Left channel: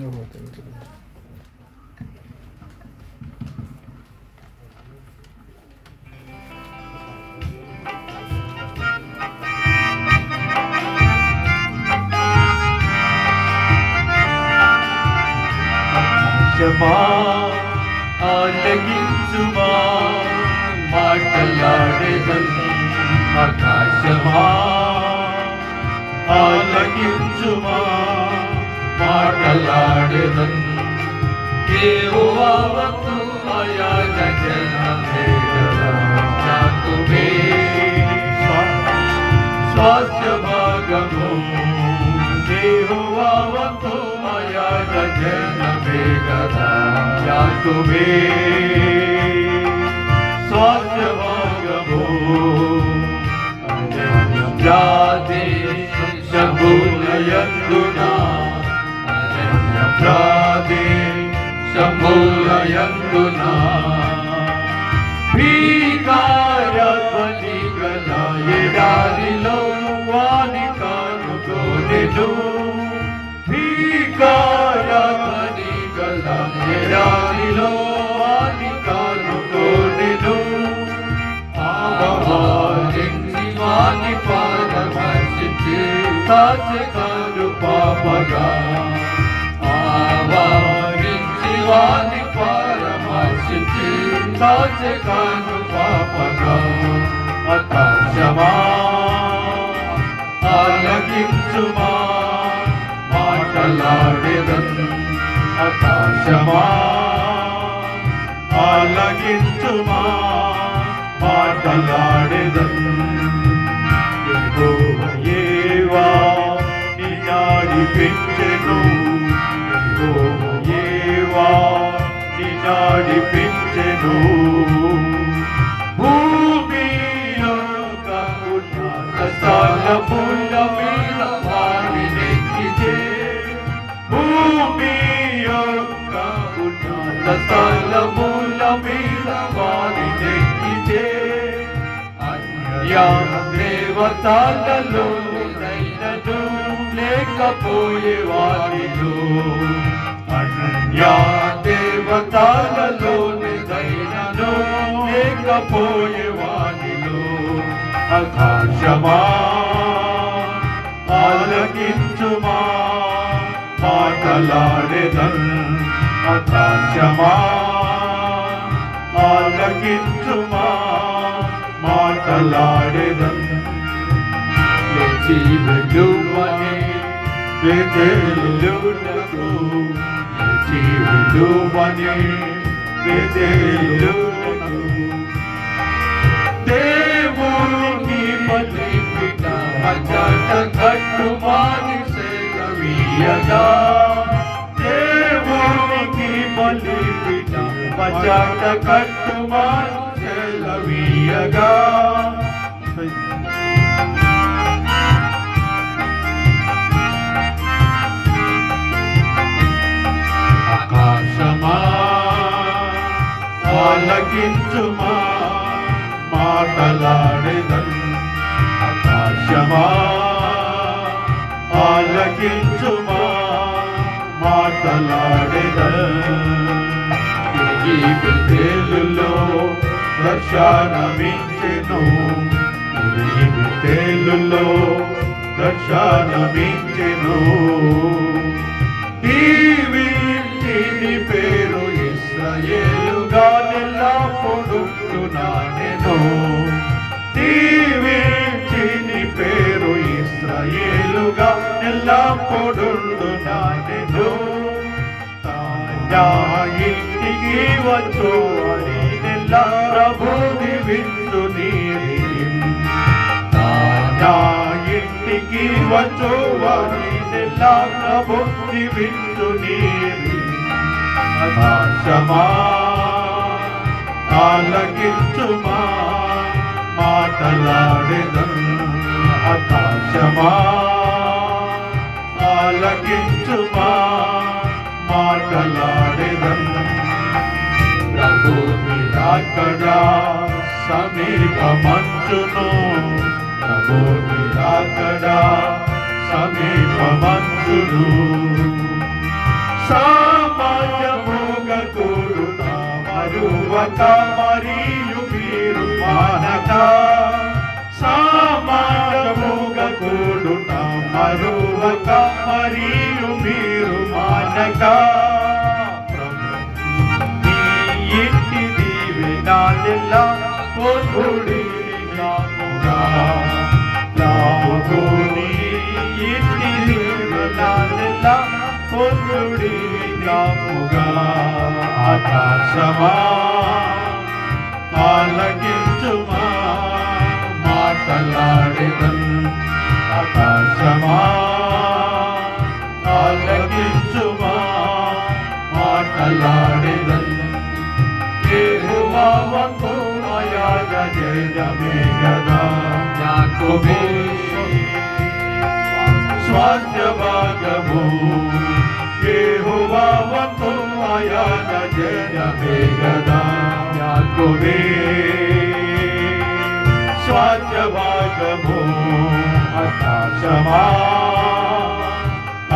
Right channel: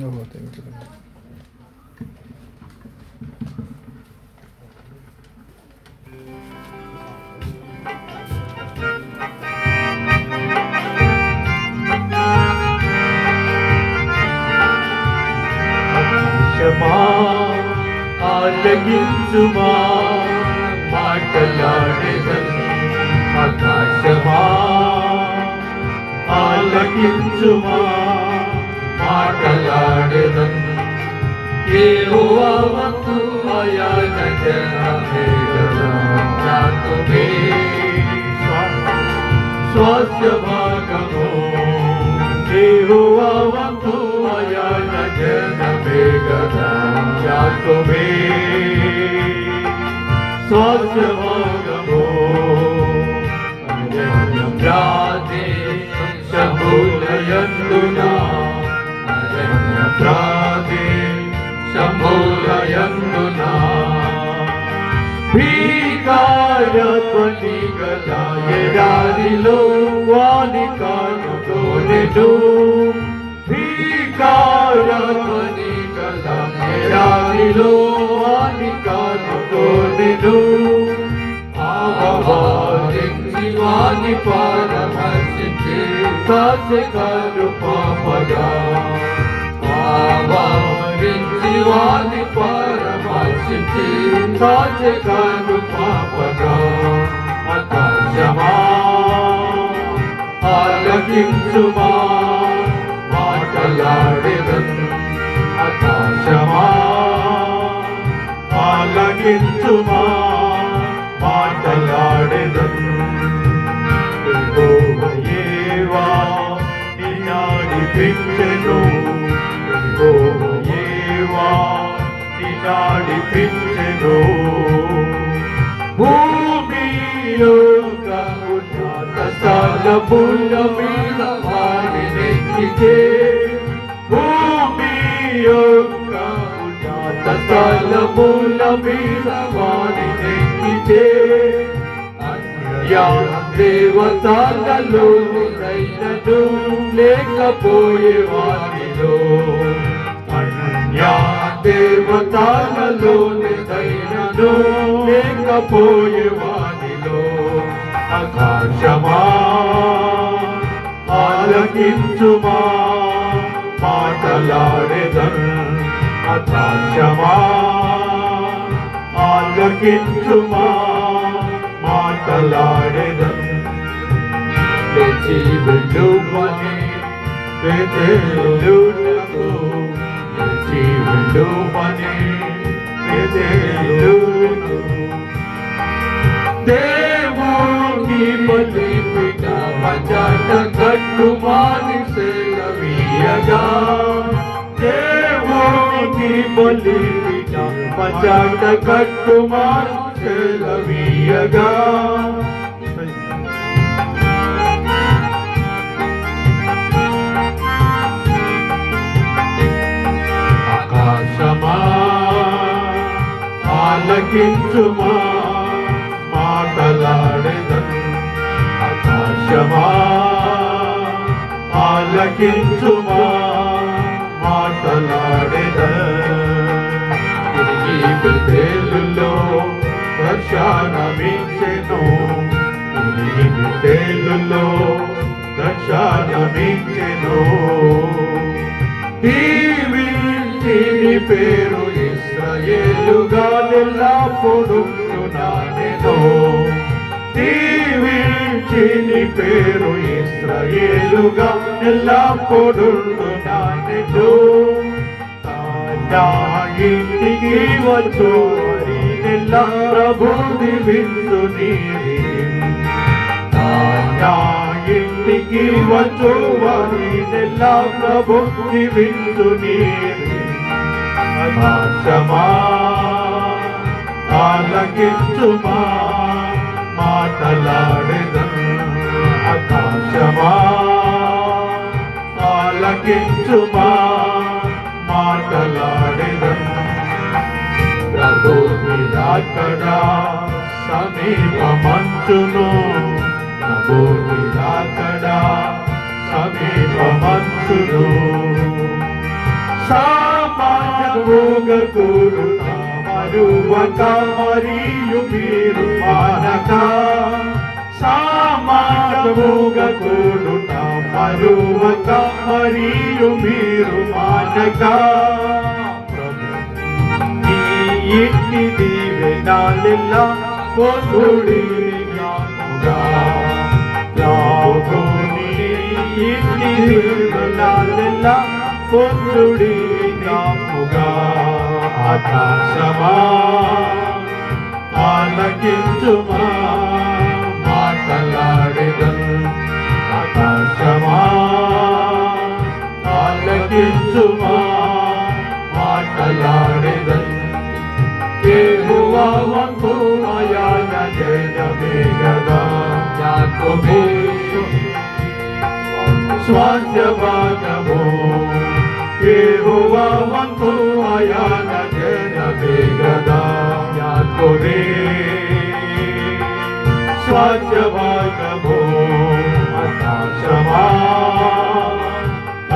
ఓహో! తెలుసు. ఆలకించుమా మాటలాడెదన్ ఆకాశమా ఆలకించుమా మాటలాడెదన్ యెహోవా వంతు అయాన జనమేగదా యాకోబే స్వాస్థ్య భాగము యెహోవా వంతు అయాన జనమేగదా యాకోబే స్వాస్థ్య భాగము శంభులయందునా అరణ్య శంభులయందునా భీకారపని గల ఎడారిలో వాని కానుకోనెను భీకారపని గల ఎడారిలో వాని కానుకోనెను ఆవారించి వాని పాదమర్శించి కాచెకాను పాపగా ఆవారించి వాని పాదమర్శించి కాచెకాను పాపగా ఆకాశమా ఆలకించుమా మాటలాడెదన్ ఆకాశమా ఆలకించుమా మాటలాడెదన్ యెహోవా నిన్నడిపించెను యెహోవా నిన్నడిపించెను భూమి యొక్క ఉన్నత స్థలముల మీద వాడినెక్కితే భూమి యొక్క ఉన్నత స్థలముల మీద వాడినెక్కితే దేవతలలో నైనను లేకపోయే వారిలో అన్యా దేవతలలో నైనను లేకపోయే వారిలో ఆకాశమా ఆలకించుమా మాటలాడెదన్ ఆకాశమా ఆలకించుమా మాటలాడెదన్ లేచి వెళ్ళుమని బెతేలునకు లేచి వెళ్ళుమని బెతేలునకు దేవుని బలిపీఠ మజట కట్టుమాని సెలవీయగా దేవుని బలిపీఠ మజట కట్టుమాని సెలవీయగా ఆకాశమా ఆలకించుమా మాటలాడెదన్ ఆకాశమా ఆలకించుమా మాటలాడెదన్ తిరిగి బెతేలులో దర్శనమిచ్చెను తిరిగి బెతేలులో దర్శనమిచ్చెను దీవించిని పేరు ఇశ్రాయేలుగా ఎల్లప్పుడుంటున్నానెను దీవించిని పేరు ఇశ్రాయేలుగా ఎల్లప్పుడుంటున్నానెను నా ఇంటికి వచ్చు నెల ప్రభు దివించు నా ఇంటికి వచ్చు నెల ప్రభు దివించు ఆకాశమా ఆలకించుమా మాటలాడెదన్ ఆకాశమా ఆలకించుమా మాటలాడెదన్ ప్రభు నిరాకడ సమీపమంచును ప్రభు నిరాకడ సమీపమంచును మరువక మరియు మీరు మానక సామాన్యముగా కూడుట మరువక మరియు మీరు మానక ఇంటి దీవెనాలెల్లా పొందుడి లాభుని ఇంటి దీవెనాలెల్లా పొందుడి నాముగా ఆకాశమా ఆలకించుమా మాటలాడెదన్ ఆకాశమా ఆలకించుమా మాటలాడెదన్ యెహోవా వంతు ఆయన జయమే గదా యాకోబే స్వాస్థ్య భాగము యెహోవా వంతు ఆయన జయమే గదా యాకోబే స్వాస్థ్య భాగము ఆకాశమా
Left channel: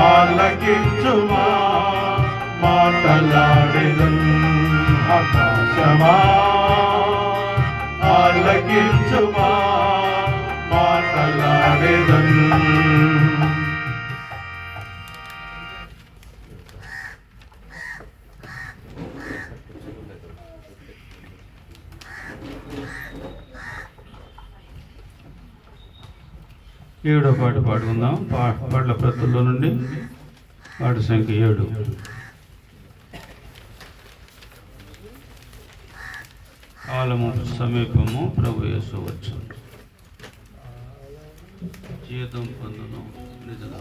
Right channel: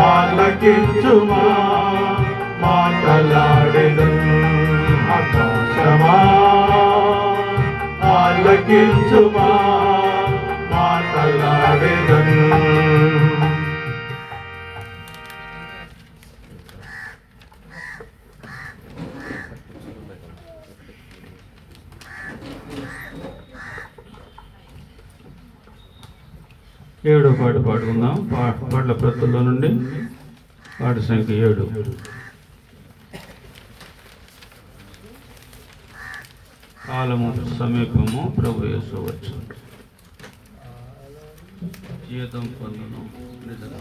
ఆలకించుమా మాటలాడెదన్ ఆకాశమా ఆలకించుమా మాటలాడెదన్. ఏడో పాట పాడుకుందాం. పాటల ప్రతుల్లో నుండి పాట సంఖ్య 7. కాలము సమీపము ప్రభు యేసు వచ్చు జీతం పొందును నిజం.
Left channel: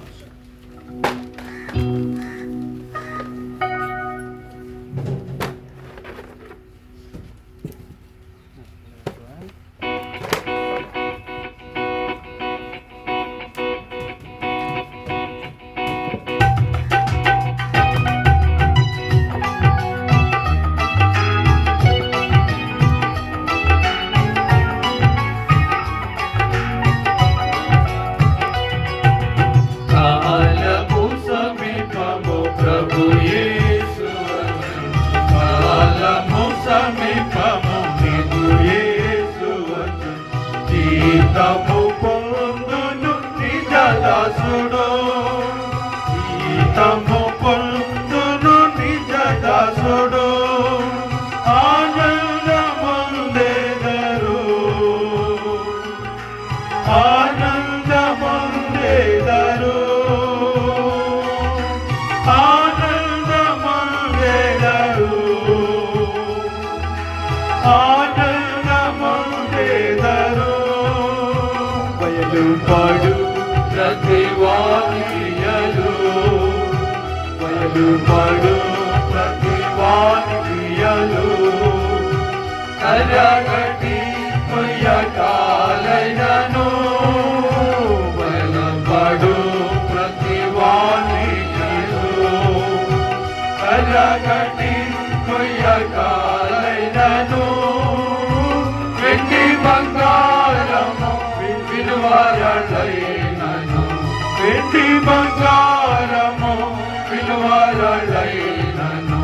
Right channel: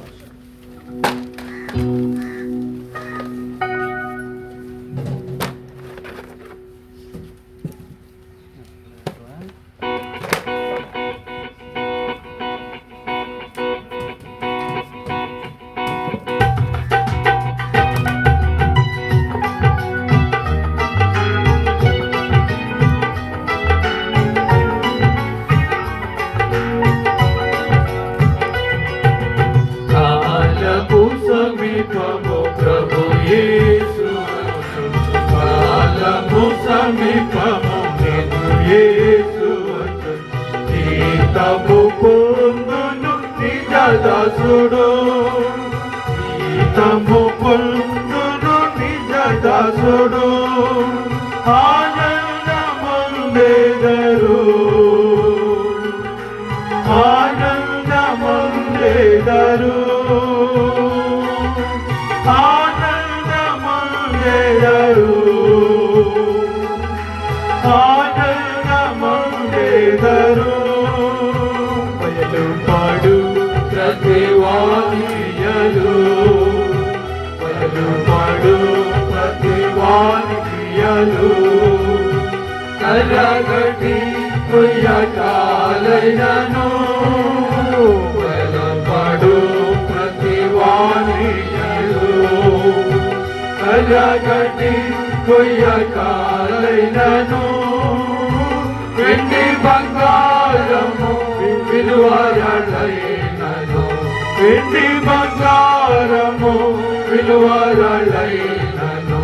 ప్రభు యేసు కాలము సమీపము ప్రభు యేసు జీతము పొందును నిజ దాసుడు జీతము పొందును నిజ దాసుడు ఆనందముందెదరు ఆనందముందెదరు బయలుపడు ప్రతివానియలు బయలుపడు ప్రతివానియలు కరగటి కొయ్యకాలైనను బయలుపడు ప్రతివానియలు కరగటి కొయ్యకాలైనను వెండి బంగారము విలువలైనను వెండి బంగారము విలువలైనను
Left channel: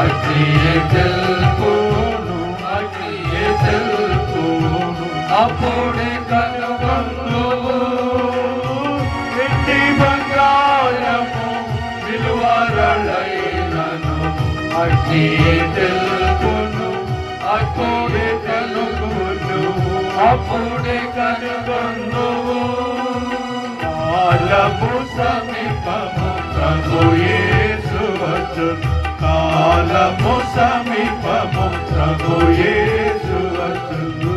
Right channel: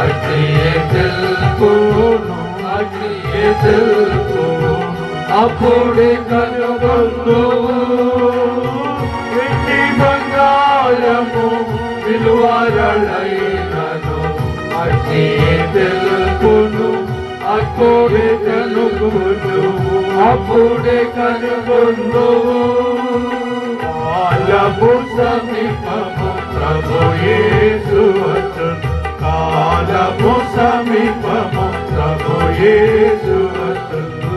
అట్టియే తెలుపును అట్టియే తెలుపును అప్పుడే కనుగొందువు వెండి బంగారము విలువలైనను అట్టియే తెలుపును అప్పుడే కనుగొందువు అప్పుడే కనుగొందువు కాలము సమీపము ప్రభు యేసు వచ్చును కాలము సమీపము ప్రభు యేసు వచ్చును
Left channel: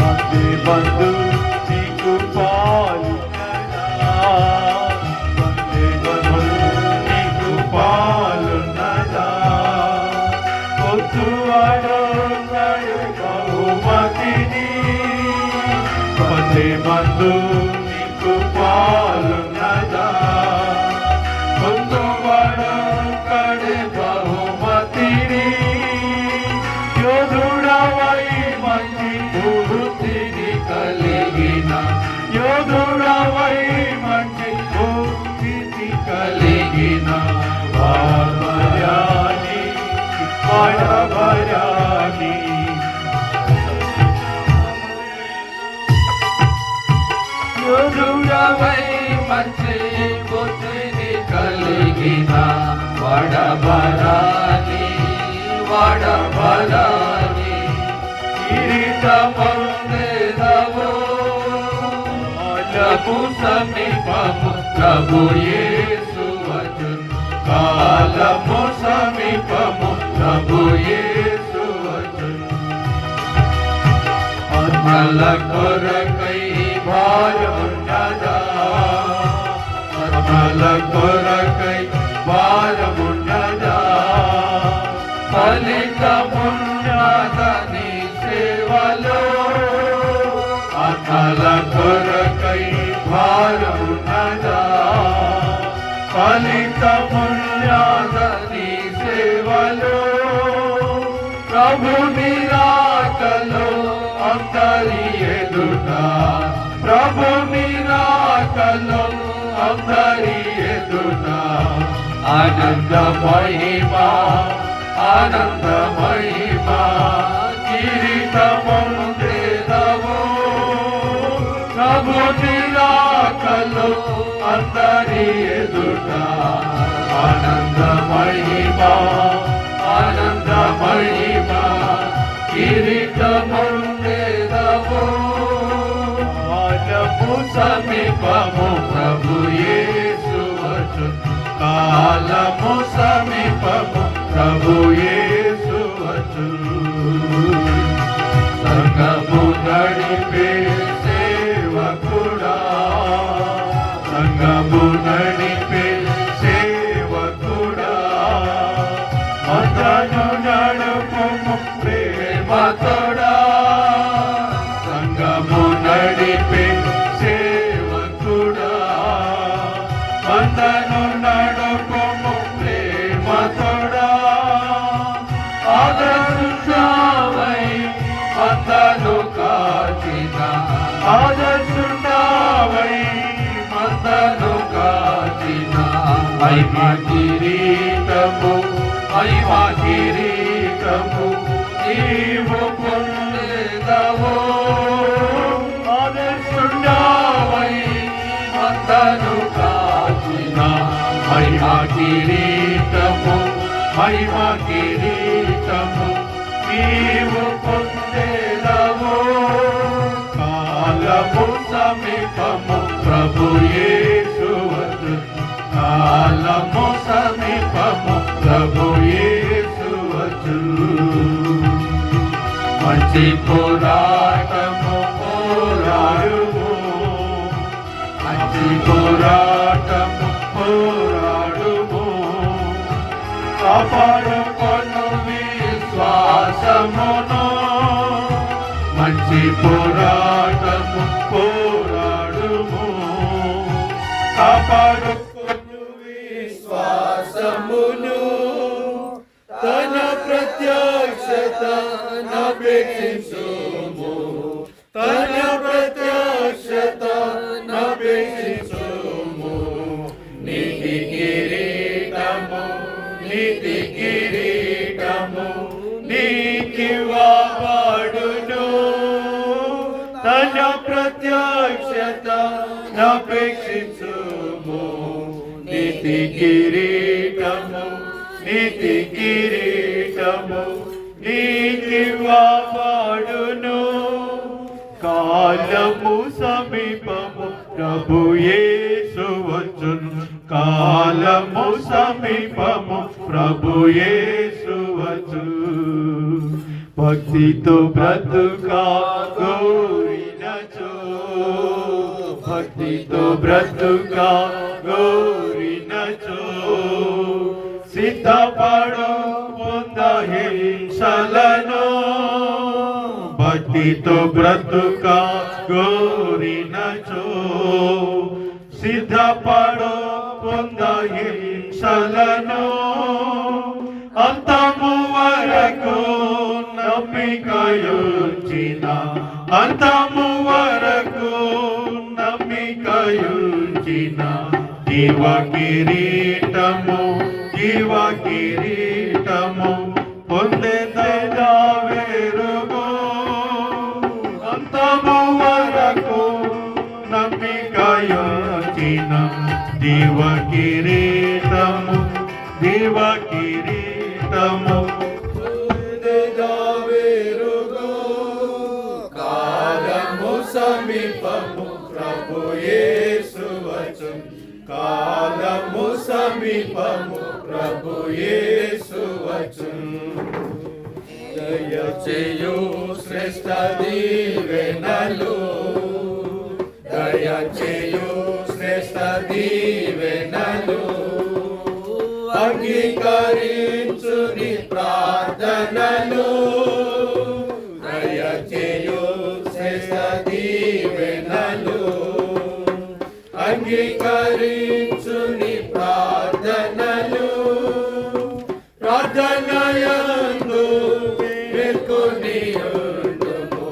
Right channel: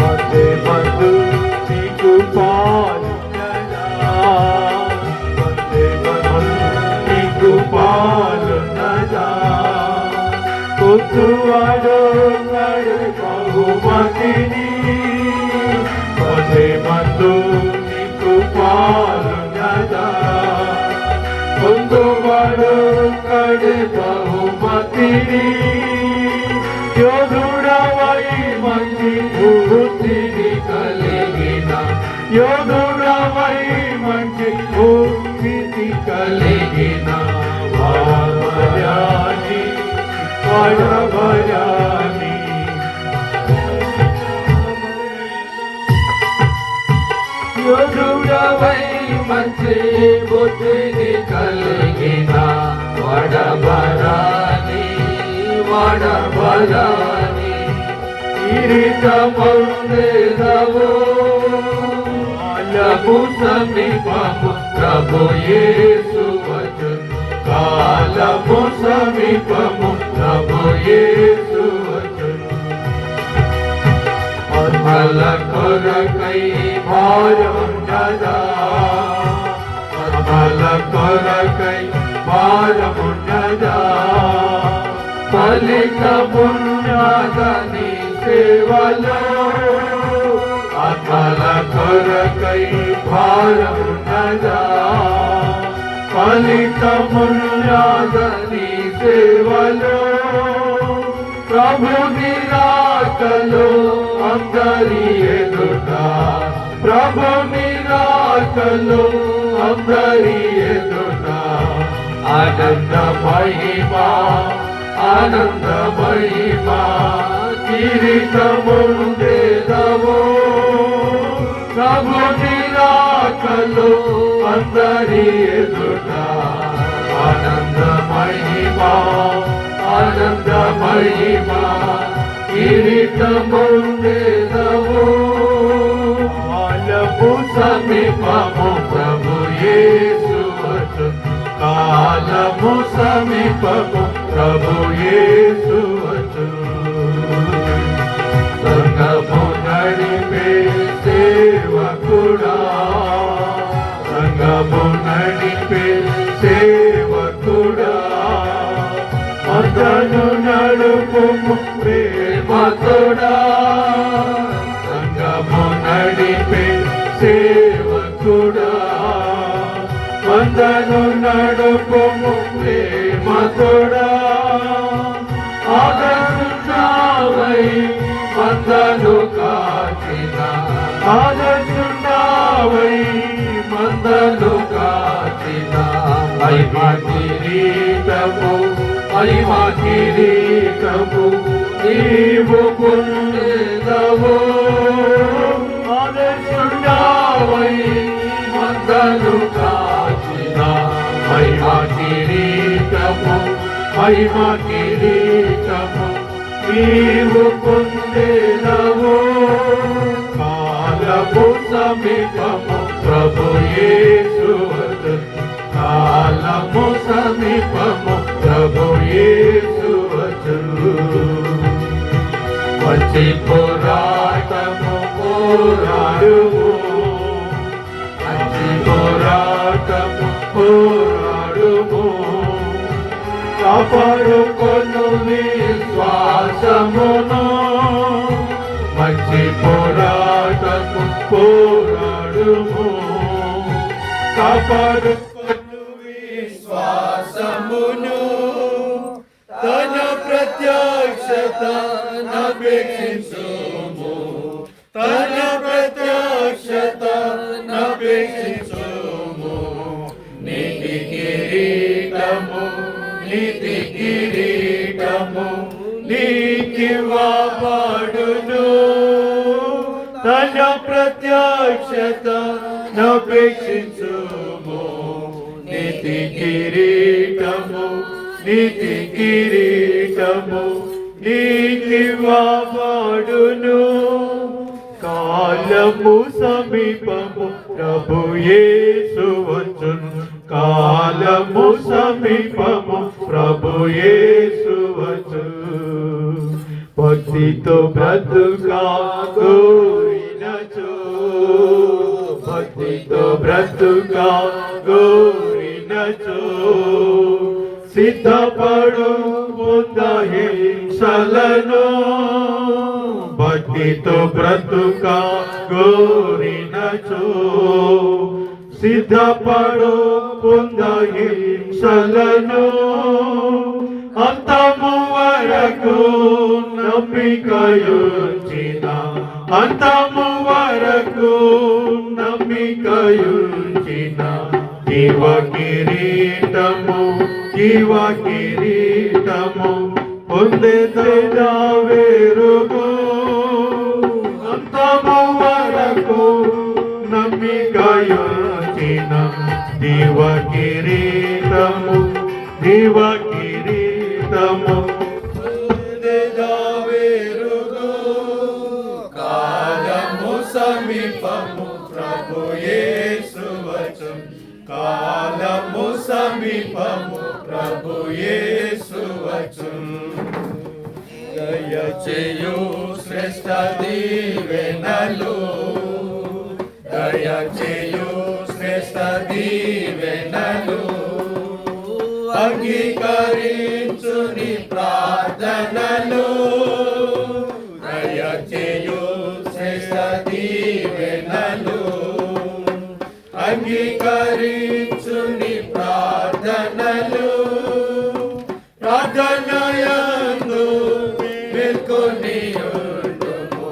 మధ్య బంధు నీకు పాలున్నదా మధ్య బంధు నీకు పాలున్నదా కొద్దువాడు బహుమతిని పదే మందు నీకు పాలున్నదా పొందువాడు కడే బహుమతిని యోధుడవై మంచి వృత్తిని కలిగిన యోధుడవై మంచి వృత్తి కలిగిన వాడభయాని వాడభయా యోధుడవై మంచి బుద్ధిని కలిగిన వాడబరాని కిరీటముందేదవు కాలము సమీపము ప్రభు యేసు వచ్చును కాలము సమీపము ప్రభు యేసు వచ్చును ఆత్మల కొరకై భారమున్నదా ఆత్మల కొరకై భారమున్నదా ఫలితమున్నదని సేవలో ఆత్మల కొరకై భారమున్నదా ఫలితమున్నదని సేవలో ప్రభు నిరాకలో అందరి ఎదుట ప్రభు నిరాకలో అందరి ఎదుట ఆనంద మహిమా కిరీటముందేదవు ప్రభు నిరాకలో అందరి ఎదుట ఆనంద మహిమా కిరీటముందేదవు కాలము సమీపము ప్రభు యేసు వచ్చును కాలము సమీపము ప్రభు యేసు వచ్చును సంఘము నడిపే సేవకుడా సంఘము నడిపే సేవకుడా మదను నడుపుము ప్రేమకుడా సంఘము నడిపే సేవకుడా మదను నడుపుము ప్రేమకుడా ఆదర్శుండావై మందను కాచిన ఆదర్శుండావై మందను కాచిన మహిమా కిరీటము నీవు పొందేదవు ఆదర్శుండావై మందను కాచిన మహిమా కిరీటము నీవు పొందేదవు కాలము సమీపము ప్రభు యేసు వచ్చును కాలము సమీపము ప్రభు యేసు వచ్చును మంచి పోరాటము పోరాడుము మంచి పోరాటము పోరాడుము కాపాడుకొను విశ్వాసమును మంచి పోరాటము పోరాడుము కాపాడుకొను విశ్వాసమును తన ప్రత్యక్షత నపేక్షించుము తన ప్రత్యక్షత నపేక్షించుము నీతి కిరీటము నీకివ్వబడును తన ప్రత్యక్షత నపేక్షించుము నీతి కిరీటము నీకివ్వబడును కాలము సమీపము ప్రభు యేసు వచ్చును కాలము సమీపము ప్రభు యేసు వచ్చును భక్తితో బ్రతుకా గోరినచో భక్తితో బ్రతుకా గోరినచో సిద్ధపడు హింసలను భక్తితో బ్రతుకా గోరినచో సిద్ధపడు హింసలను అంతము వరకు నమ్మికయుంచిన అంతము వరకు నమ్మికయుంచిన జీవ కిరీటము పొందేదైనా వేరుగు అంతము వరకు నమ్మి ప్రాణమికయుంచిన దివ కిరీటము దివ కిరీటము కాలము సమీపము ప్రభు యేసు వచ్చును కాలము సమీపము ప్రభు యేసు వచ్చును దయచేయు శ్రేష్ఠ దీవెనలు దయచేయు శ్రేష్ఠ దీవెనలు అంగీకరించు నీ ప్రార్థనలు దయచేయు శ్రేష్ఠ దీవెనలు అంగీకరించు నీ ప్రార్థనలు ప్రార్థనయందు మేల్కొని ఉండుము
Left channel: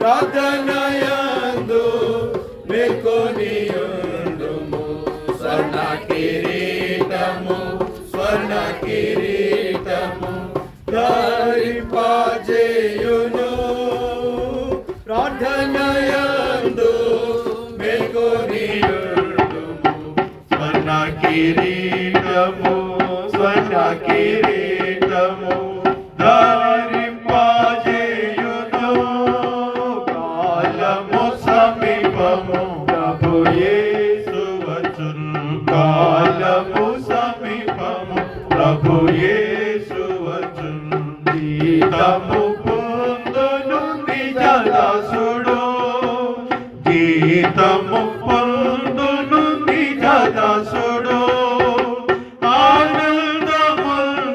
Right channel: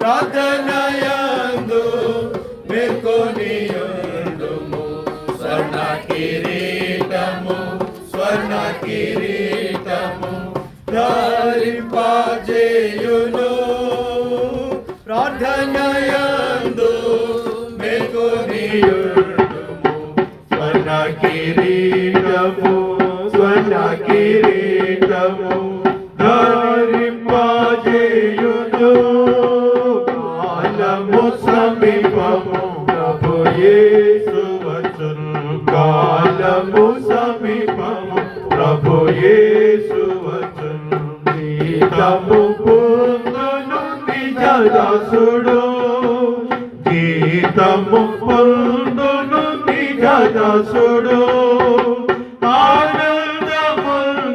ప్రార్థనయందు మేల్కొని ఉండుము స్వర్ణ కిరీటము స్వర్ణ కిరీటము ధరింపజేయును ప్రార్థనయందు మేల్కొని ఉండుము స్వర్ణ కిరీటము స్వర్ణ కిరీటము ధరింపజేయును కాలము సమీపము ప్రభు యేసు వచ్చును కాలము సమీపము ప్రభు యేసు వచ్చును గీతము పొందును నిజ దాసుడు గీతము పొందును నిజ దాసుడు ఆనందముందెదరు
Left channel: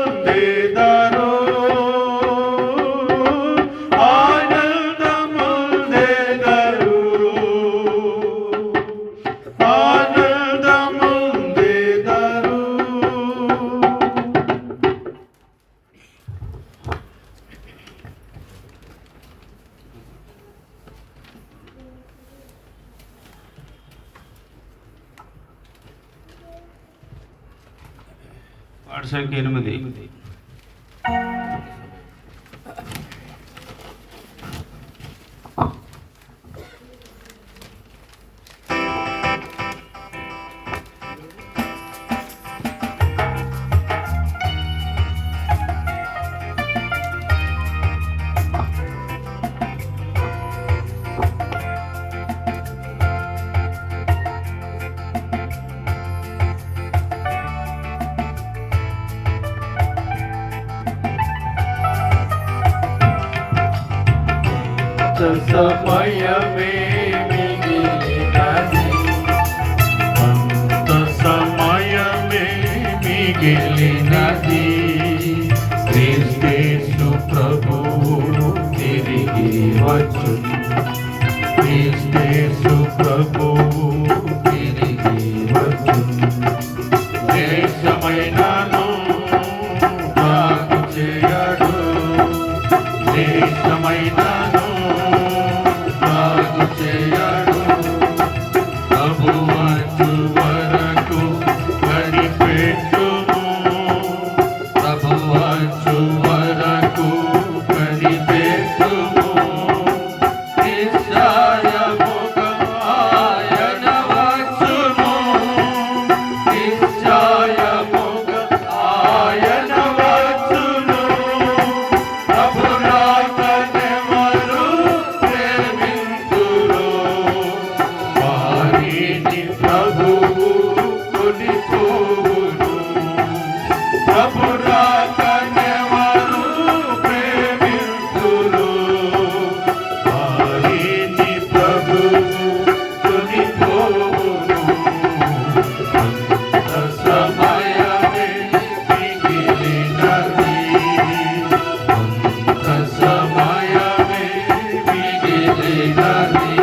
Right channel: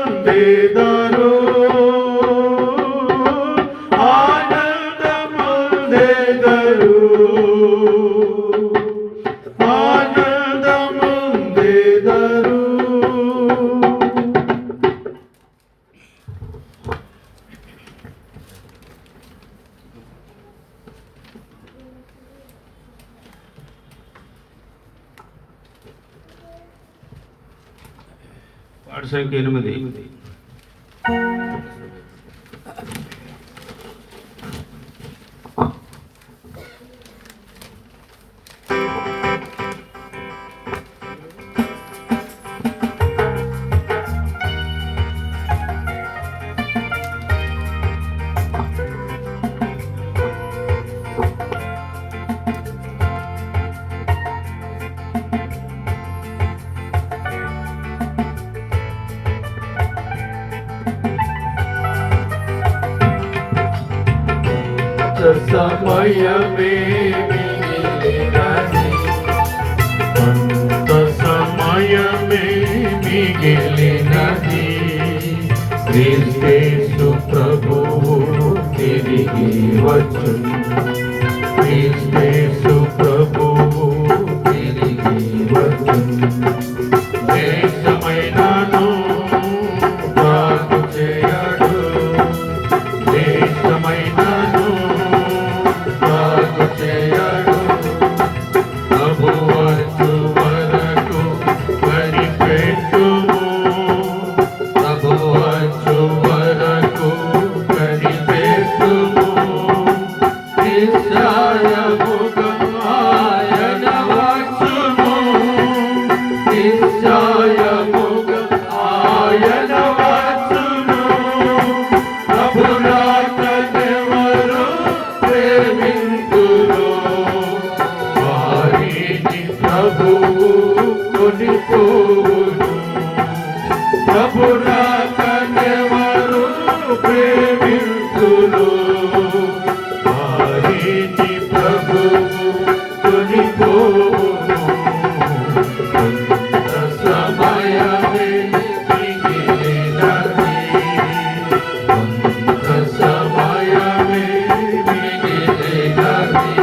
ఆనందముందెదరు ఆనందముందెదరు ఆనందముందెదరు పాట సంఖ్య 8. సమయమే మిగిలినది కొంత సమయమే మిగిలినది క్రీస్తు ప్రభువు తిరిగి వచ్చును క్రీస్తు ప్రభువు తిరిగి వచ్చును దేశమైనను బాగు చేయడు దేశమైనను బాగు చేయడు ప్రభు వచ్చు వరకు కనిపెట్టుము ప్రభు వచ్చు వరకు కనిపెట్టుము నిశ్చయముగా ఆయన వచ్చును నిశ్చయముగా ఆయన వచ్చును ప్రభు రాకనెవరు ప్రేమింతురో వారిని ప్రభువు కొనిపోవును ప్రభు రాకనెవరు ప్రేమింతురో వారిని ప్రభువు కొనిపోవును కొంత సమయమే మిగిలినది కొంత సమయమే మిగిలినది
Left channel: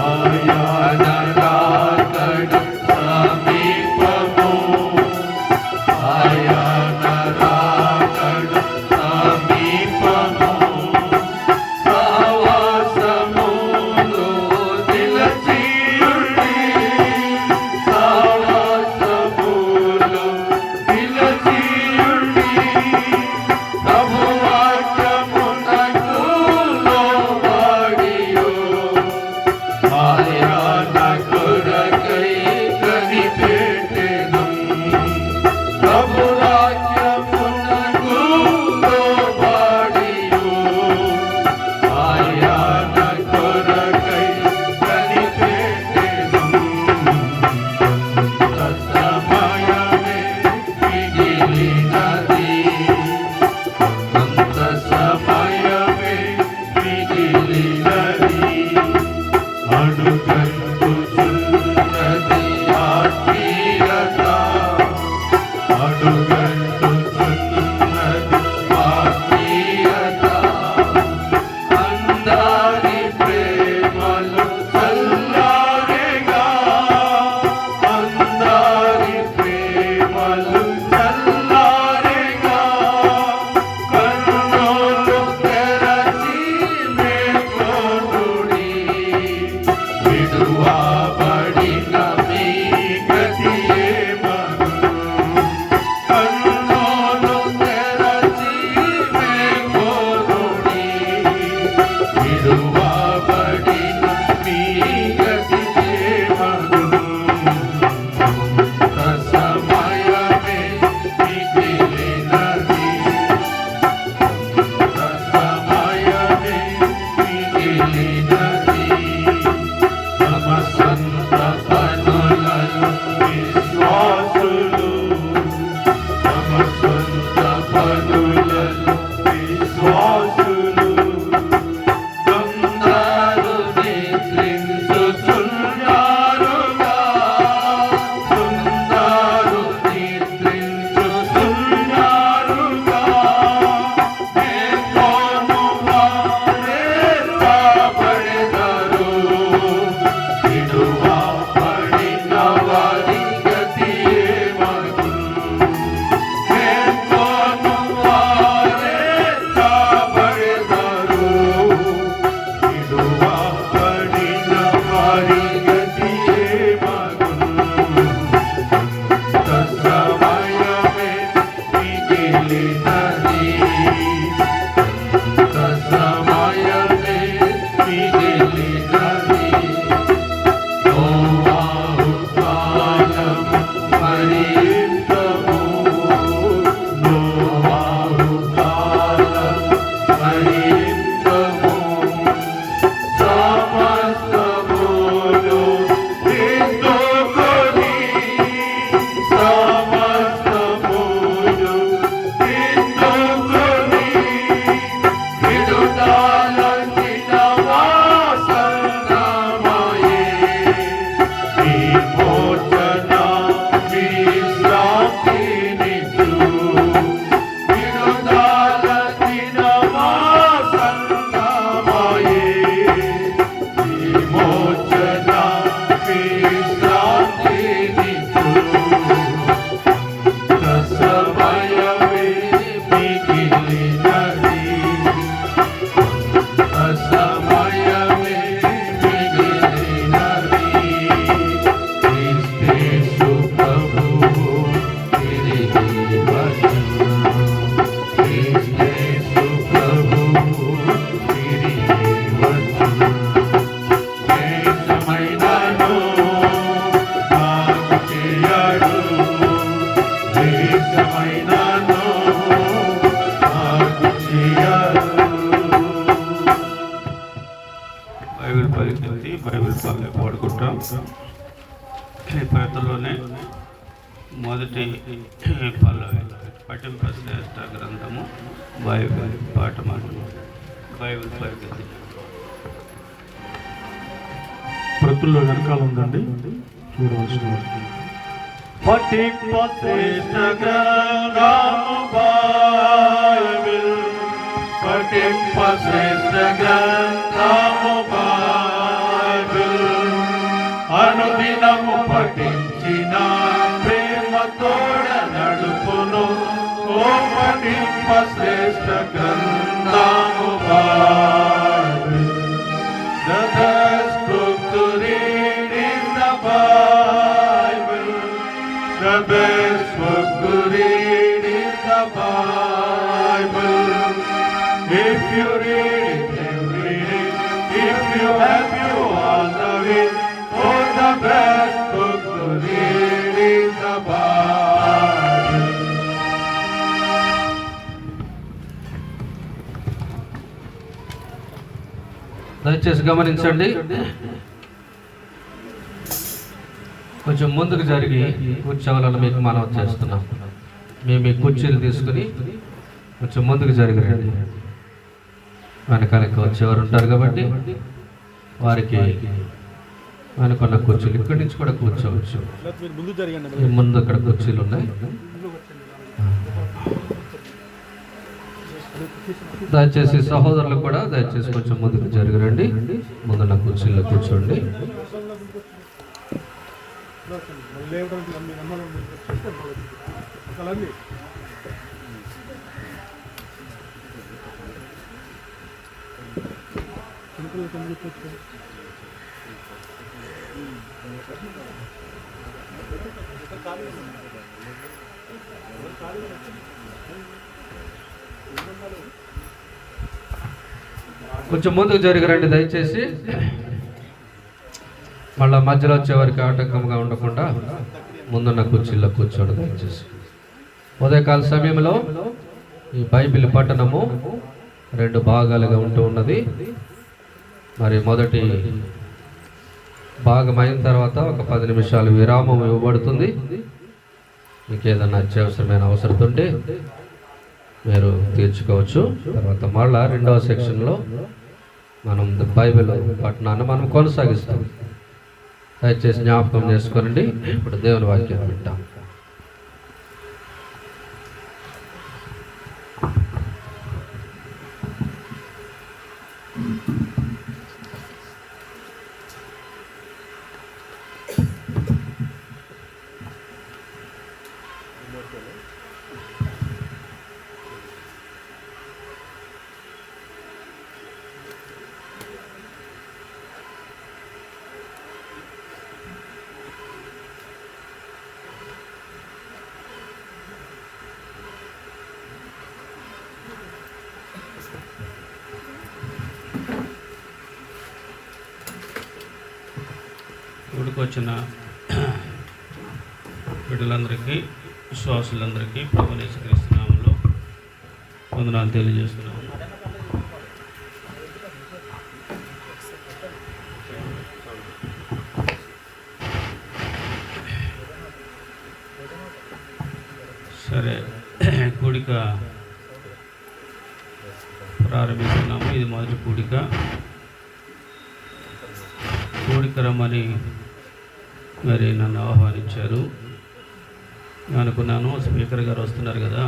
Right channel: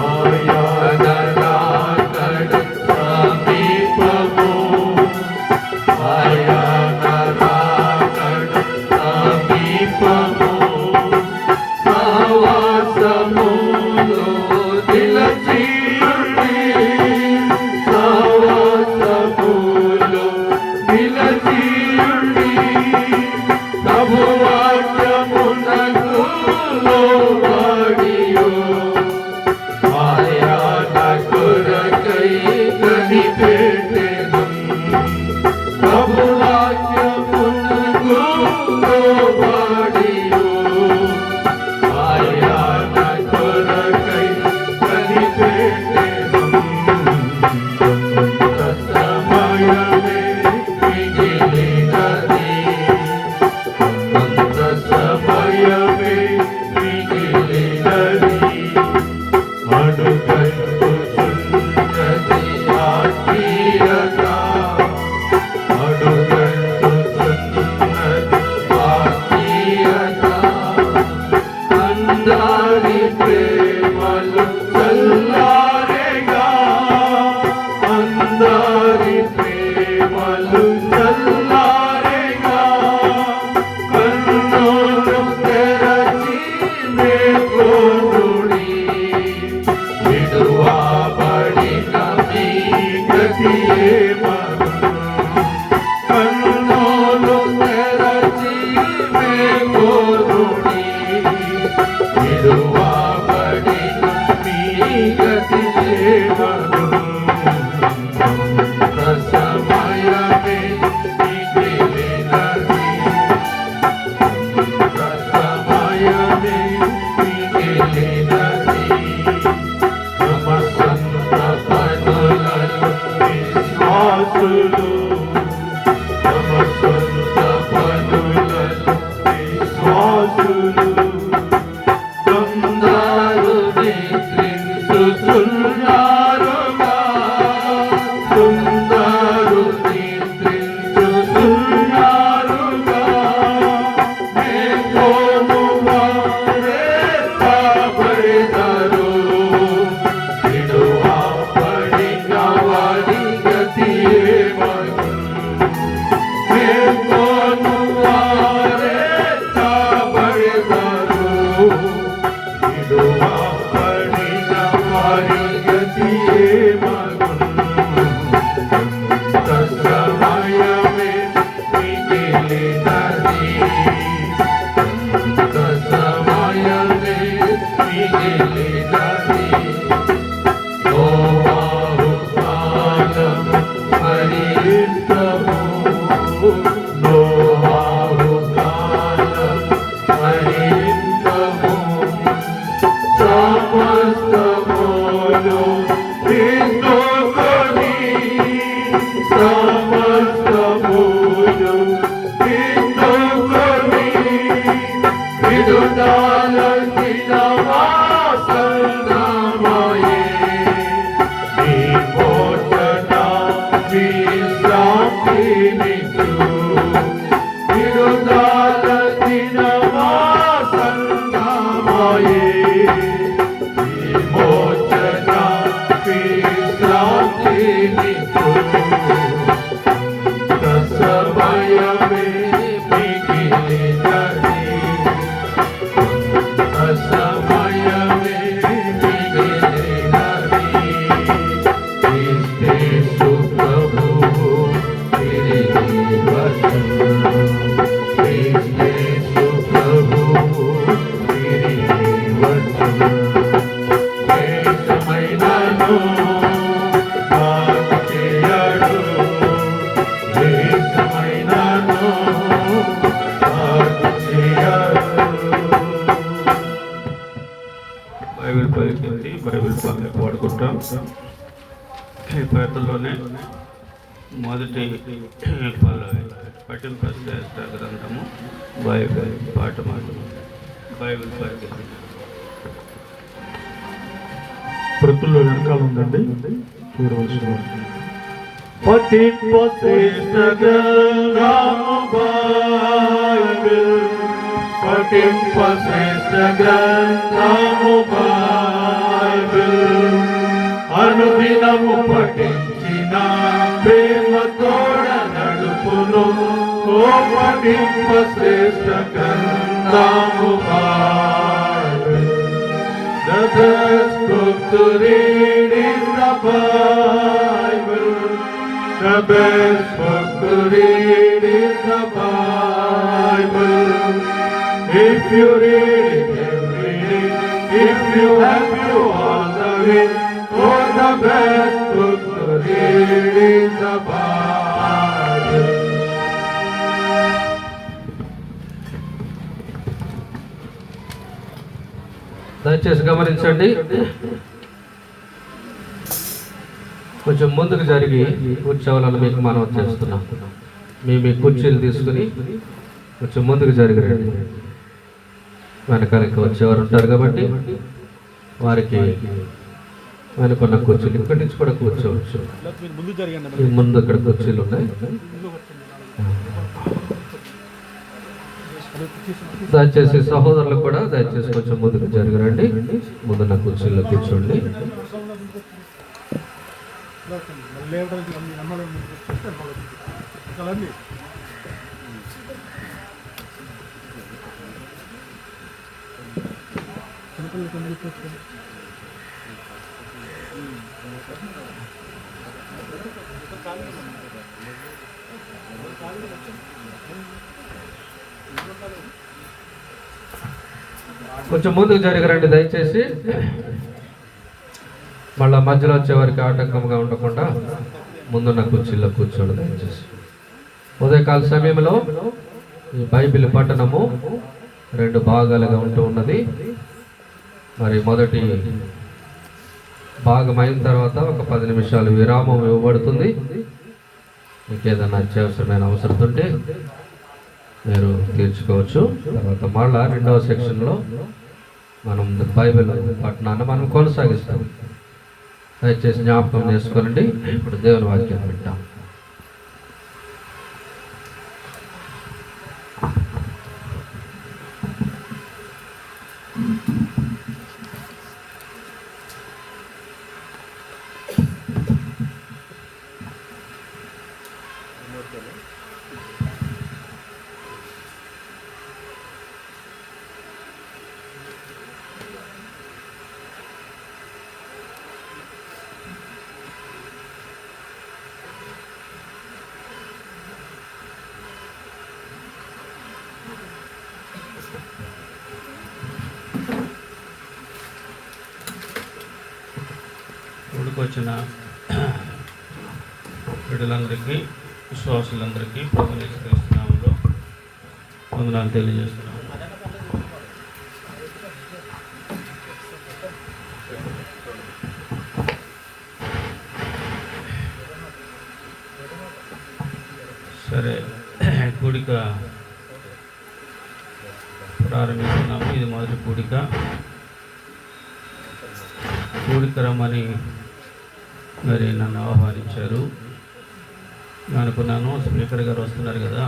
ఆయన రాకడ సమీపము ఆయన రాకడ సమీపము విడువబడిన మీ గతి సేవలు సమయమే మిగిలినది సమయమే మిగిలినది తమ సొంత పనులలో విశ్వాసులు తమ సొంత పనులలో విశ్వాసులు కొందరు నిద్రించుతున్నారుగా కొందరు నిద్రించుతున్నారుగా మేల్కొను వారే కాబడెదరు విడువబడిన వారి గతి ఏమగును మేల్కొను వారే కాబడెదరు విడువబడిన వారి గతి ఏమగును సమయమే మిగిలినది సమయమే మిగిలినది నోవాహు కాలము పర్యంతము నోవాహు కాలము పర్యంతము సమస్తమును క్రీస్తుకొని సమస్తమును క్రీస్తుకొని విడుదలచిన వాసనమయే విమోచన విశ్రాంతినిచ్చు విడుదలచిన వాసనమయే విమోచన విశ్రాంతినిచ్చు సమయమే మిగిలినది సమయమే మిగిలినది క్రీస్తు ప్రభువు తిరిగి వచ్చును క్రీస్తు ప్రభువు తిరిగి వచ్చును దేశమైనను బాగు చేయడు దేశమైనను బాగు చేయడు బైబిల్ పైకెత్తి బైబిల్ పాడుకుంటాం. ఈ పాటల్లోనే మొదటి పల్లవి పఠింపశ్రేష్ట గ్రంథము బైబిల్ పాట బైబిల్ పైకెత్తి ప్రతుల్లో వెనకాల ఉందండి చూడవలసిన పఠింపశ్రేష్ట గ్రంథము బైబిల్ పఠింపశ్రేష్ట గ్రంథము బైబిల్ అనుదినము పఠించిన ప్రేమతోడ నడుపును ఓ పఠింపశ్రేష్ట గ్రంథము Bible The best book to read is the Bible. The best book to read is the Bible. If you read it every day, if you have you all the way, oh, the best book to read is the Bible. దయచేసి గమనించండి, కొంచెం ముందుకు జరిగి కూర్చోవాలని మీకు మనవి చేస్తున్నాం. మేము మీ కుర్చీలు తీసుకుని కొంచెం ముందుకు జరిగిరండి. వెనకాలకి వచ్చేవారు ఉంటారు కాబట్టి వారికి వెనుకున్న కుర్చీలు ఇక్కడి నుంచి కూడా కూర్చోవచ్చు. ముందు ఇక్కడ కుర్చీలు ఉన్నాయి. దయచేసి సహోదరులు కూడా దయచేసి కొంచెం ముందుకు జరిగిరండి. ముందు నా కుర్చీలో కూర్చోండి. కొంచెం ముందుకు జరిగిరండి దయచేసి. మళ్ళా మధ్యలో వచ్చేవారికి ఆటంకంగా ఉండకుండా ముందున్న కుర్చీలో కూర్చోండి దయచేసి. ఉదయకాల సమయంలో ఈ బైబిల్ పఠనము 2 భాగాలుగా ఉంటూ ఉన్నది. మరి మొదటి భాగం అయిన తర్వాత ఒక 10 నిమిషాలు విరామం ఇవ్వబడుతుంది. మీకు ఏదైనా అత్యవసరమైన అవసరం ఉంటే మీరు తీర్చుకోవచ్చు. తర్వాత మళ్ళా 2వ సెక్షన్లో మనం బైబిల్ పఠనాన్ని మనం కొనసాగిస్తాం. దయచేసి జ్ఞాపకం చేసుకోనండి. ఇప్పుడు దేవుని వాక్యం వింటాం. వచ్చిన బిడ్డలందరికీ, విశ్వాసులందరికీ ప్రభువుని యేసుక్రీస్తు నామములో వందనాలు తెలియజేస్తున్నాను. సరే, కూడిక ప్రారంభిస్తున్నాము. ఇది మొదటి కూడిక. రమ్మని మరి నన్ను ఆహ్వానించారు. నేను అనుకున్నాను, స్పీకర్ గారు వస్తున్నారు కదా,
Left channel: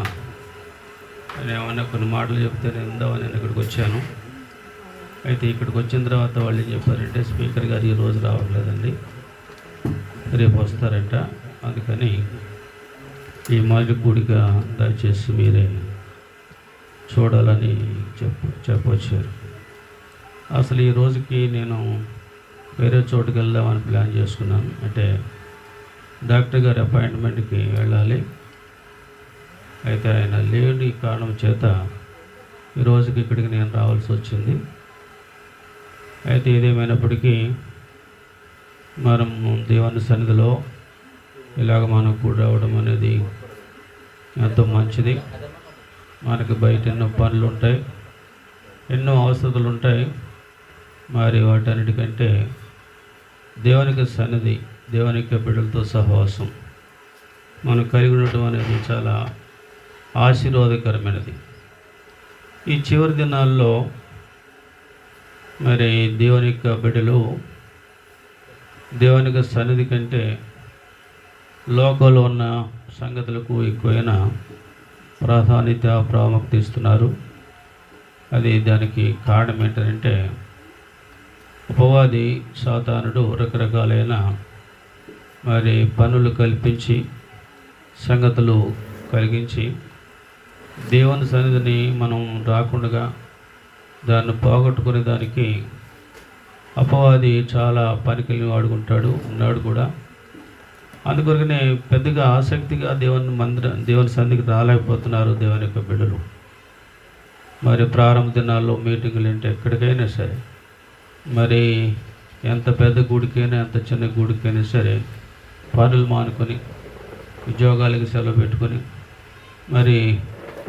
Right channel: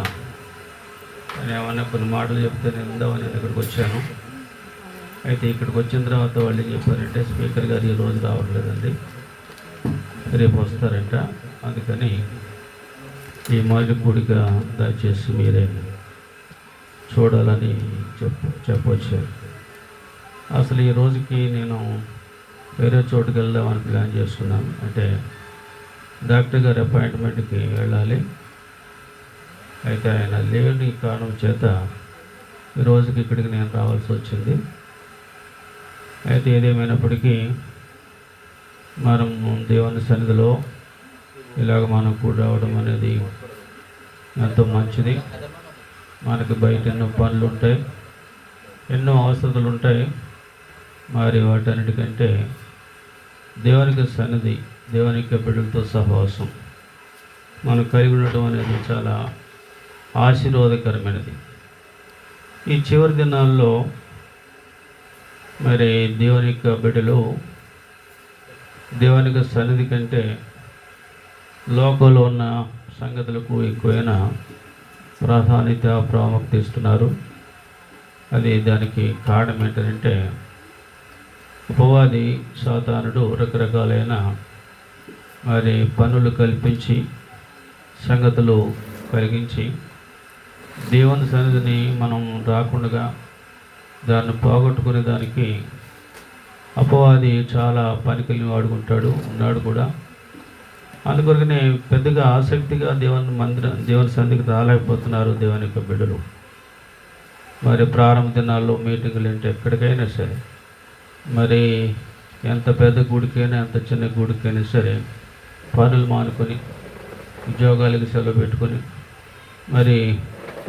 నేను ఏమన్నా కొన్ని మాటలు చెప్తే నేను ఉందామని నేను ఇక్కడికి వచ్చాను. అయితే ఇక్కడికి వచ్చిన తర్వాత వాళ్ళు ఏం చెప్పారంటే, స్పీకర్ గారు ఈరోజు రావట్లేదండి, రేపు వస్తారంట. అందుకని ఈ మొదటి కూడిక దయచేసి మీరే చూడాలని చెప్పొచ్చారు. అసలు ఈ రోజుకి నేను వేరే చోటుకి వెళ్దామని ప్లాన్ చేసుకున్నాను. అంటే డాక్టర్ గారి అపాయింట్మెంట్కి వెళ్ళాలి. అయితే ఆయన లేని కారణం చేత ఈ రోజుకి ఇక్కడికి నేను రావాల్సి వచ్చింది. అయితే ఏదేమైనప్పటికీ మనం దేవుని సన్నిధిలో ఇలాగ మనం కూడా రావడం అనేది ఎంతో మంచిది. మనకి బయట ఎన్నో పనులు ఉంటాయి, ఎన్నో అవసరాలు ఉంటాయి. మరి వాటన్నిటికంటే దేవునికి సన్నిధి, దేవునికి బిడ్డలతో సహవాసం మనం కలిగి ఉండటం అనేది చాలా ఆశీర్వాదకరమైనది. ఈ చివరి దినాల్లో మరి దేవుని యొక్క బిడ్డలు దేవునికి సన్నిధి కంటే లోకంలో ఉన్న సంగతులకు ఎక్కువైన ప్రాముఖ్యత ఇస్తున్నారు. అది దానికి కారణం ఏంటంటే, అపవాది సాతానుడు రకరకాలైన మరి పనులు కల్పించి, సంగతులు కలిగించి, దేవుని సన్నిధిని మనం రాకుండా దాన్ని పోగొట్టుకునే దానికి అపవాది చాలా పనికిల్ని వాడుకుంటాడు, ఉన్నాడు కూడా. అందుకొరకనే పెద్దగా ఆసక్తిగా దేవుని సన్నిధికి రాలేకపోతున్నారు దేవుని యొక్క బిడ్డలు. మరి ప్రారంభ దినాల్లో మీటింగులు అంటే ఎక్కడికైనా సరే, మరి ఎంత పెద్ద గుడికైనా ఎంత చిన్న గుడికైనా సరే పనులు మానుకొని ఉద్యోగాలకు సెలవు పెట్టుకొని మరి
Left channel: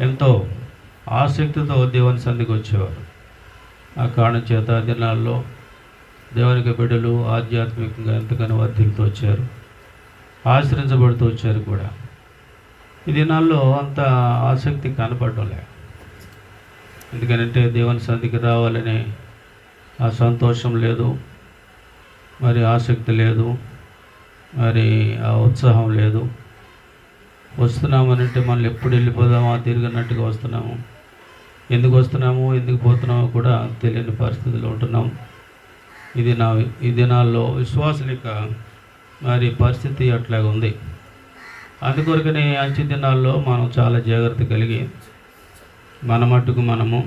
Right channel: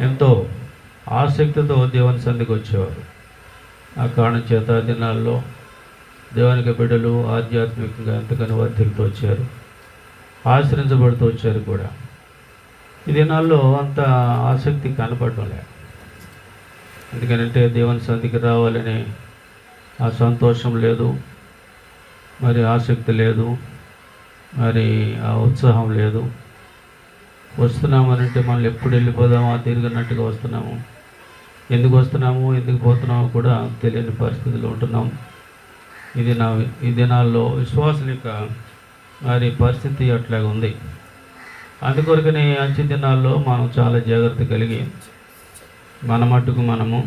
ఎంతో ఆసక్తితో దేవుని సన్నిధికి వచ్చేవారు. ఆ కారణం చేత దినాల్లో దేవునికి బిడ్డలు ఆధ్యాత్మికంగా ఎంతగానో వర్ధిల్లుతూ వచ్చారు, ఆశ్రయించబడుతూ వచ్చారు కూడా. ఈ దినాల్లో అంత ఆసక్తి కనపడటం లేదు. ఎందుకంటే దేవుని సన్నిధికి రావాలనే ఆ సంతోషం లేదు, మరి ఆసక్తి లేదు, మరి ఆ ఉత్సాహం లేదు. వస్తున్నామనంటే మనల్ని ఎప్పుడు వెళ్ళిపోదామో తిరిగినట్టుగా వస్తున్నాము. ఎందుకు వస్తున్నాము, ఎందుకు పోతున్నామో కూడా తెలియని పరిస్థితుల్లో ఉంటున్నాం. ఈ దినాల్లో విశ్వాసుల యొక్క మరి పరిస్థితి అట్లాగే ఉంది. అందుకొరకనే అంచె దినాల్లో మనం చాలా జాగ్రత్త కలిగి మన మట్టుకు మనము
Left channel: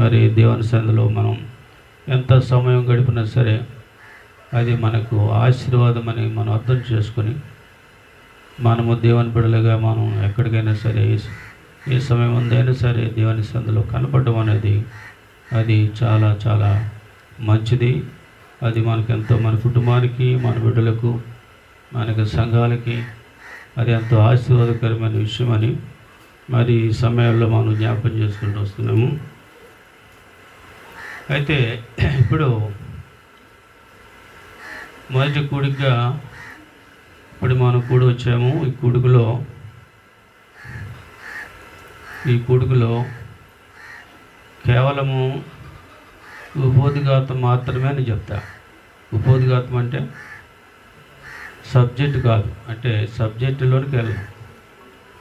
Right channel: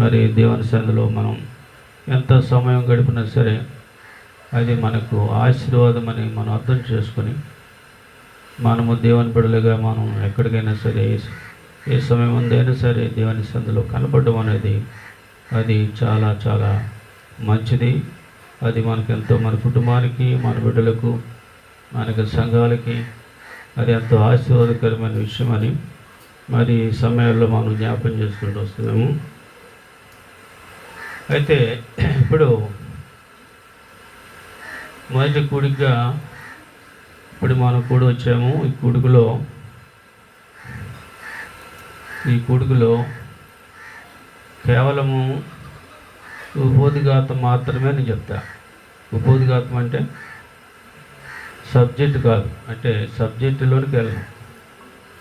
మరి దేవుని సన్నిధిలో మనం ఎంత సమయం గడిపినా సరే అది మనకు ఆశీర్వాదం అని మనం అర్థం చేసుకొని మనము దేవుని బిడ్డలుగా మనం ఎక్కడికైనా సరే ఏ సమయం ఉందైనా సరే దేవుని సన్నిధిలో కనపడడం అనేది అది చాలా చాలా మంచిది. అది మనకెంతో, మన కుటుంబానికి, మన బిడ్డలకు, మనకి సంఘాలకి అది ఎంతో ఆశీర్వాదకరమైన విషయం అని మరి ఈ సమయంలో మనం జ్ఞాపకం చేసుకుంటూ వస్తున్నాము. అయితే ఇప్పుడు మొదటి కూడికగా ఇప్పుడు మనం కూడి వచ్చాము. ఈ కూడికలో కేవలము ఉపోద్ఘాతం మాత్రమే నేను చెప్తా. ఉపోద్ఘాతం అంటే సబ్జెక్ట్ కాదు, అంటే సబ్జెక్టులోనికి వెళ్ళను,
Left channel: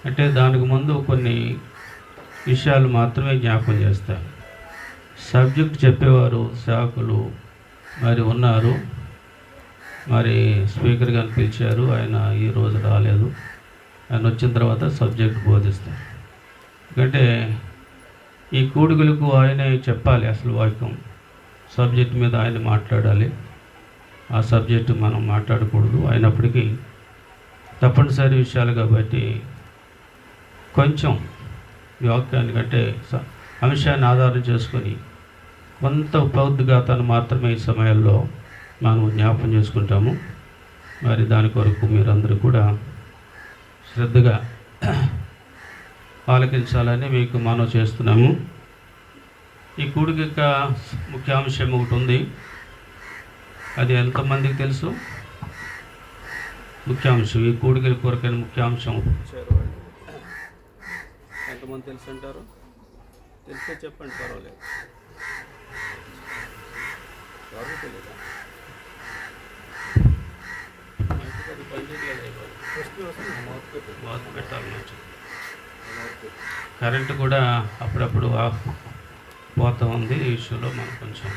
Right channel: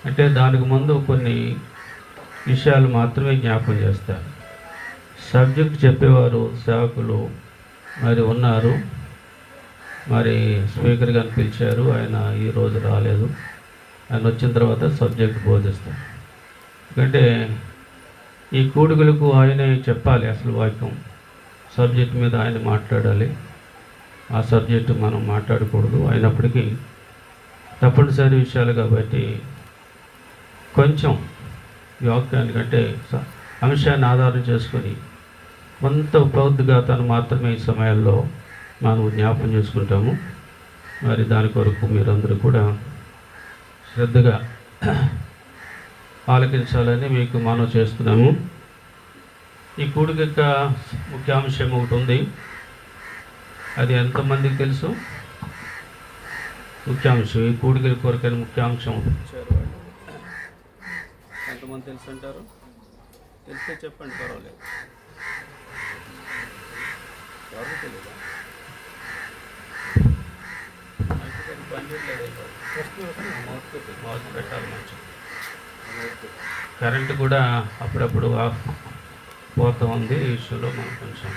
అంటే దానికి ముందు కొన్ని విషయాలు మాత్రమే జ్ఞాపకం చేస్తాను. సబ్జెక్ట్ చెప్పేవారు సేవకులు మరి ఉన్నారు. మరి స్పీకర్ గారిని పిలిచారు, ఆయన ఈరోజు రాలేదు. ఆయన వచ్చిన తర్వాత సబ్జెక్ట్ బోధిస్తాను. ఎందుకంటే ఈ కూడికలకు ఆయనే చెప్పాలి అసలు వాక్యం, సబ్జెక్ట్ మీద ఆయన మాట్లాడాలి. ఆ సబ్జెక్టు మనం మాట్లాడకూడదు. అయినప్పటికీ తప్పనిసరి విషయాలు కాబట్టి కొంచెం వాక్యానికంటే అంశాన్ని ఆధారం చేసుకొని కొంత ఉపోద్ఘాతాన్ని మాత్రమే ఈ సమయాల్లో మనం జ్ఞాపకం చేసుకుంటాము. మరి దాని కొరకు మీరందరూ కూడా శ్రద్ధగా ఆలకించాలని మీకు మనవి చేస్తున్నాము. ఈ కూడిక యొక్క ముఖ్యాంశం ఒకటి ఉంది, అది ఎంతమందికి తెలుసు? ముఖ్యాంశం, ఈ కూడికల కొరకైన ముఖ్యాంశం ఇచ్చారు వాళ్ళు. ఎంతమంది తెలుసు అంటారు? తెలిస్తే చెప్పండి, పర్వాలేదు. ఎవరికి తెలియదా? పెట్టాలి మంచి. కరెంటు కూడా అప్పుడప్పుడు ఆఫ్ పోతూ ఉంది. ఈ ఇష్యూలో మనం కొంచెం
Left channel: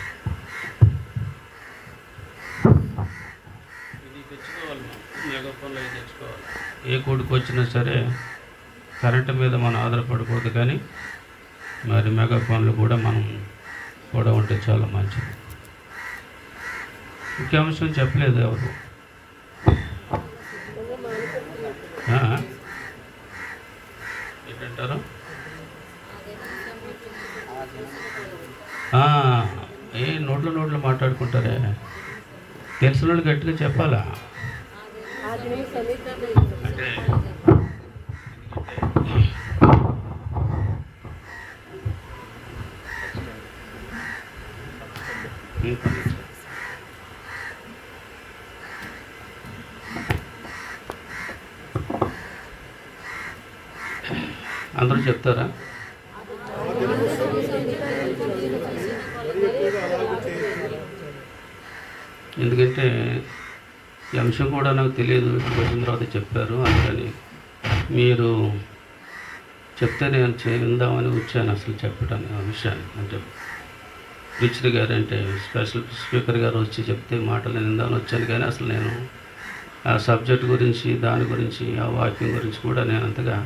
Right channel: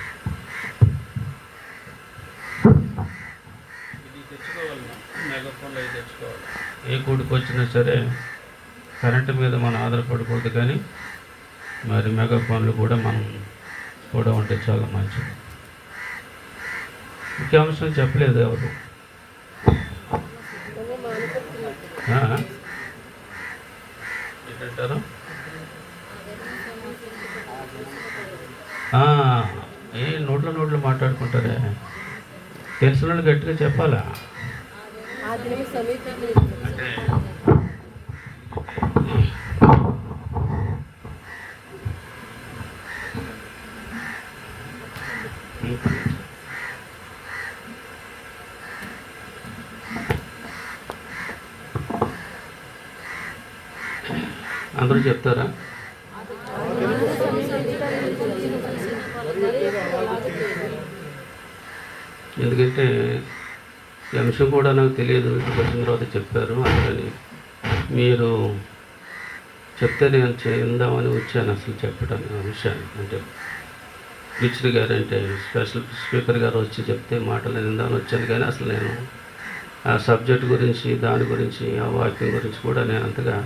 ఇది తెచ్చుకోవాలి, మనం మెగాఫోన్లో ఇది తెచ్చుకోవాలి. ఏ కూడికి వచ్చినా సరే కరెంటు మీద మనం ఆధారపడకూడదు, కానీ మరి మెగాఫోన్లు కూడా మనం కూడా ఉంటే చాలా మంచిది. ముఖ్యాంశం చెప్పలేదు ఎవరు? ఏంటంటారు? ఏ నోట్లు మాట్లాడుకుంటారే, తెలిసిన వాళ్ళు గట్టిగా చెప్పాలా? అంటే అందరూ చెప్తారా? ఎందుకంటే ఈ అంశం కూడా నాకు తెలియదు, వచ్చిన తర్వాత చెప్పారు. అందుకని మీరు చెప్తే నేను చేద్దామని వచ్చాను అసలు చెప్పడానికి ఆ విషయాన్ని. అంటే టీచర్ గారు, అంటే స్పెషల్ స్పీకర్ గారు వచ్చి చెప్తే మాటలు విందామని వచ్చాను, కానీ అసలు నేను ఆ సబ్జెక్ట్ గురించి, దాని గురించి, ఆ వాక్యం గురించి కూడా నేను అంతగా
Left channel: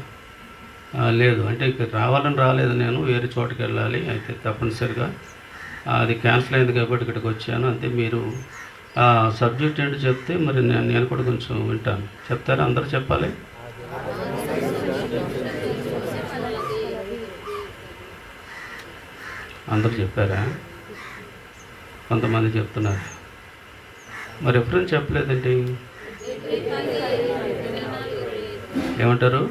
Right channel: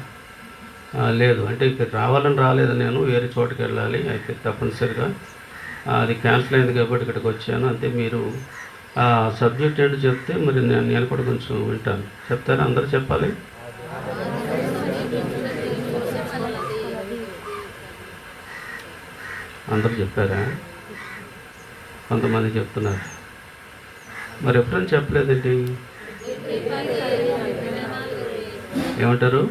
లేదు. అంటే ఇక్కడ రావాలని రాలేదు, నేను వేరే చోటుకి వెళ్ళాలి. అయితే తప్పనిసరిగా అది క్యాన్సిల్ అయింది కాబట్టి ఇక్కడికి వచ్చాను. అంతే. మీరు ఆ సబ్జెక్ట్ ఏంటో చెప్తే మరి నేను కూడా కొంచెం వింటాను. చెప్తారా? అందరూ చెప్పాలి. అందరూ చెప్పారా? కొంతమంది చెప్తున్నారు. మరి ఎప్పుడైనా చెప్పలేదండి? ఏమంటారు?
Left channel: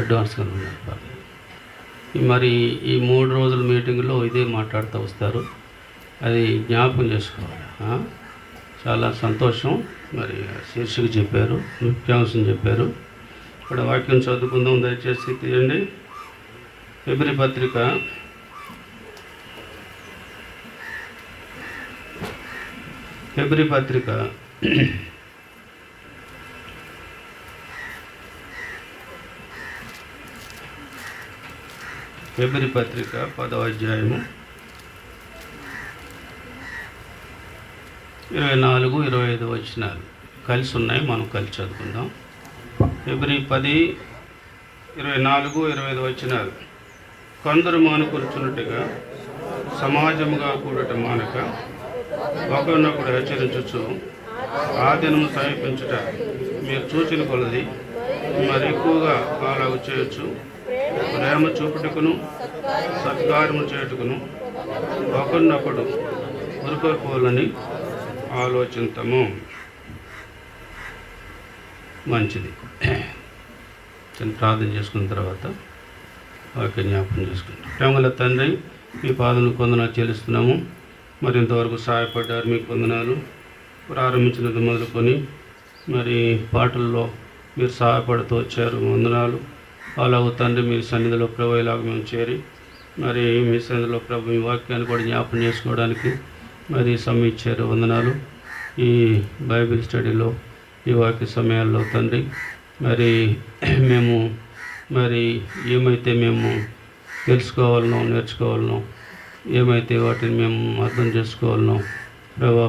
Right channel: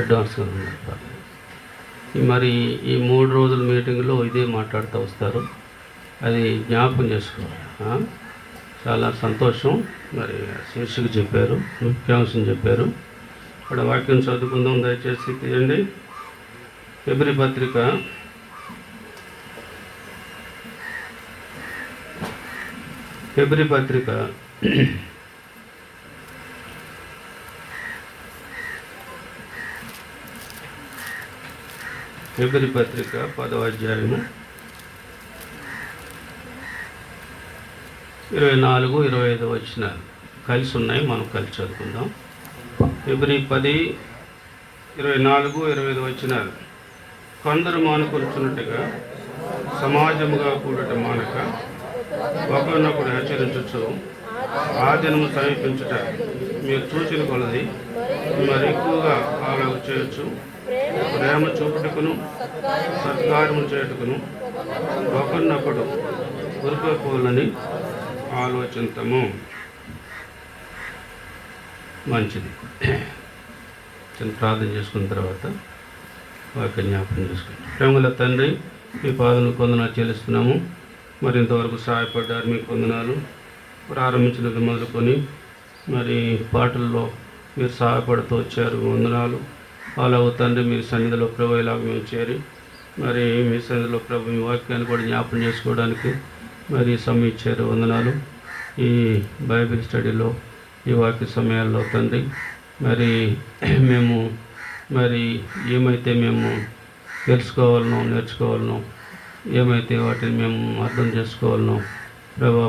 అడ్వాన్స్గా మరి ఈ 3 రోజుల మీటింగ్లో ఇదే మాట్లాడుతూ వస్తారు. అది జ్ఞాపకం చేసుకోవాలి. చాలా సంతోషం. మరి శీర్షిక చెప్పారు, ముఖ్యాంశం చెప్పారు. ఇక్కడ వాక్యం చదువుకుందాం, దయచేసి తీయండి. ఫిబ్రవరి పత్రిక 10వ అధ్యాయము 24, 25 వచనాలు కలిసి ఉన్నాయి. మనం కలిసి చదువుకుందాం. ఫిబ్రవరి 10, 24, 25 వచనాలు. కొందరు మానుకొలుచున్నట్టుగా సమాజముగా కూడట మానక ఒకరినొకడు హెచ్చరించచ్చు. ఆ దినము సమీపించుట మీరు చూచిన కొలది మరి ఎక్కువగా అలాగ చేయొచ్చు. ప్రేమ చూపుటకును సత్కార్యము చేయుటకును ఒకరినొకడు ఉరుకోవాలని ఆలోచించము. మంచిది. చిన్న ప్రార్థన చేసుకున్న తర్వాత వాక్య జ్ఞాపకం చేసుకుంటాం. ప్రేమల తండ్రి, మీ పాదములకు వందనాలు చెల్లిస్తున్నాము. మరి ఇంతవరకు సహాయపడ్డారు, మీకు వందనాలు. ప్రారంభించినది మొదలుకొని మరి పాటల్లో మీరు సహాయపడుతూ వచ్చారు, వందనాలు. అలాగ తండ్రి, మీ సన్నిధిలో ప్రభు ఇలాగ మేము చేరి మరి మీ సన్నిధిలో ప్రభు మీ వాక్యాన్ని కూడా జ్ఞాపకం చేసుకోవడానికి మరి సమయం ఇచ్చారు, వందనాలు. ఈ బైబిల్ స్టడీలో ఈ వాక్య సమయాల్లో తండ్రి మరి మేము మరి ఏమైతే మేము తెలుసుకోవాలనో, నేర్చుకోవాలనో, ఏమైతే వాటిని మేము అర్థం చేసుకోవాలనో ప్రభా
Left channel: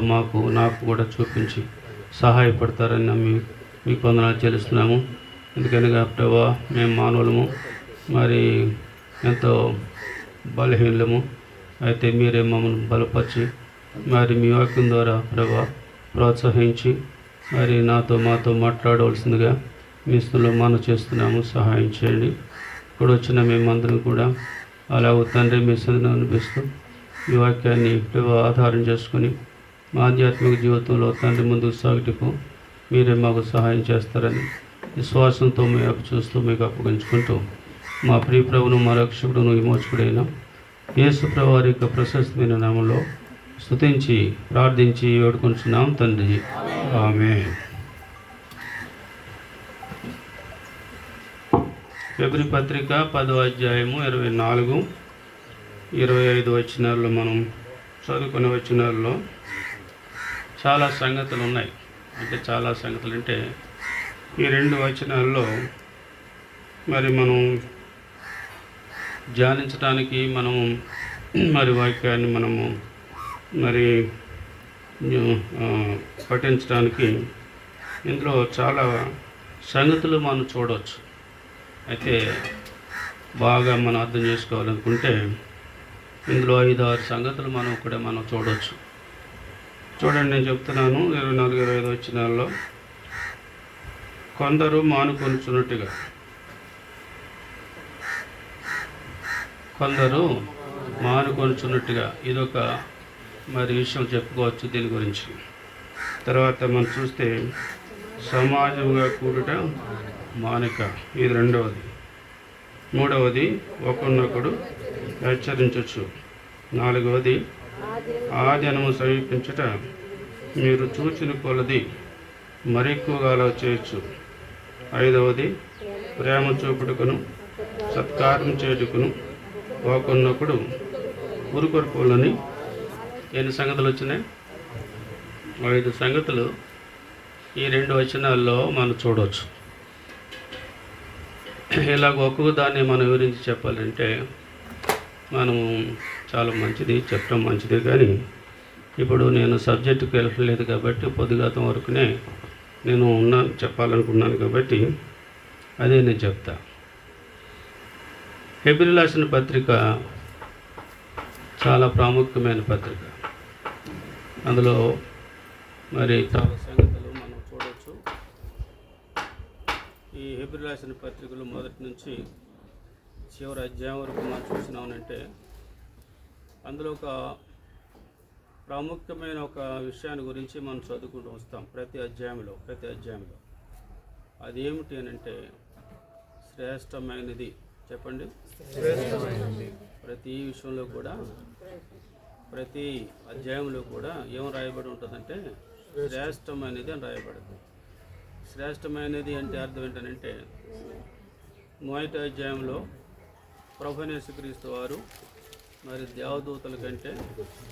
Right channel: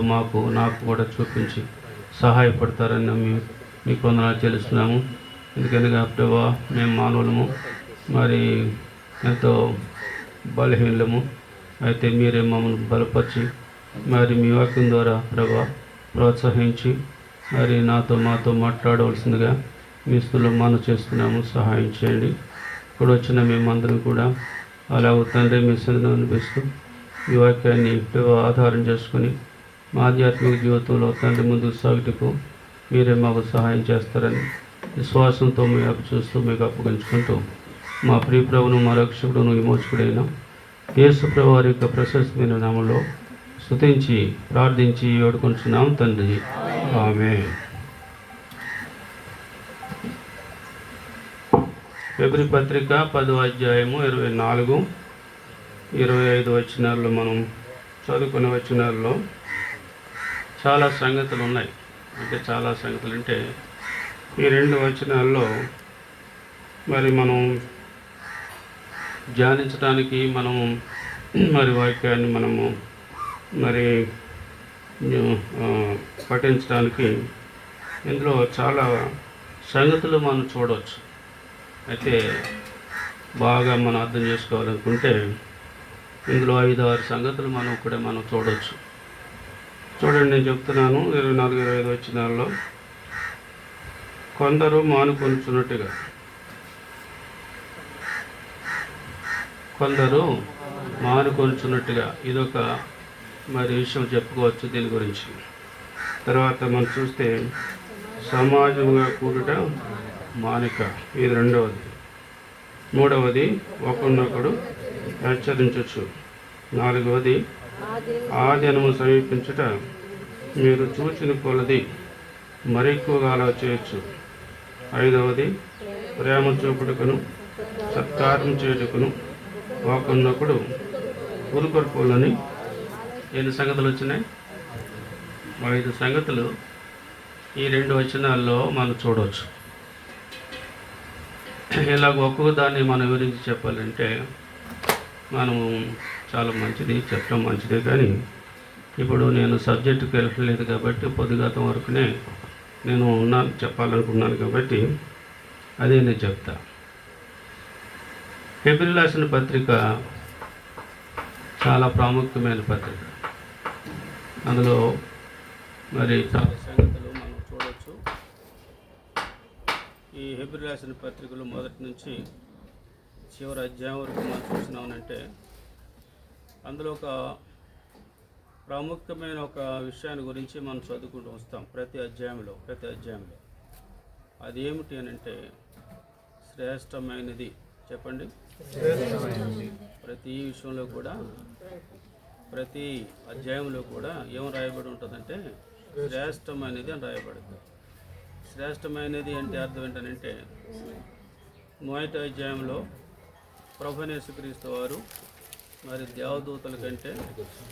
నాకు కూడా చూపించి సహాయపడతారని నమ్మి మీకు వందనాలు చెల్లిస్తున్నాము. ఎందుకనగా ప్రభా మేము మానవులము, మరి ఎంతో బలహీనము. అయితే మీరే మమ్మల్ని బలపరిచి మరి మీ వాక్యం ద్వారా ప్రభా ప్రోత్సహించి మరి మాతో మాట్లాడవలసిందిగా మీ స్థలంలో మనం చేస్తున్నాము. సహాయం చేయండి. ఇక్కడ వచ్చిన మేమందరం కూడా అలాగ తండ్రి మీ సన్నిధిని అనిపిస్తూ ఈ వాక్యాన్ని ఆధారం చేసుకుని మా ఆధ్యాత్మిక జీవితంలో తండ్రి ముందుకు సాగుటకు మీరే మాకు సహాయం చేస్తారని విశ్వాసంతో మేము చూస్తూ మీకు అప్పగించుకుంటూ మా ప్రియ ప్రభువును, మా రక్షకుడును, విమోచకుడైన యేసు ప్రభువు వారి యొక్క ప్రశస్తమైన నామంలో స్తుతించి ప్రార్థించి వేడుకుంటున్నాం తండ్రి. ఆమేన్. ఫిబ్రవరి పత్రిక 10వ అధ్యాయము 24, 25 వచనాల్లో మనం చదువుకునే వచనాల్లో చాలా సంగతులు ఉన్నాయి. అంటే చాలా సంగతులు అంటే ఈ 2 వచనాల్లో మరి మనం ధ్యానించడానికి మనము మరి వాక్యాన్ని మనము మరి పఠించడానికి ఇందులో చాలా సంగతులు మనం చూడవచ్చు. అయితే బాగా మనం అర్థం చేసుకోవాలనుకుంటే ఇందులో 5-6 సంగతులు మనం చూడవచ్చు. చూడండి, నేను చెప్తున్నాను. 24, 25 వచనాల్లో కొందరు మానుకొనుచున్నట్టుగా ఇదొక మరి విషయం చెప్పుకోవచ్చు దీని గురించి. తర్వాత మనం చూస్తే సమాజంగా కూడుట మానిక, ఇది 2వది. 3వది ఒకరినొకడు హెచ్చరించవచ్చు. 4వది ఆదినము సమీపించుట మీరు చూచిన కొలది మరెక్కువగా అలా చేయొచ్చు. 5వది ప్రేమ చూపుటకును సత్కారం చేయుటకును ఒకరినొకడు ఉరుకొరుకోవాలని. ఎన్ని సంగతులు వచ్చినాయి? 5 సంగతులు ఈ 2 వచనాల్లో మనం చూడవచ్చు. ఇలాగ ఒక్కొక్క దాన్ని మనం వివరించి చెప్పాలంటే మనము చాలా మంచిది చెప్పడం మంచిదే, కానీ ఇప్పుడు నేను సబ్జెక్టుకి వెళ్ళలేదు కాబట్టి పొద్దుగాతం వరకునే నేను చెప్పాలనుకున్నాను కాబట్టి అదే నేను చెప్తా. హెబ్రీయులకు రాసిన పత్రిక చాలా ప్రాముఖ్యమైన పత్రిక. అందులో మరి చాలా సంగతులు మనం చూడవచ్చు. ఈ హెబ్రీయులకు రాసిన పత్రికలు మొదటి నుంచి చివరి అధ్యాయం వరకు మనం చూసినామనంటే అందులో ఒక ప్రాముఖ్యమైన ఒక విషయాన్ని గురించి మనం చదువుకుంటూ వస్తాం ప్రతి అధ్యాయంలో. అది ఏమిటి అని అంటే శ్రేష్టమైనది. చెప్పండి. ప్రతి విషయంలో కూడా, ప్రతి అధ్యాయంలో కూడా ఏం రాయబడి ఉంటుందంటే శ్రేష్టమైనది అని రాయబడుతుంది. శ్రేష్టమైనది అంటే అర్థం ఏంటంటే మొదటి అధ్యాయంలో ప్రభువైన యేసుక్రీస్తు వారు మరి దేవదూతల కంటే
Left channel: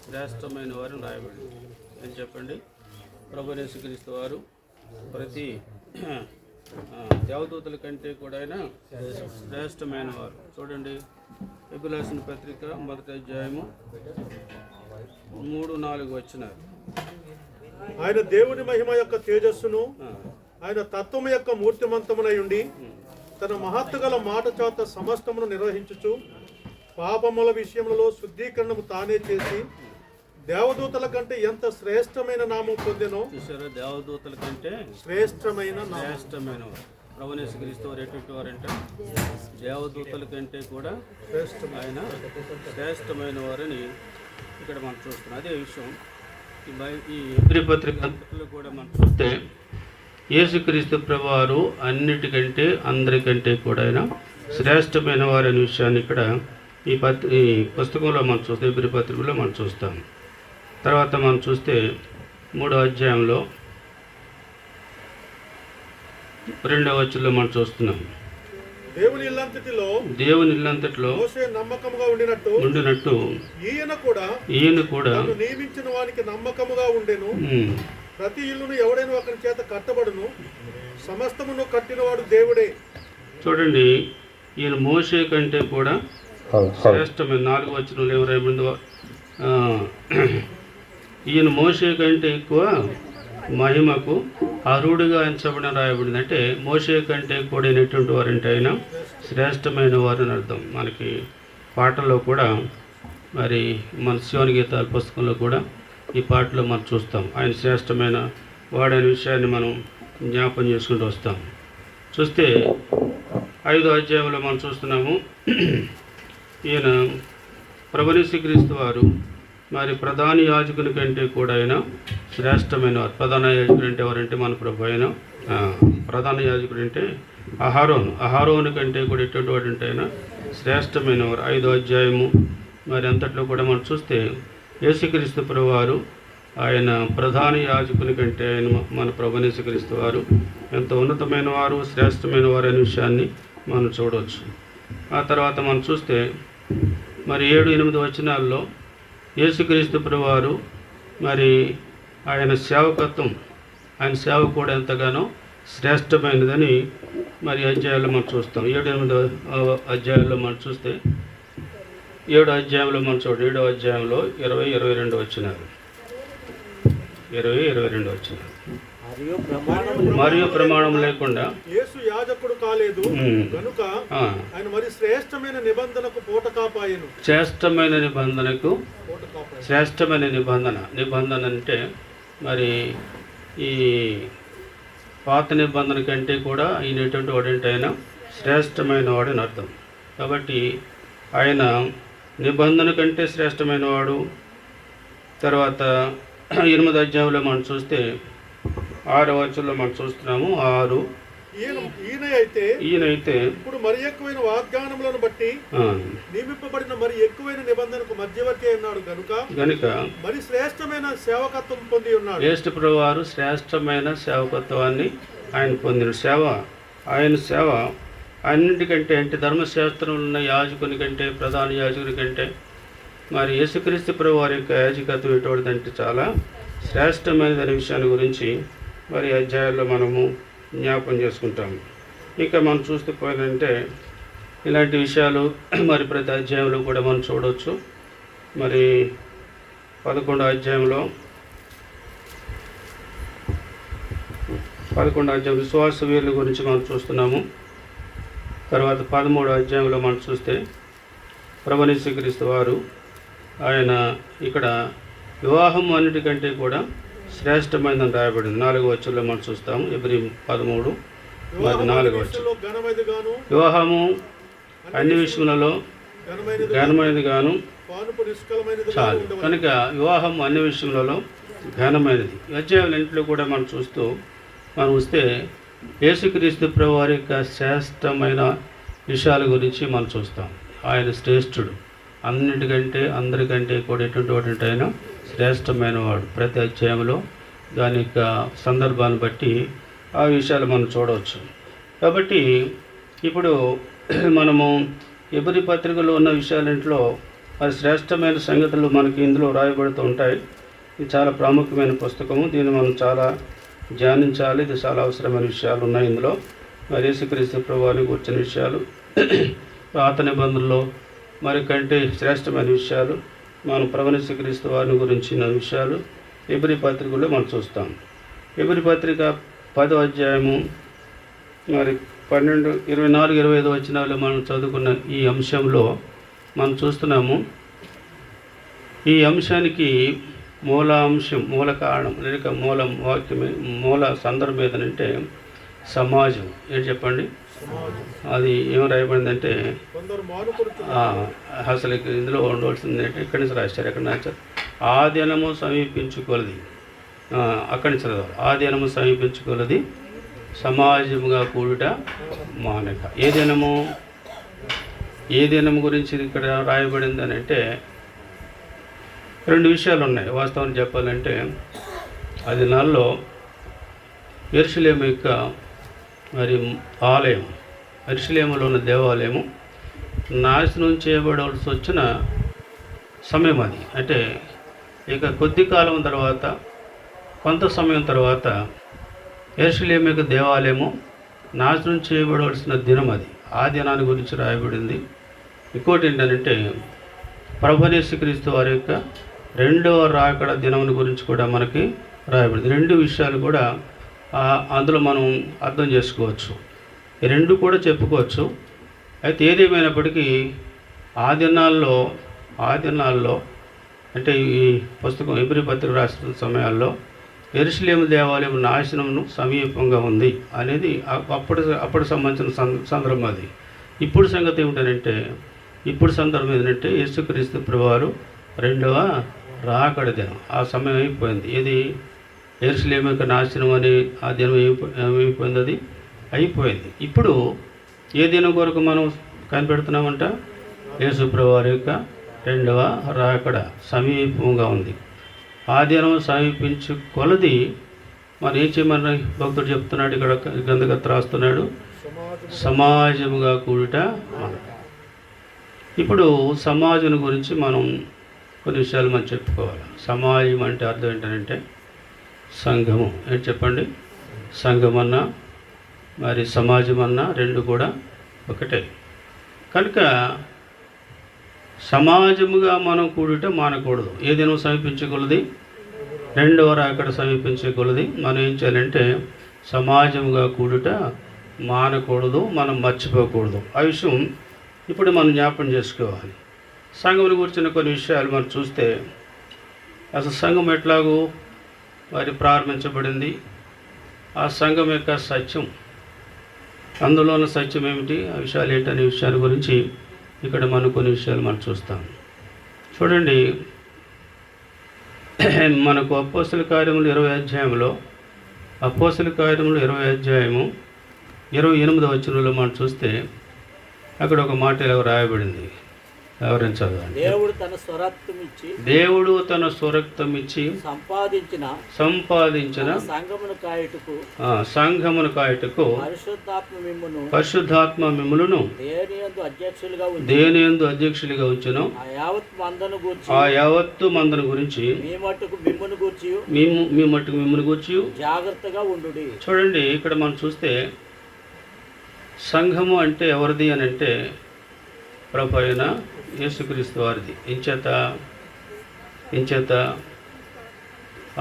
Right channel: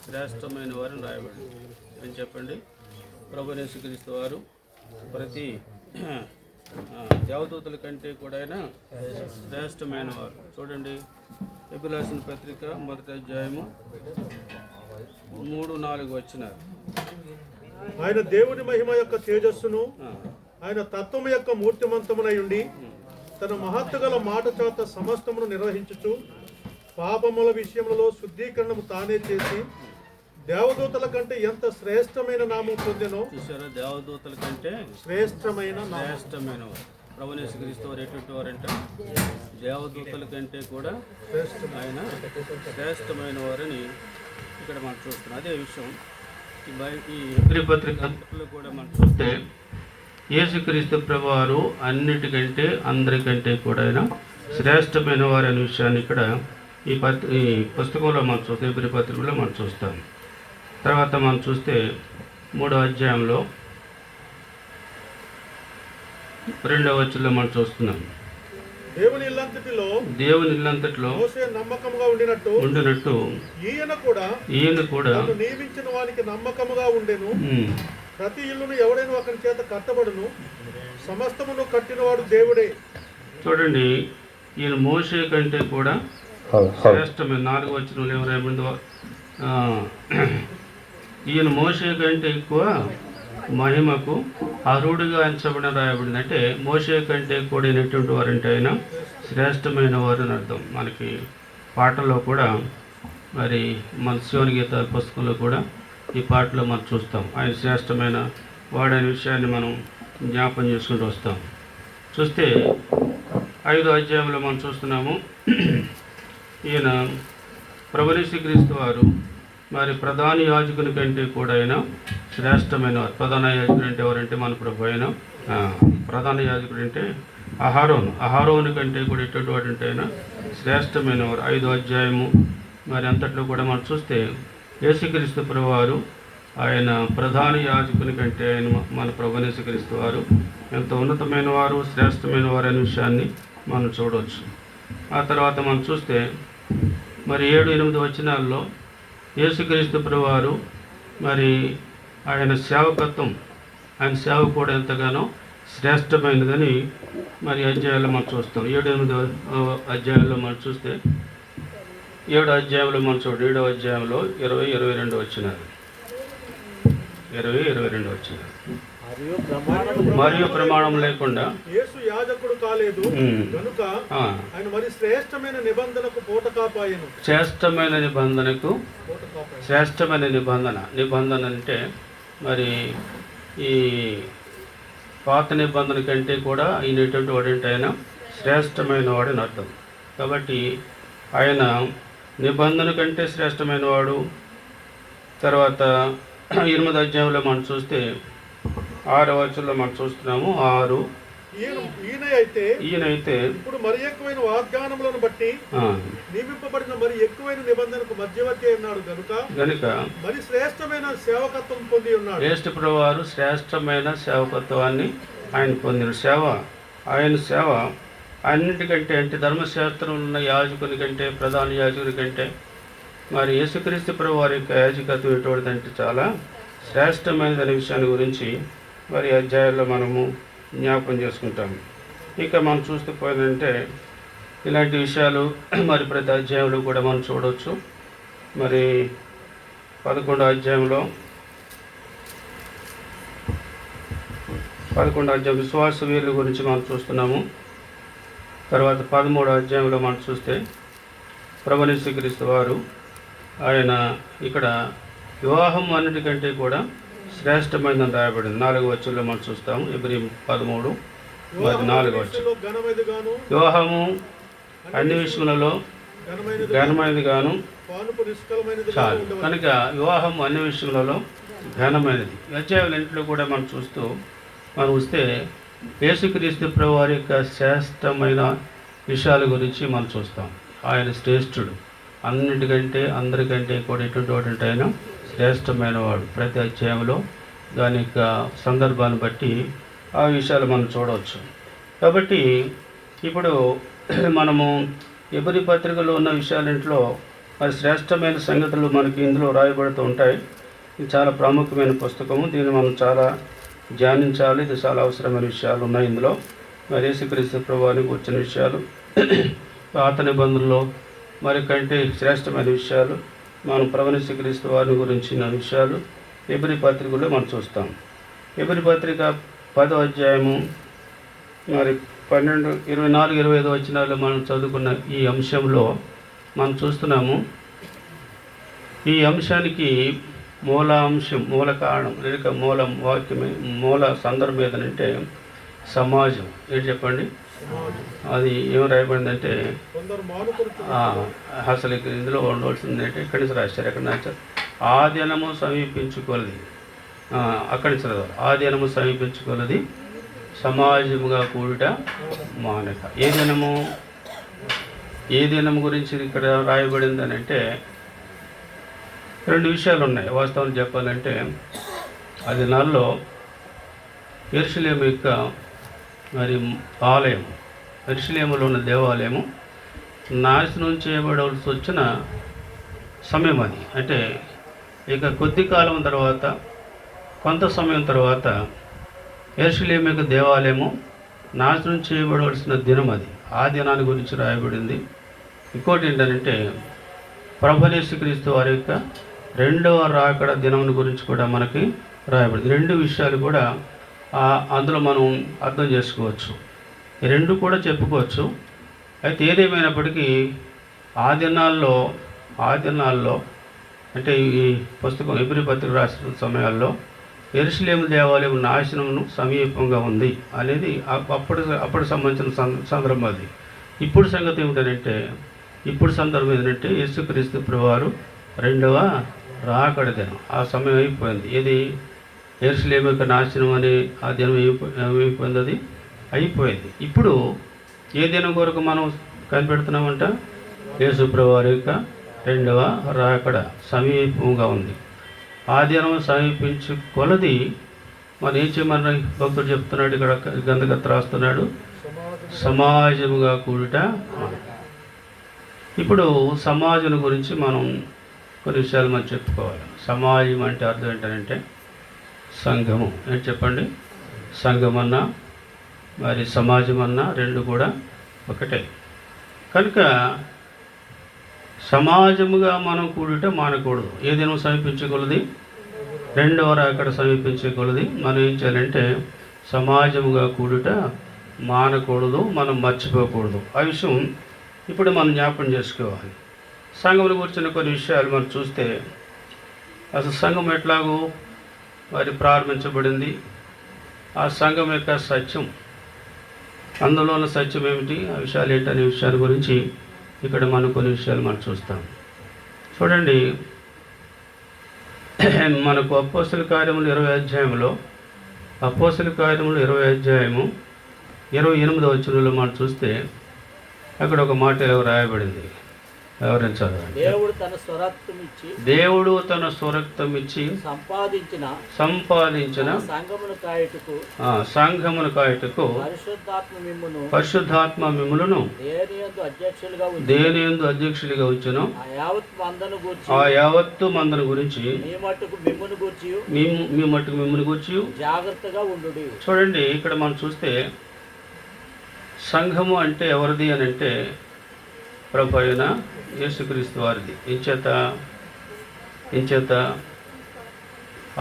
శ్రేష్టమైన వారిని రాయబడింది అని చెప్పండి. ప్రభువైన యేసుక్రీస్తు వారు ప్రతి దేవదూతల కంటే కూడా శ్రేష్టమైన వారు. చూడండి, హెబ్రీయులకు రాసిన పత్రిక మొదటి అధ్యాయము 3-4 వచనాలు. ఆయన దేవుని మహిమ యొక్క తేజస్సును, ఆయన తత్వము యొక్క మూర్తిమంతమునై ఉండి తన మహత్తు గల మాట చేత సమస్తమును నిర్వహించుచు పాపముల విషయములలో శుద్ధీకరణము తానే చేసి దేవదూతల కంటే ఎంత శ్రేష్టమైన నామం పొందెనో. చూసారా, దేవదూతల కంటే శ్రేష్టమైన వారు. ప్రభునేసుక్రీస్తు వారు ఎటువంటి వారంట దేవదూతల కంటే కూడా ఆయన శ్రేష్టమైన వారని ఇక్కడ మనం చూస్తున్నాం. అదే విషయం ఈ హెబ్రీ పత్రికలో కూడా మనం చూస్తే యేసుక్రీస్తు ప్రభువారు అన్నిటికంటే అందరికంటే కూడా ఆయన శ్రేష్టమైన వారు అనే విషయాన్ని ఇక్కడ ఈ పుస్తకంలో మనం చూస్తాం, హెబ్రీ పత్రికలో మనం చూస్తాం. తర్వాత మనం చూస్తే 3వ అధ్యాయంలో 2వ వచనంలో మనం చూస్తున్నాం. దేవుని ఇల్లంతటిలో మోషే నమ్మకముగా ఉండినట్టు ఈయన కూడా తను నియమించిన వానికి నమ్మకముగా ఉండెను. ప్రతి ఇల్లును ఎవడైనా ఒకరి చేత కట్టబడును, సమస్తమును కట్టినవాడు దేవుడే. చూడండి, ఈయన మోషే కంటే కూడా శ్రేష్టమైన 4వ వచనంలో ఎవరైందో ఈయన మోషే కంటే ఎక్కువ మహిమకు అర్హుడుగా ఎంచబడిన రాయబడింది. అంటే మోషే కంటే కూడినటువంటి వారంటే ఆయన శ్రేష్టమైన వారు అని అర్థం. మనకి పాటల్లో కూడా మరి మన శివని గీతాల పుస్తకంలో కూడా ఈ పాటలో మనం చూస్తాం. ఆయన శ్రేష్టమైన వాడనే విషయాన్ని మనం జ్ఞాపం చేసుకుంటూ వస్తాం. చూస్తే 5వ అధ్యాయంలో మనం చూస్తున్నాము. ఈయన ప్రభుయేసుక్రీస్తు వారు మరి ప్రధాన యాజకుని కంటే కూడా ఆయన శ్రేష్టమైన వారు. ప్రధాన యాజకుడు అంటే ఎవరంటే మన ప్రభు అయిన ప్రధాన యాజకుడు అంటే అహారోను కంటే కూడా ఎటువంటి వాడు అంటే ఆయన శ్రేష్టమైన వారు. 5వ అధ్యాయము మరి అంతట్లో కూడా మనం చూస్తే యేసుక్రీస్తు ప్రభువారు ఆయన ప్రధాన యాజకుని కంటే ఆయన మన ప్రభుని యేసుక్రీస్తు వారు ఎంతో ఉన్నతమైన వారు, శ్రేష్టమైన వారు అనే విషయాన్ని మనం చూడవచ్చు. ఆ తర్వాత మనం చూస్తే మరి 7-8 వచనాల్లో యేసుక్రీస్తు ప్రభువారు మరి ఆయన సేవకత్వం, ఆయన సేవ కూడా ఎంతగానో శ్రేష్టమైనదని మరి అధ్యాయాల్లో మనం చూస్తాం. 7-8 అధ్యాయాల్లో మనం చూస్తే 7వ అధ్యాయంలో మనం చూడండి. 7వ అధ్యాయంలో 20-22 వచనాలు, 20-22 వచనాలు. మరియు ప్రమాణం లేకుండా యేసు యాజకుడు కాలేదు గనుక ఆయన మరి శ్రేష్టమైన నిబంధనకు పూటకాపాయెను. శ్రేష్టమైన నిబంధన అంటే మరి ఈ పాత నిబంధన కంటే కూడా ఈయన ఎటువంటి వాడంటే ఆయన శ్రేష్టమైన వాడని అర్థం. కాబట్టి ఆయన నిబంధన కంటే శ్రేష్టమైన వాడు. తర్వాత 8వ అధ్యాయంలో మనం చూస్తే 6వ వచనంలో మనం చూస్తున్నాము. ఈయనైతే ఇప్పుడు మరి ఎక్కువైన వాగ్దానములను బట్టి నియమింపబడిన మరి ఎక్కువైన నిబంధనకు మధ్యవర్తి అయినాడు గనుక మరి శ్రేష్టమైన సేవకత్వం పొంది ఉన్నాడు. యేసు ప్రభువారు శ్రేష్టమైన సేవకత్వాన్ని ఆయన పొందిన ఆయన సేవ అన్నింటికంటే అంటే ధర్మశాస్త్రంలో ఉన్న యాజకుని కంటే, ప్రధాన యాజకుని కంటే మరి యేసుక్రీస్తు ప్రభువారి యొక్క యాజకత్వం ఎటువంటిదంటే చాలా శ్రేష్టమైనదనే విషయాన్ని గురించి మరి అధ్యాయాల్లో మనము జ్ఞాపం చేసుకుంటాము. ఇంకా మనం చూస్తూ పోయిందంటే ఇలాంటి విషయాలు మరి ప్రతి అధ్యాయంలో కూడా మనం చూడవచ్చు. మరి 11వ అధ్యాయంలో విశ్వాస వీరుల గురించి మనం చూస్తున్నాము. తర్వాత 13వ అధ్యాయంలో మనం చూస్తే ప్రభుని యేసుక్రీస్తు వారు ఆయన ఇక్కడ వివాహం అన్నిటికంటే కూడా శ్రేష్టమైనదని రాయబడింది. 4వ వచనంలో మనం చూస్తాము. హెబ్రీ 13:4 వివాహము అన్ని విషయములలో ఘనమైనది గాను చాలు. కనుక వివాహం అన్ని విషయములలో ఘనమైనది. అధ్యాయాలన్నింటిలో కూడా మనం చూస్తూ మనం వస్తే యేసుక్రీస్తు ప్రభు వారి యొక్క శ్రేష్టమైన విషయాల గురించి మనం చూస్తాం. ఆయన శ్రేష్ఠుడు, అన్నిటికంటే అందరికంటే కూడా ఎటువంటి వాడు ఆయన శ్రేష్టమైన వాడు. ప్రతి అధ్యాయంలో దాని యొక్క సందర్భాన్ని బట్టి ఆ విషయాలు మనం చూడవచ్చు. కాబట్టి ఇప్పుడు మనము హెబ్రీ పత్రికలో ఉన్న విషయాలింట్లో మరి శ్రేష్టమైన సంగతులు మనకి ఇందులో రాయబడుతూ ఉంటాయి. ఇది చాలా ప్రాముఖ్యమైన పుస్తకము. దీన్ని మనం చాలా ధ్యానించాలి. ఇది చాలా అవసరమైన విషయాలు ఉన్నాయి ఇందులో. మరి యేసుక్రీస్తు ప్రభువానికి వచ్చిన విషయాలు, పాత నిబంధనలో మరి కంటే శ్రేష్టమైన విషయాలు, మనం ప్రభుని యేసుక్రీస్తు వారిని గురించిన విషయాలు హెబ్రీ పత్రికలో మనం చూస్తాం. హెబ్రీ పత్రిక 10వ అధ్యాయము మరి 12, 24, 25 వచనాలు మనం చదువుకున్న ఈ అంశంలో మనం చూస్తున్నాము. ఈ అంశానికి మూల కారణం లేక మూల వాక్యమే, మూల సందర్భం ఏదనంటే సమాజం ఏంటి చెప్పండి? అది ఏం రాయబడిందంటే కొందరు మానుకొనుచు అసలు ఇందులో ఉండవలసింది అంటే ఇక్కడి నుంచి రాశారు. ఎక్కడ రాశారు? ఆ దినము సమీపించుకొలది, అక్కడి నుంచి చదవాలి. ఆ దినము సమీపించుకొలది సమాజముగా కూడుట మానక. ఏ దినము గురించి ఇక్కడ రాయబడింది అని అంటే రెండు విషయాలు ఉన్నాయి. వాస్తవం చెప్పాలంటే ఆ దినాల్లో యెరూషలేము యొక్క మరి ఆలయం, యెరూషలేములో ఉన్న దేవాలయము నాశనం చేయబడవలసి వచ్చిన సమయం అది. అంటే ఇక కొద్ది కాలం తర్వాత, కొంత సమయం తర్వాత యెరూషలేము యొక్క దేవాలయము నాశనం చేయబడవలసిన దినం అది. ఆ దినాన్ని గురించి రాయబడింది. ఇంకోటి ఏంటంటే ప్రభువైన యేసుక్రీస్తు వారి యొక్క రెండవ రాకడ దినం గురించి కూడా మనకి రాయబడింది. రెండు విషయాలు కూడా అందులో మనం అర్థం చేసుకోవచ్చు. ఈ రెండు కూడా చెప్పుకోవచ్చు. అయితే ఏదేమైనప్పటికీ ఆ దినాల్లో అంటే ఈ పుస్తకం హెబ్రీ పత్రిక రాసిన సమయాల్లో యెరూషలేము దేవాలయం నాశనమును సమీపంగా ఉంది అనేది అప్పటి సంబంధించిన సందర్భం అది. ఇప్పుడు సంగతి ఏమిటంటే సందర్భం ఏంటంటే యేసుక్రీస్తు ప్రభువారు రెండవ రాకడ దినం. ఆ సమయం అయిపోయింది. ఇది యెరూషలేము యొక్క నాశనం అనే ఆ దినం అయిపోయింది, అది అయిపోయింది. ఇప్పుడు ఏ దినం కొరకు మనం కనిపెడుతున్నామంట? యేసు ప్రభువారి యొక్క రెండవ రాకడ సమీపంగా ఉంది. ఆ దినం సమీపించు కొలది మనం ఏం చేయమని భక్తుడు చెప్తున్నాడు, ఇక్కడ గంధకర్త రాస్తున్నాడు, సమాజముగా కూడుట. ఇప్పుడు సమాజం గురించి మనం కొన్ని విషయాలు మనం చెప్పుకోవాలి. సమాజం అంటే అర్థం ఏంటంటే సంఘము. ఏంటి చెప్పండి? సంఘం అన్నా మరి సమాజం అన్నా రెండు కూడా ఒకటే. కనుక సమాజముగా మనం కూడుట మానకూడదు. ఏ దినం సమీపించగలది? రెండవ రాకడ సమీపించగలది. మనం ఏం చేయాలంటే సమాజముగా కూడుట మానకూడదు, మనం మర్చిపోకూడదు. ఆ విషయం ఇప్పుడు మనం జ్ఞాపకం చేసుకోవాలి. సంఘమును గురించిన కొన్ని విషయాలు మనం చూస్తే అసలు సంఘం ఎట్లాగూ మరి ప్రారంభించబడింది, ఆ సంఘం యొక్క సత్యం, అందులో ఉన్న సత్యం ఏమిటి, ఆ విషయాలు ఏంటనే విషయాల గురించి ఇక్కడ మనం కొన్ని విషయాలు మనం చూస్తాం. చూడండి, మనకు అపోస్తల కార్యములు 20 అధ్యాయంలో, అపోస్తల కార్యములు 20 అధ్యాయము 28వ వచనంలో మనం చూస్తే అక్కడ ఒక మాట ఇలా రాయబడింది. ఎవరైనా చదవండి. దేవుడు తన స్వరక్తం ఇచ్చి సంపాదించిన సంఘమును కాయుటకు పరిశుద్ధాత్మ మిమ్ములను దేనియందు అధ్యక్షులుగా ఉంచెను. ఆ యావత్తు మందను గురించి మీ మట్టుకు మిమ్మును గూర్చి జాగ్రత్తగా ఉండు. చూడండి, ఇక్కడ మనం చూస్తే సంఘము అంటే ఎవరిది అని అంటే ప్రభు అయిన యేసుక్రీస్తు వారిది. ఇంచేత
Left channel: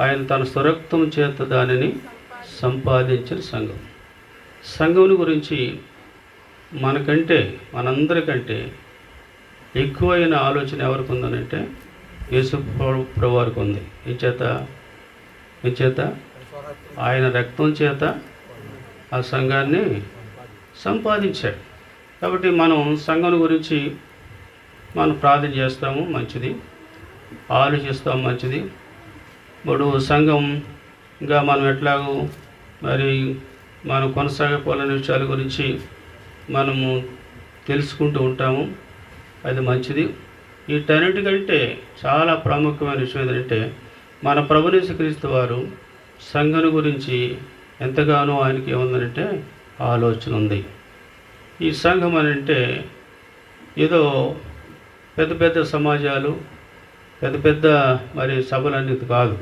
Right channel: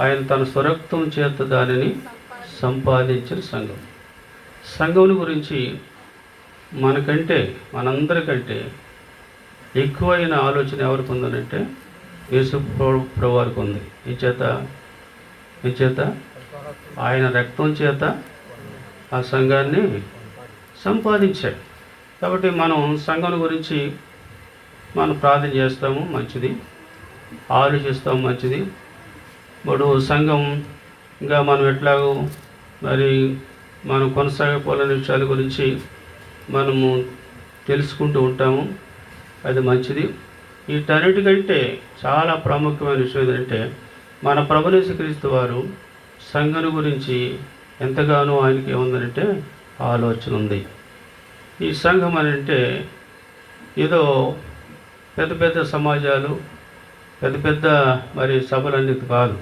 ఆయన తన స్వరక్తం చేత దానిని సంపాదించిన సంఘం. సంఘం గురించి మనందరికంటే ఎక్కువైన ఆలోచన ఎవరికి ఉందనంటే యేసు ప్రభు వారికి ఉంది. ఇంచేత ఆయన రక్తం చేత ఆ సంఘాన్ని సంపాదించాడు. కాబట్టి మనం సంఘం గురించి మనం ప్రార్థన చేస్తాము, మంచిది, ఆలోచిస్తాము, మంచిది. ఇప్పుడు సంఘంగా మనం ఎట్లాగో మరి మనం కొనసాగిపోవాలనే విషయాల గురించి మనము తెలుసుకుంటూ ఉంటాము, అది మంచిది. వీటన్నిటికంటే చాలా ప్రాముఖ్యమైన విషయం ఏంటంటే మన ప్రభువైన యేసుక్రీస్తు వారు సంఘం గురించి ఎంతగానో ఆయనకి ఏముందంటే ఆలోచన ఉంది. ఈ సంఘం అని అంటే ఏదో పెద్ద పెద్ద సమాజాలు, పెద్ద మరి సభలన్నీ కాదు.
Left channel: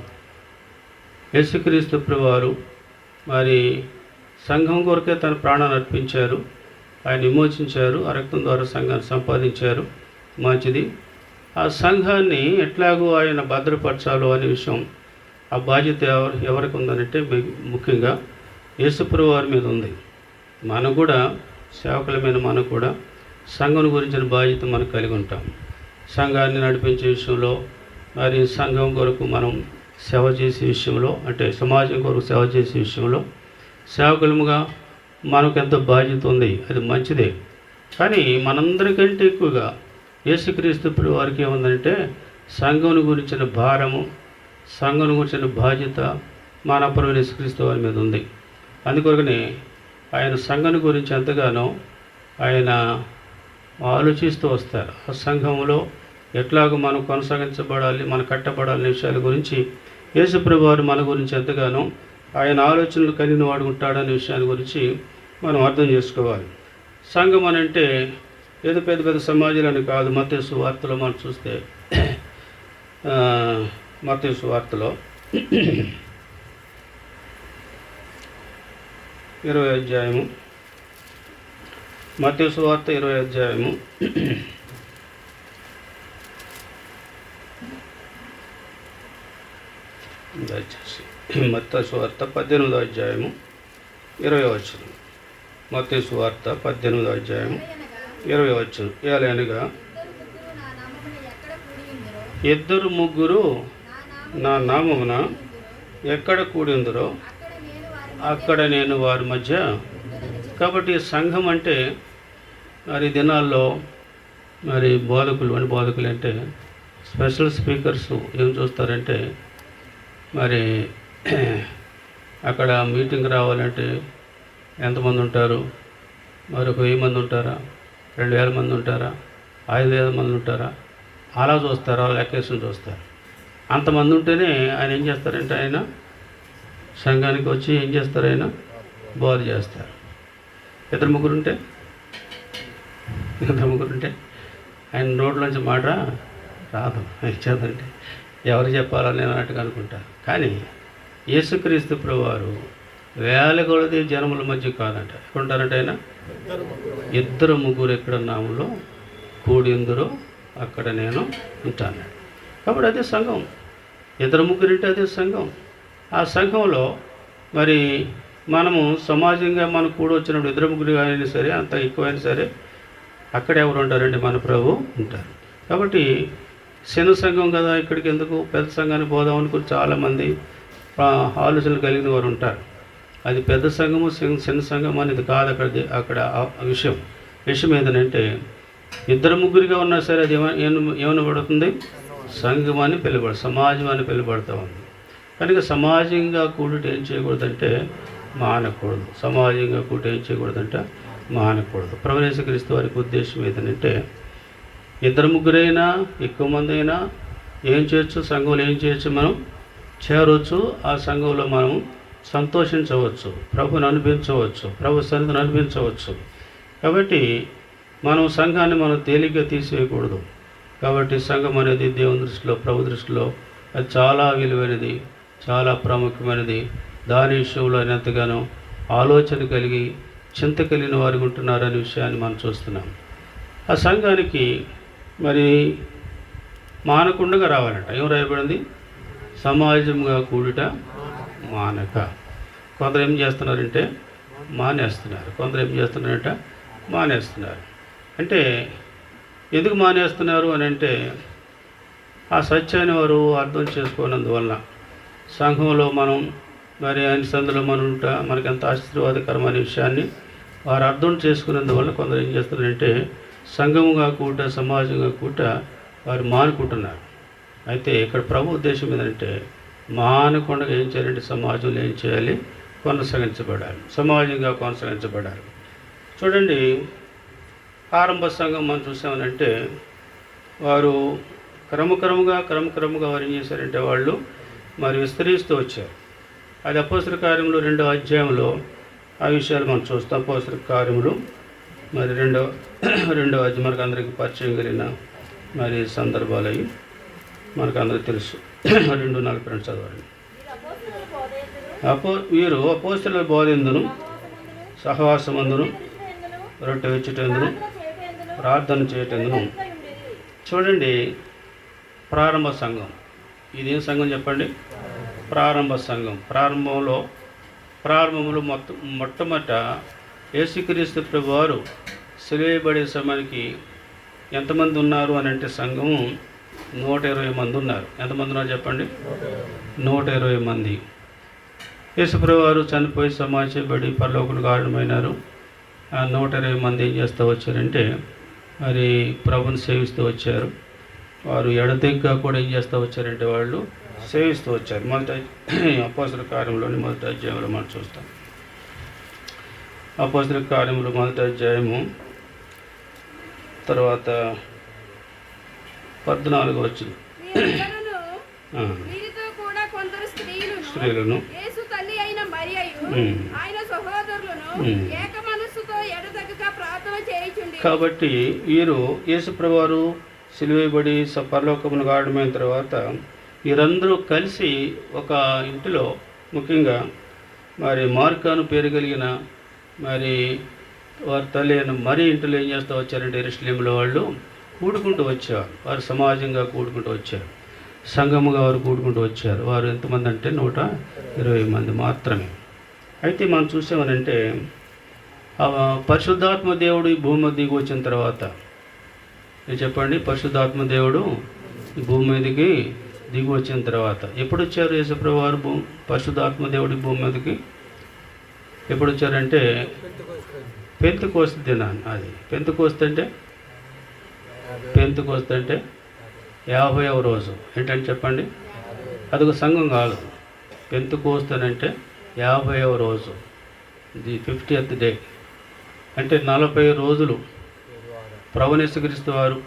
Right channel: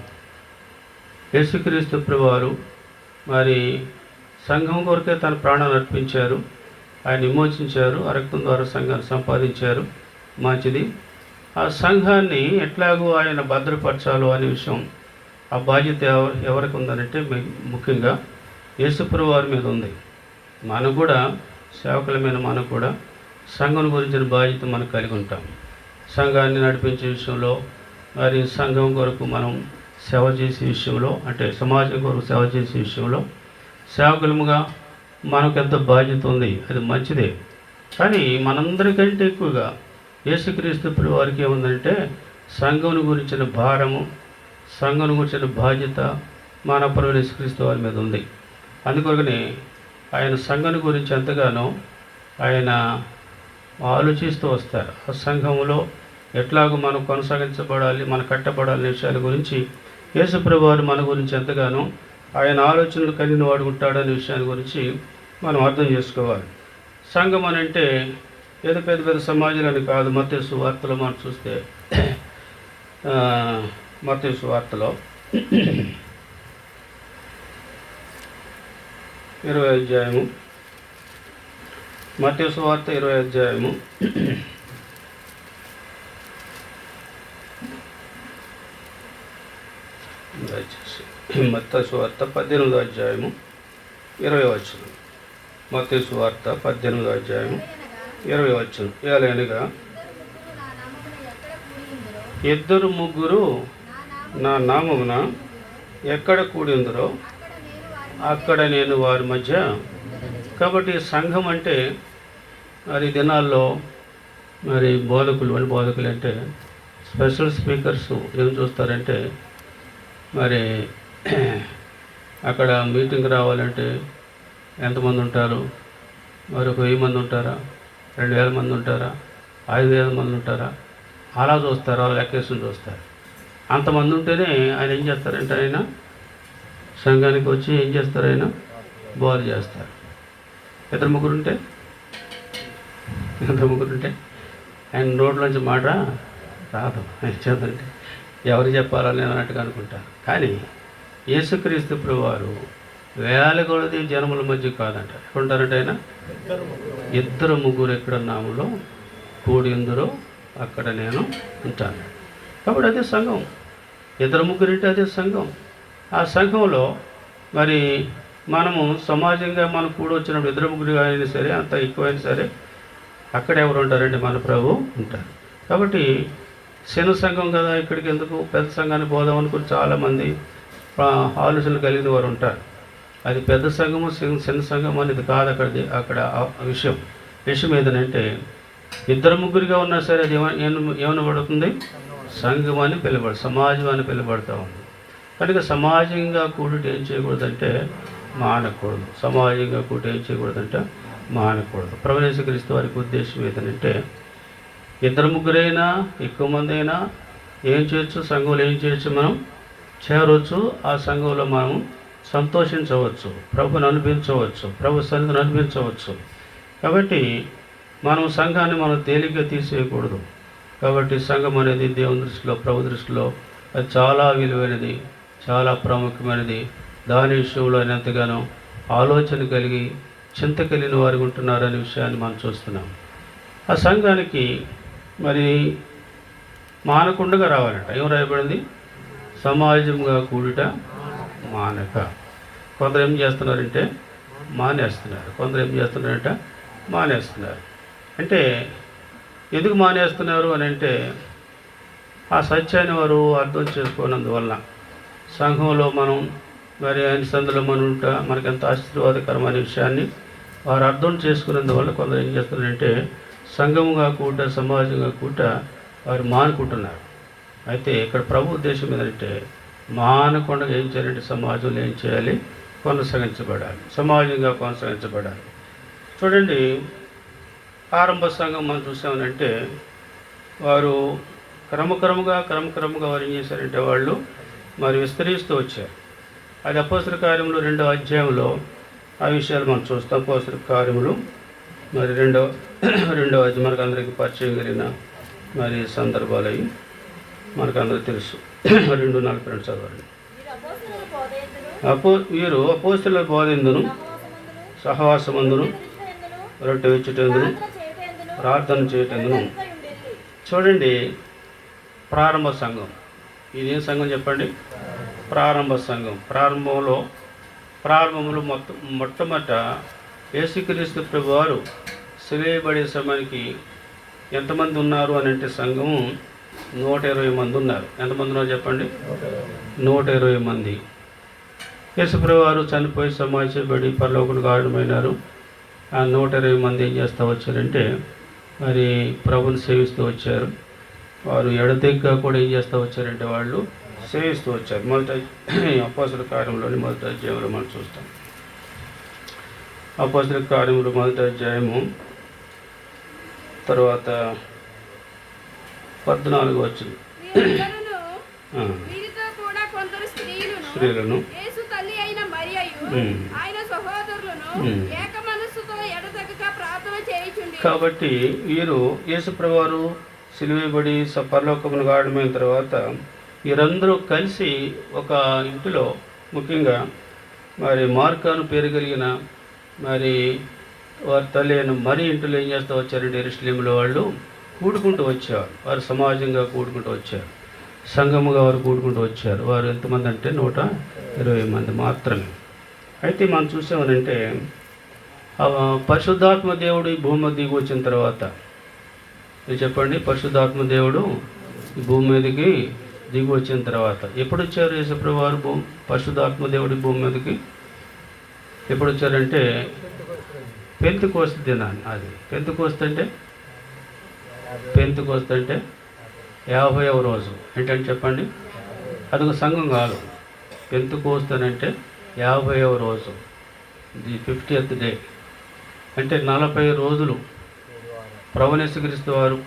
యేసుక్రీస్తు ప్రభువారు మరి సంఘం కొరకే తన ప్రాణాన్ని అర్పించారు, ఆయన విమోచించారు, ఆ రక్తం ద్వారా సంఘాన్ని సంపాదించారు, మంచిది. ఆ సంఘాన్ని ఎట్లాగో ఆయన భద్రపరచాలో అనే విషయం, ఆ బాధ్యత ఎవరికి ఉందనంటే ముఖ్యంగా యేసు ప్రభువారి మీద ఉంది. మనం కూడా సేవకులమైన మనకు కూడా సంఘం గురించిన బాధ్యత మనం కలిగి ఉంటాం. సంఘాన్ని నడిపించే విషయంలో, మరి సంఘం కొరకు మనం సేవ చేసే విషయంలో, అంటే సమాజం కొరకు సేవ చేసే విషయంలో సేవకులముగా మనకు ఎంతో బాధ్యత ఉంది, అది మంచిదే. కానీ మనందరికంటే ఎక్కువగా యేసుక్రీస్తు ప్రభు వారికి ఏముందంటే సంఘం గురించిన భారము, సంఘం గురించిన బాధ్యత మన ప్రభు యేసుక్రీస్తు వారి మీద ఉంది. అందుకొరకనే ఆయన సంఘం గురించి ఎంతగానో ఆయన ఆలోచిస్తూ వస్తారు. ఆ సంఘంలో ఎట్లాగో మనం కొనసాగించబడాలి, మన కట్టబడాలనే విషయాల గురించి యేసుప్రభు వారు మన గురించి ఎంతగానో ఆయన ఆలోచనలు కలిగిన వాడు ఉంటాడనే విషయాల గురించి మనం అర్థం చేసుకోవాలి. సంఘం అని అంటే ఏదో పెద్ద పెద్ద సమాజాలని కాదు. మత్తయి సువార్తలో మనం చూస్తే మత్తయి సువార్తలో 20వ అధ్యాయము, మత్తయి సువార్త 20వ అధ్యాయము మత్తయి సువార్త 18వ అధ్యాయము 20వ వచనం. మత్తయి సువార్త 18వ అధ్యాయము 20వ వచనం. ఏలైనగా ఇద్దరు ముగ్గురు నా నామమున ఎక్కడ కూడిందరో అక్కడ నేను వారి మధ్య. కాబట్టి సంఘం అంటే మరి దినాల్లో మరి బోధకులు అంటే స్పెషల్ స్పీకర్స్ ఏం చూస్తారంటే మరి అక్కడ మీటింగ్ రావాలంటే ఎంతమంది ఉంటారు? మరి 1000 మంది ఉంటారా? 2000 మంది ఉంటారా? 5000 మంది ఉంటారా? అలా చూస్తారా? లెక్కేసుకుని చూస్తారు. అంతమంది ఉంటేనే ఆయన ఏం చేస్తారంటే ఆయన సంఘానికి వచ్చి ఏం చేస్తారు? ఆయన బోధ చేస్తారు. ఇద్దరు ముగ్గురు ఉంటే ఆయన రోడ్లోంచి మాట రాదు. ఆయన చేద్దంటే ఎవరు చెప్పాలని అన్నట్టుగా అనుకుంటారు. కానీ యేసుక్రీస్తు ప్రభువారు వేల కొలది జనముల మధ్య కాదంట. ఎక్కడుంటారంటే ఆయన ఇద్దరు ముగ్గురు ఎక్కడ నామలో కూడిందరో అక్కడ నేను ఉంటాను. కాబట్టి అదే సంఘం. ఇద్దరు ముగ్గురు అంటే అదే సంఘం. ఆ సంఘంలో మరి మనము సమాజంగా మనం కూడి వచ్చినప్పుడు ఇద్దరు ముగ్గురు అయినా సరే, అంత ఎక్కువైనా సరే, అక్కడ ఎవరు ఉంటారంటే మన ప్రభు ఉంటారు. కాబట్టి చిన్న సంఘం కదా, ఇక్కడికి ఎందుకు పెద్ద సంఘానికి పోదాం అనుకుని చాలామంది ఆలోచనలు కలిగిన వారు ఉంటారు. అది పెద్ద సంఘము చిన్న సంఘం అనేది కాదు. అక్కడ విషయం ఏంటంటే ఇద్దరు ముగ్గురిగా ఉన్నా సరే అది ఏమనబడుతుంది? సంఘం అని పిలువబడు, సమాజం అని పిలువబడతా ఉంది. కనుక సమాజంగా కూడి ఏం చేయకూడదంటే మానకూడదు. సమాజంగా కూడి ఏం చేయకూడదంటే మానకూడదు. ప్రభు యేసుక్రీస్తు వారికి ఉద్దేశం ఏంటంటే ఇద్దరు ముగ్గురైనా ఎక్కువ మంది అయినా ఏం చేయొచ్చు? సంఘంలో ఏం చేయొచ్చు? మనం చేరవచ్చు. ఆ సంఘంలో మనం సంతోషించవచ్చు, ప్రభుని అనిపించవచ్చు, ప్రభు సన్నిధిని అనిపించవచ్చు. కాబట్టి మనం సంఘాన్ని మనం తేలిగ్గా తీసేయకూడదు. కాబట్టి సంఘం అనేది దేవుని దృష్టిలో, ప్రభు దృష్టిలో అది చాలా విలువైనది, చాలా ప్రాముఖ్యమైనది. దాని విషయంలో ఎంతగానో ఆలోచన కలిగి చింత కలిగిన వారు ఉంటున్నారనే విషయాన్ని మనం చూస్తున్నాం. ఆ సంఘానికి మరి మానకుండగా రావాలంట. ఏం రాయబడింది? సమాజంగా కూడుట మానక. కొందరు ఏం చేస్తున్నారంటే మానేస్తున్నారు, కొందరు ఏం చేస్తున్నారంటే మానేస్తున్నారు. అంటే ఎందుకు మానేస్తున్నారు అని అంటే ఆ సత్యాన్ని వారు అర్థం చేసుకోనందువలన. సంఘంలో మనం మరి ఆయన సందులో మనం ఉంటా మనకి ఎంత ఆశీర్వాదకరమైన విషయాన్ని వారు అర్థం చేసుకున్నందువల్ల కొందరు ఏం చేస్తున్నారంటే సంఘముగా కూట, సమాజంగా కూట వారు మానుకుంటున్నారు. అయితే ఇక్కడ ప్రభు ఉద్దేశం ఏంటంటే మానకుండా ఏం చేయాలంటే సమాజంలో ఏం చేయాలి? కొనసాగించబడాలి, సమాజంగా కొనసాగించబడాలి. చూడండి, ఆరంభ సంఘం మనం చూసామనంటే వారు క్రమక్రమంగా వారు ఏం చేశారంటే వాళ్ళు మరి విస్తరిస్తూ వచ్చారు. అది అపోస్తల కార్యములు 2వ అధ్యాయంలో ఆ విషయాలు మనం చూస్తాం. అపోస్తల కార్యములు మరి రెండవ అధ్యాయం మనకు అందరికీ పరిచయం కలిగిన మరి సందర్భాలు అవి మనకు అందరికీ తెలుసు. 2:42 చదవండి. వీరు అపోస్తలుల బోధెందును, సహవాసమందును, రొట్టె విచ్చుటెందును, ప్రార్థన చేయటందును. చూడండి, ప్రారంభ సంఘం. ఇదేం సంఘం చెప్పండి? ప్రారంభ సంఘం. ప్రారంభంలో మొట్టమొదట యేసుక్రీస్తు ప్రభువారు సిలువబడే సమయానికి ఎంతమంది ఉన్నారు అని అంటే సంఘము 120 మంది ఉన్నారు. ఎంతమంది ఉన్నారు చెప్పండి? 120 మంది. యేసుప్రభు వారు చనిపోయి సమాధి చేయబడి పరలోకునికి ఆరుడమైనారు. ఆ 120 మంది ఏం చేస్తూ వచ్చారంటే మరి ప్రభుని సేవిస్తూ వచ్చారు. వారు ఎడతెగ్గా కూడా ఏం చేస్తూ వచ్చారంటే వాళ్ళు సేవిస్తూ వచ్చారు. మొదటి అపోస్తల కార్యంలోని మొదటి అధ్యాయంలో మనం చూస్తాం. అపోస్తల కార్యములు మొదటి అధ్యాయము తర్వాత 14 వచ్చింది. వీరితో కూడా కొందరు స్త్రీలను యేసు తల్లి అయిన మరియయు ఆయన సహోదరులను ఏక మనస్సుతో ఎడతెగక ప్రార్థన చేయుచుండి. కాబట్టి వీరు యేసుప్రభు వారు సిలువేయబడి పరలోకమును గాఢమైన తర్వాత వీరందరూ కలిసి ఒక ఇంటిలో, ముఖ్యంగా మరి మార్కాను పేరు కలిగిన మరి వారి తల్లి అయిన మరి ఇంటిలో ఏం చేస్తూ వచ్చారంటే యెరూషలేములో వాళ్ళు కూడుకుంటూ వచ్చారు. వారు సమాజంగా కూడుకుంటూ వచ్చారు, సంఘముగా వారు కూడుకుంటూ వచ్చారు. వారు ఎంతమంది అంటే 120 మంది మాత్రమే. అయితే మనం చూసామనంటే పరిశుద్ధాత్మ దేవుడు ఈ భూమి దిగి వచ్చిన తర్వాత, మీరు చెప్పండి, పరిశుద్ధాత్మ దేవుడు ఈ భూమి మీదకి దిగి వచ్చిన తర్వాత ఎప్పుడు వచ్చారు యేసుప్రభు వారు పరిశుద్ధాత్మ దేవుడు ఈ భూమి మీదకి ఎప్పుడు వచ్చారంటే పెంతెకోస్తు దినాన్ని. అది పెంతెకోస్తు అంటే 50వ రోజు. ఏంటంటే చెప్పండి, అదొక సంఘం కాదు. పెంతెకోస్తు అని అంటే 50వ రోజు, ది 50th డే. అంటే 40 రోజులు ప్రభువు యేసుక్రీస్తు వారు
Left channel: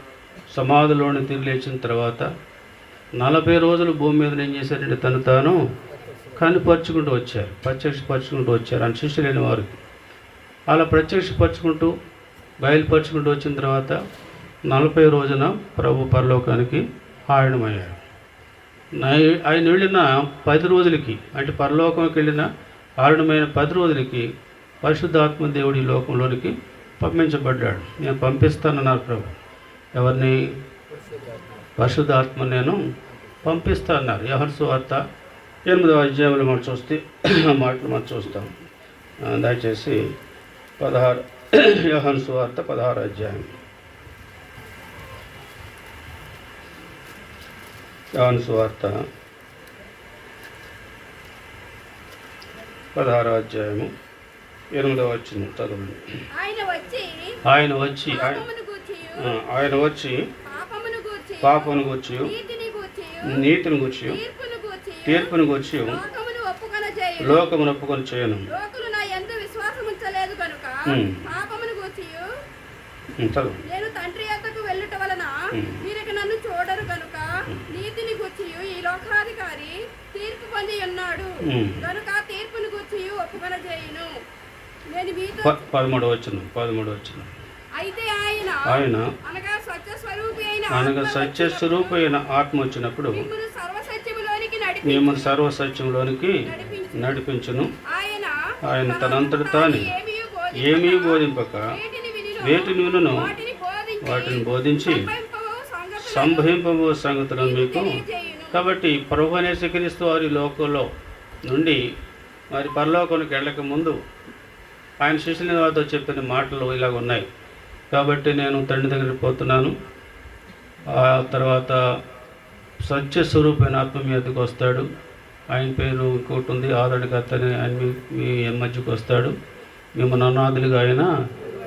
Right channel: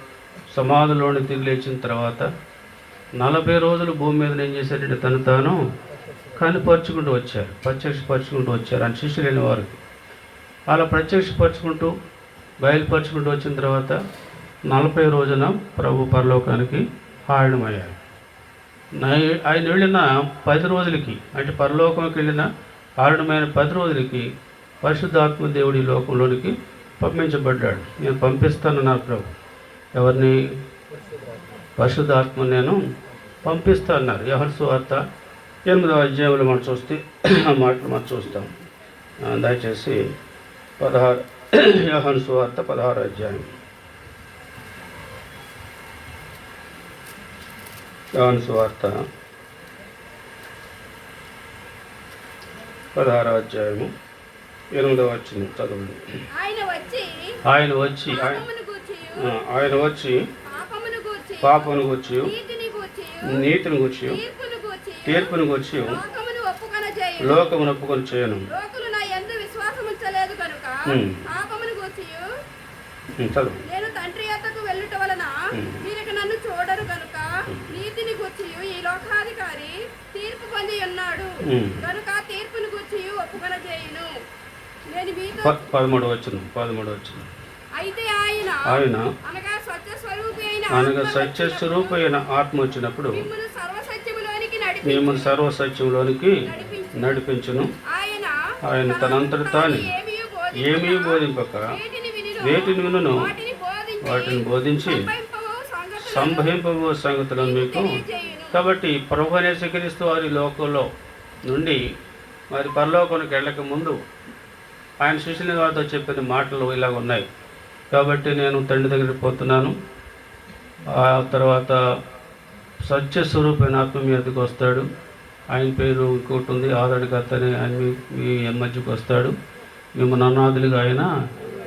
సమాధిలోని తిరిగి లేచిన తర్వాత 40 రోజులు భూమి మీద ఏం చేశారంటే తను తాను కనుపరుచుకుంటూ వచ్చారు, ప్రత్యక్షపరుచుకుంటూ వచ్చారు అని శిష్యులైన వారు. అలా ప్రత్యక్షపరుచుకుంటూ బయలుపరుచుకుంటూ వచ్చిన తర్వాత 40 రోజున ప్రభు పరలోకానికి ఆరుడమయ్యారు. ఆయన వెళ్ళిన 10 రోజులకి, అంటే పరలోకంకి వెళ్ళిన ఆరుడమైన 10 రోజులకి పరిశుద్ధాత్మ దేవుడి లోకంలోనికి పంపించబడ్డాడు. నేను పంపిస్తానన్నారు ప్రభు. ఎవరిని? పరిశుద్ధాత్మ నేను పంపిస్తానన్నారు. యోహాను సువార్త 8వ అధ్యాయంలో మనం చూస్తే ఆ మాటలు మనం చూస్తాం. దయచేసి 16 యోహాను సువార్త 16వ అధ్యాయం. యోహాను సువార్త 16వ అధ్యాయము 8వ వచనం చదవండి. ఆయన వచ్చి పాపమును గూర్చి నీతిని గూర్చి తీర్పును గూర్చి లోకమును ఒప్పుకొని చేయను. నేను తండ్రి యొద్దకు వెళ్ళుట వలన మీరు నన్ను చూడరు కనుక నీతిని గూర్చి ఈ లోకాధికారి తీర్పు పొంది ఉన్నాడు కనుక తీర్పును గూర్చి ఒప్పుకొన చేయును. నేను మీతో 13వ వచనం. అయితే ఆయన అనగా సత్య స్వరూపి అయిన ఆత్మ వచ్చినప్పుడు మిమ్మల్ని సర్వసత్యములోనికి నడిపించును. ఆయన తనంతట తాను ఏమీ బోధింపక వేటిని వినును వాటిని బోధించి సంభవింపబో సంగతులను మీకు. కాబట్టి ప్రభువుని యేసుక్రీస్తు వారి లోకంలో నుండి మరి పరలోకానికి వెళ్ళక ముందు ఆయన శిష్యుల వారితో చెప్పిన మాటలు ఇలాగ ఉన్నాయి. కాబట్టి నేను తండ్రి దగ్గరికి పోతున్నాను, ఆ తర్వాత సత్యస్వరూపైన ఆత్మ మీ వద్దకు వస్తాడు. ఆయన పేరు ఇంకోటి ఉంది, ఆదరణకర్త అని. ఆయన మీ మధ్యకు వస్తాడు. మిమ్మల్ని అనాథులుగా ఆయన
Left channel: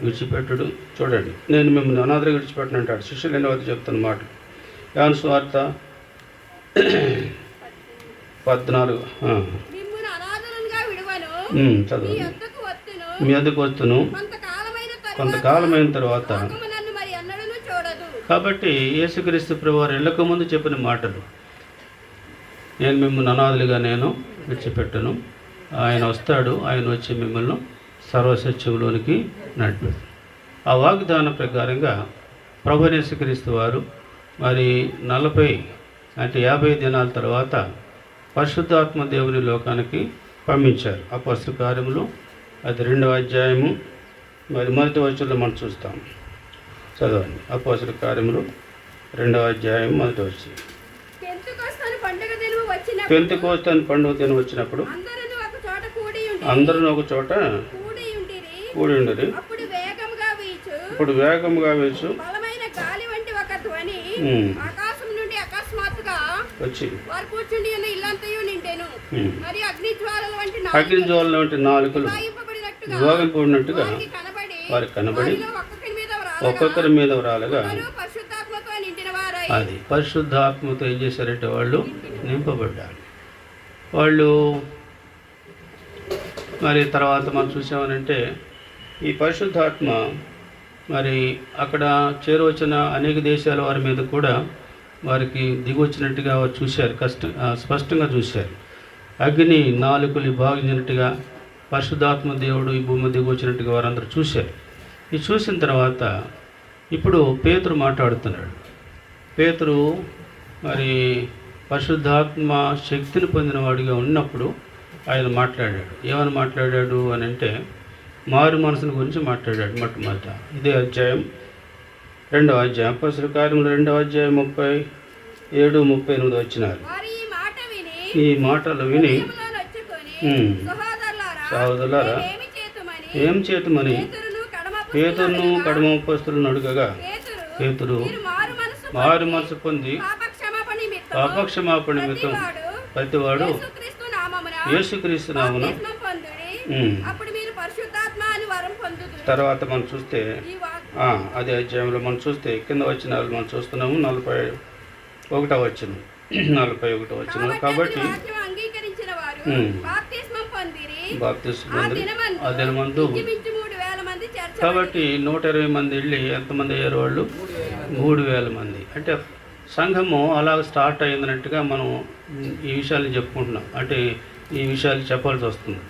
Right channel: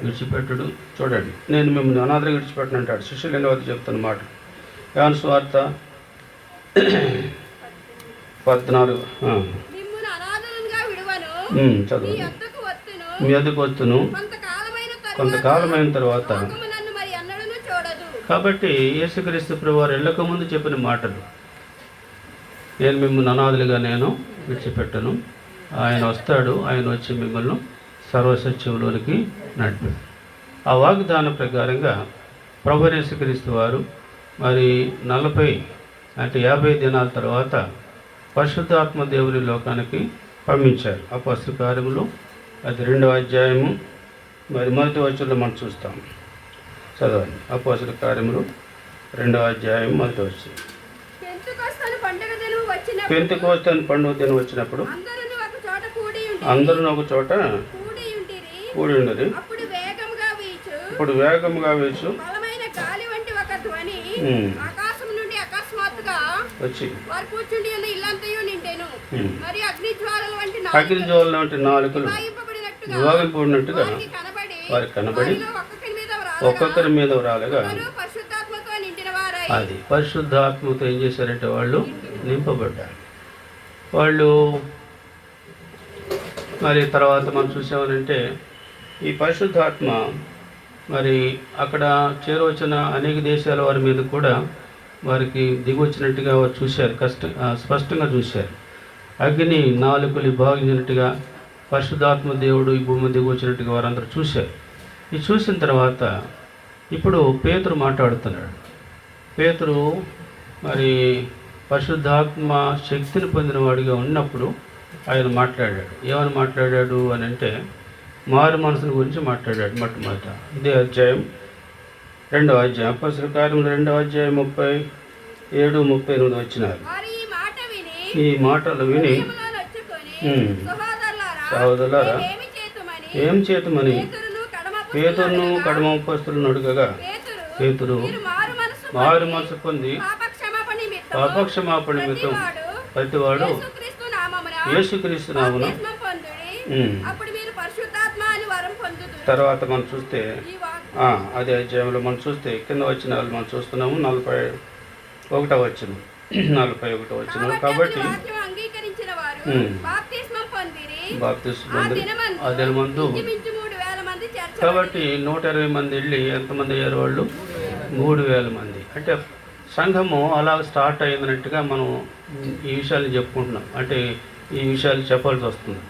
విడిచిపెట్టడు. చూడండి, నేను మిమ్మల్ని అనాథులుగా విడిచిపెట్టను అంటాడు. శిష్యులైన వారితో చెప్తున్న మాట. యోహాను సువార్త 14 చదువు. మీ వద్దకు వస్తును కొంతకాలమైన తర్వాత. కాబట్టి యేసుక్రీస్తు ప్రభు వారు వెళ్ళక ముందు చెప్పిన మాటలు, నేను మిమ్మల్ని అనాథులుగా నేను విడిచిపెట్టను. ఆయన వస్తాడు, ఆయన వచ్చి మిమ్మల్ని సర్వసత్యంలోనికి నడిపాడు. ఆ వాగ్దాన ప్రకారంగా ప్రభు యేసుక్రీస్తు వారు మరి 40 అంటే 50 దినాల తర్వాత పరిశుద్ధాత్మ దేవుని లోకానికి పంపించారు. అపోస్తల కార్యములు అది 2వ అధ్యాయము మరి మొదటి వచనంలో మనం చూస్తాం. చదవండి. అపోస్తల కార్యములు 2వ అధ్యాయం మొదటి వచనం. పెంతెకోస్తు అని పండుగ దినం వచ్చినప్పుడు అందరూ ఒక చోట కూడి ఉండరు. ఇప్పుడు వేగముగా వీచు గాలి వంటి ఒక ధ్వని ఆకాశం నుండి అకస్మాత్తుగా వచ్చి వారు కూర్చుండి ఉన్న ఇల్లంతయు నిండెను. మరి అగ్ని జ్వాలల వంటి అగ్ని జ్వాలల వంటి నాలుకలు వాయింపబడినట్టుగా జ్వాలింపబడినట్టుగా వారికి కనబడి వారికి కనబడి వారిలో ఒక్కొక్కరి మీద రాలగా పరిశుద్ధాత్మతో నిండిన వారై అది పరిశుద్ధాత్మతో ఏం చేశారంటే వాళ్ళు నింపబడ్డారు. వాళ్ళు మరి తర్వాత మనం చూసామనంటే ఈ పరిశుద్ధాత్మ మరి అక్కడ చేరవచ్చిన అనేక దేశాల వారి మీద కూడా వారికి దిగొచ్చినట్టుగా వారు చూశారు, స్పష్టంగా చూశారు. అగ్ని నాలుకలు భాగించినట్టుగా పరిశుద్ధాత్మ దేవుడు ఈ భూమి దిగొచ్చినట్టుగా వారందరూ చూశారు. ఇది చూసిన తర్వాత ఇప్పుడు పేతురు మాట్లాడుతున్నాడు. పేతురు మరి పరిశుద్ధాత్మ శక్తిని పొందినవాడిగా ఉన్నప్పుడు ఆయన మాట్లాడాడు. ఏమని మాట్లాడాడు అని అంటే మారు మనసుని గురించి మాట్లాడాడు. మొట్టమొదట ఇదే అధ్యాయం 2వ అధ్యాయం అపొస్తలుల కార్యములు 2వ అధ్యాయం 37, 38 వచ్చినారు. వారు ఈ మాట విని ఈ మాటలు విని హృదయములో నొచ్చుకొని, సహోదరులారా ఏమి చేతుమని ఏం చేతుమని పేతురును కడమ అపొస్తలులను అడుగగా పేతురు మీరు మారు మనసు పొంది పాపక్షమాపణ నిమిత్తం ప్రతివాడు యేసుక్రీస్తు నామమున యేసుక్రీస్తు నామమున బాప్తిస్మం పొందుడి. అప్పుడు మీరు పరిశుద్ధాత్మ అని వరం పొందుదురు. తర్వాత మనం చూస్తే ఈ వాక్యం అదే అధ్యాయంలో మనం చూస్తే కింద వచ్చిన మనం చూస్తున్నాము 41వ వచనం 41వ వచనం. కాబట్టి వాక్యం అంగీకరించిన వారు బాప్తిస్మం పొందిరి. బాప్తిస్మం ఆ పొంది దినమందు ఇంచుమించు 3,000 మంది చేర్చబడి కాబట్టి 120 మంది వెళ్ళి ఎంతమంది అయ్యారు వాళ్ళు? 3,000 మంది. అంటే సంఘము అలా స్టార్ట్ అయిందన్నట్టుగా మనం ఈ విషయాలు చెప్పుకుంటున్నాం. అంటే ఈ విషయాలు చెప్పాల్సి వస్తుంది.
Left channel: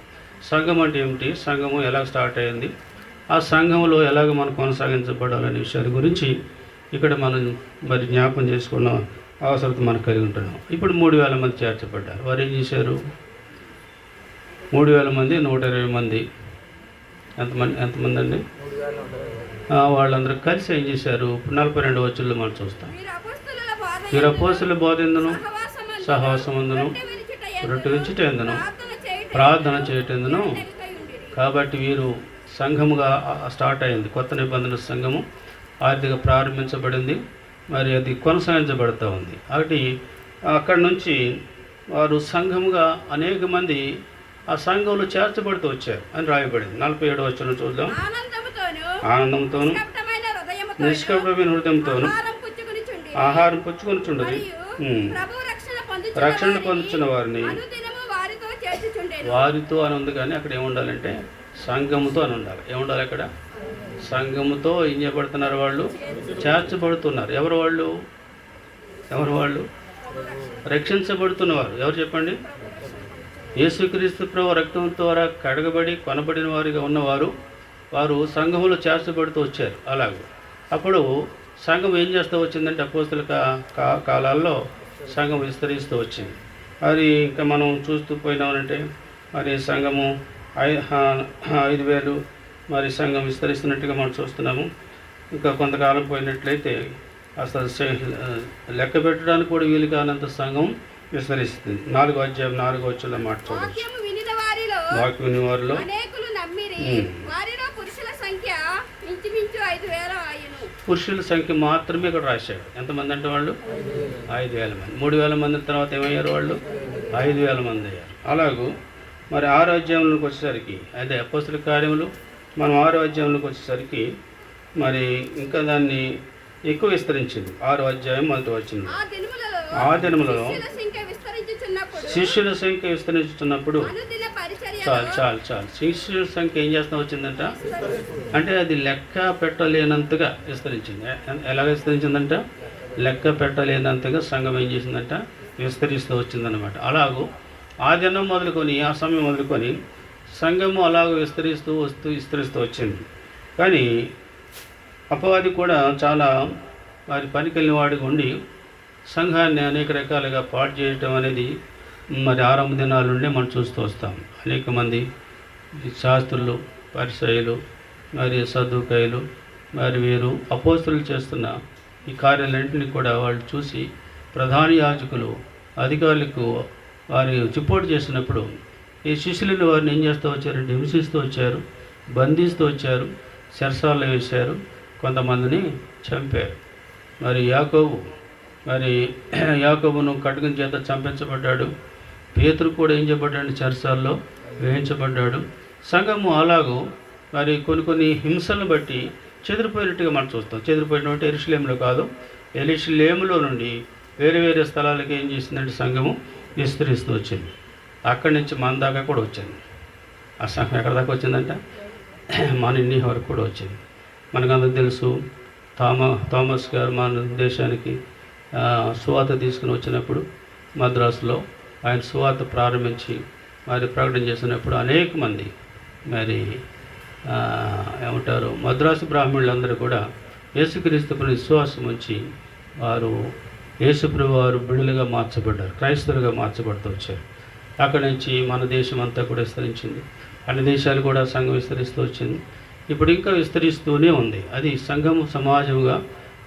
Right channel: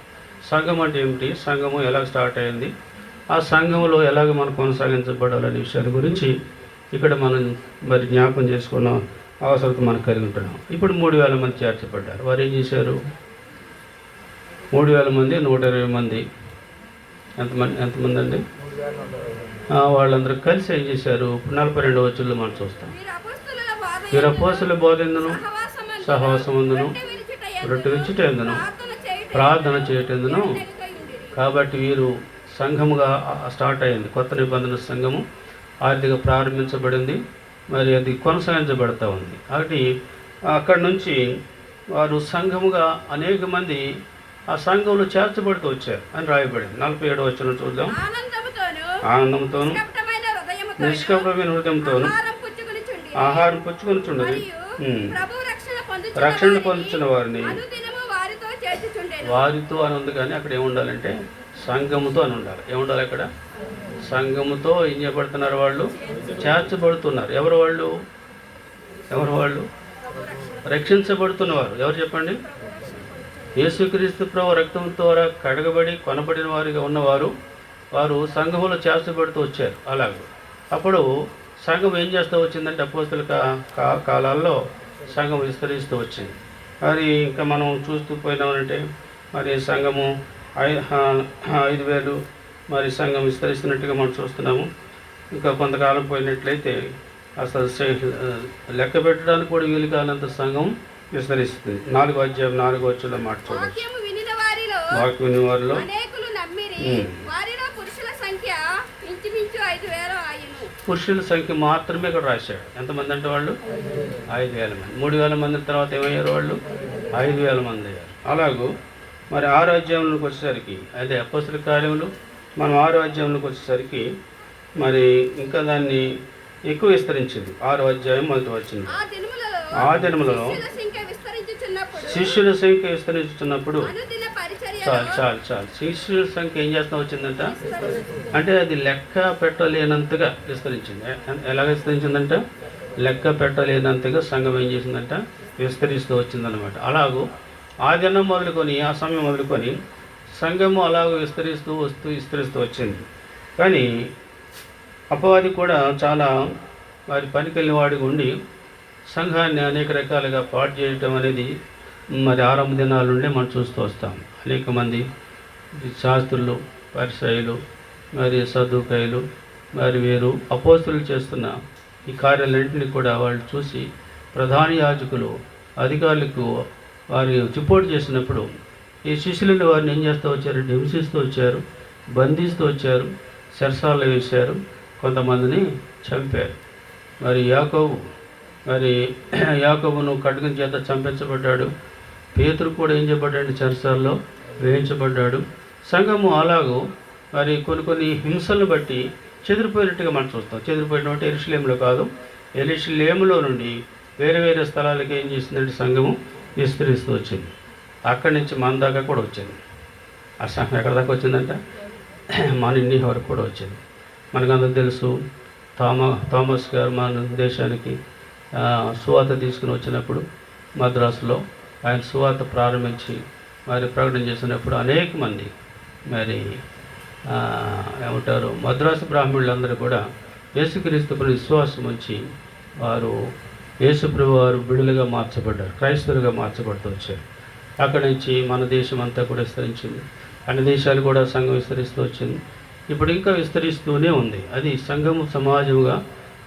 సంఘం అంటే ఏమిటి, సంఘము ఎలా స్టార్ట్ అయింది, ఆ సంఘంలో ఎలాగ మనం కొనసాగించబడాలనే విషయాల గురించి ఇక్కడ మనం మరి జ్ఞాపం చేసుకున్న అవసరత మనకు కలిగి ఉంటున్నాం. ఇప్పుడు 3,000 మంది చేర్చబడ్డారు. వారు ఏం చేశారు? 3,000 మంది 120 మంది ఎంతమంది అండి? వాళ్ళందరూ కలిసి ఏం చేశారు? 42వ వచనంలో మనం చూస్తాం. వీరు అపోస్తలుల బోధెందును సహవాసమందును రొట్టె విచ్చుట ఎందును ప్రార్థన చేయటందును. కాబట్టి వీరు సంఘముగా స్టార్ట్ అయింది. కొత్త నిబంధన సంఘము ఆర్థిక ప్రారంభించబడింది, మరి అది కొనసాగించబడుతూ ఉంది. కాబట్టి అక్కడి నుంచి వారు సంఘముగా అనేక మంది ఆ సంఘంలో చేర్చబడుతూ వచ్చారు అని రాయబడింది. 47వ వచనం చూద్దాం. ఆనందంతోను నిష్కపటమైన హృదయంతోను ఆహారం పుచ్చుకొని చుండదు రక్షణ పొందుతున్న వారిని వారితో అని ఉంది. కానీ అక్కడ ఏముండాలంటే సంఘముతో అని ఉండాలి. ఏముండాలి అక్కడ? సంఘముతో ఏం చేయబడుతున్నారు? వాళ్ళు చేర్చబడుతున్నారు. ఎవరు వాళ్ళు? రక్షించబడుతున్నవారు. ఎవరు చెప్పండి? యేసుక్రీస్తు ప్రభు రక్తం ద్వారా కడగబడి కొనబడిన వారిగా ఉన్నవారు వారు సంఘములో చేర్చబడుతూ వచ్చారు. అలాగే అప్పుడు సంఘం ఏం చేస్తూ వచ్చిందంటే అపోస్తలుల కాలాల్లో సంఘం విస్తరిస్తూ వచ్చింది. అది ఇంకా మనం చూస్తూ పోయినామంటే మరి సంఘము 5,000 మరి సంఘం విస్తరిస్తున్నట్టుగా మనం చూస్తున్నాము. ఇంకా కొంతకాలం పోయినట్లయితే అసలు లెక్క పెట్టడానికి కూడా వీలు కానంత సంఘం విస్తరిస్తుంది. 4వ అధ్యాయం 4వ వచనంలో మాట చూడవచ్చు. వాక్యం విని వారిలో పురుషుల సంఖ్య మాత్రమే ఇక్కడ రాశాడు. ఎంతమంది అంటే వాళ్ళు? 5,000 మంది. 3,000 మంది తర్వాత ఏమయ్యారు? వాళ్ళు 5,000 మంది అయ్యారు. అలాగూ మరి 6వ అధ్యాయంలోకి వచ్చేసరికి, అంటే అపోస్తలుల కార్యములు మనం 6వ అధ్యాయంలోకి వచ్చేసరికి మరి ఇంకా దాన్ని ఎక్కువ విస్తరించింది. 6వ అధ్యాయం 1వ వచనం. ఆ దినములలో శిష్యుల సంఖ్య విస్తరించుతున్నప్పుడు చాలు శిష్యుల సంఖ్య ఏం చేస్తా వచ్చిందంట అంటే అది లెక్క పెట్టలేనంతగా విస్తరించింది. ఎలాగ విస్తరించిందంట? లెక్క పెట్టలేనంతగా సంఘం ఏం చేసిందంట? విస్తరిస్తూ వచ్చిందనమాట. అలాగూ ఆ దినం మొదలుకొని ఆ సమయం మొదలుకొని సంఘము అలాగ విస్తరిస్తూ వచ్చింది. కానీ అపవాది కూడా చాలా వారి పనికెళ్ళిన వాడిగా ఉండి సంఘాన్ని అనేక రకాలుగా పాడు చేయటం అనేది మరి ఆరంభ దినాల నుండే మనం చూస్తూ వస్తాం. అనేక మంది శాస్త్రులు, పరిసయ్యులు, మరి సదుకాయలు, మరి వీరు అపోస్తలులు చేస్తున్న ఈ కార్యాలన్నింటినీ కూడా వాళ్ళు చూసి ప్రధాన యాజకులు, అధికారులకు వారి రిపోర్ట్ చేసినప్పుడు ఈ శిష్యులను వారిని ఏం చేస్తూ వచ్చారంటే హింసిస్తూ వచ్చారు, బంధిస్తూ వచ్చారు, చెరసాలలో వేశారు, కొంతమందిని చంపారు. మరి యాకోబు మరి యాకోబును ఖడ్గం చేత చంపించబడ్డాడు. పేతురు కూడా ఏం చేయబడ్డాడు? చెరసాల్లో వేయించబడ్డాడు. సంఘము అలాగూ మరి కొన్ని హింసలను బట్టి చెదిరిపోయినట్టుగా మనం చూస్తాం. చెదిరిపోయినట్టు యెరూషలేములో కాదు, యెరూషలేములో నుండి వేరే వేరే స్థలాలకి ఏం చేసిందంటే సంఘము విస్తరిస్తూ వచ్చింది. అక్కడి నుంచి మన దాకా కూడా వచ్చింది. ఆ సంఘం ఎక్కడి దాకా వచ్చిందంట? మన ఇండియా వరకు కూడా వచ్చింది. మనకందరూ తెలుసు, థామస్ గారు మన దేశానికి సువార్త తీసుకుని వచ్చినప్పుడు మద్రాసులో ఆయన సువార్త ప్రారంభించి మరి ప్రకటన చేసినప్పుడు అనేక మంది మరి ఏమంటారు మద్రాసు బ్రాహ్మణులందరూ కూడా యేసుక్రీస్తుపై విశ్వాసం ఉంచి వారు యేసుప్రభు వారు బిడ్డలుగా మార్చబడ్డారు, క్రైస్తవులుగా మార్చబడుతూ వచ్చారు. అక్కడి నుంచి మన దేశం అంతా కూడా విస్తరించింది. అన్ని దేశాలు కూడా సంఘం విస్తరిస్తూ వచ్చింది. ఇప్పుడు ఇంకా విస్తరిస్తూనే ఉంది. అది సంఘము సమాజముగా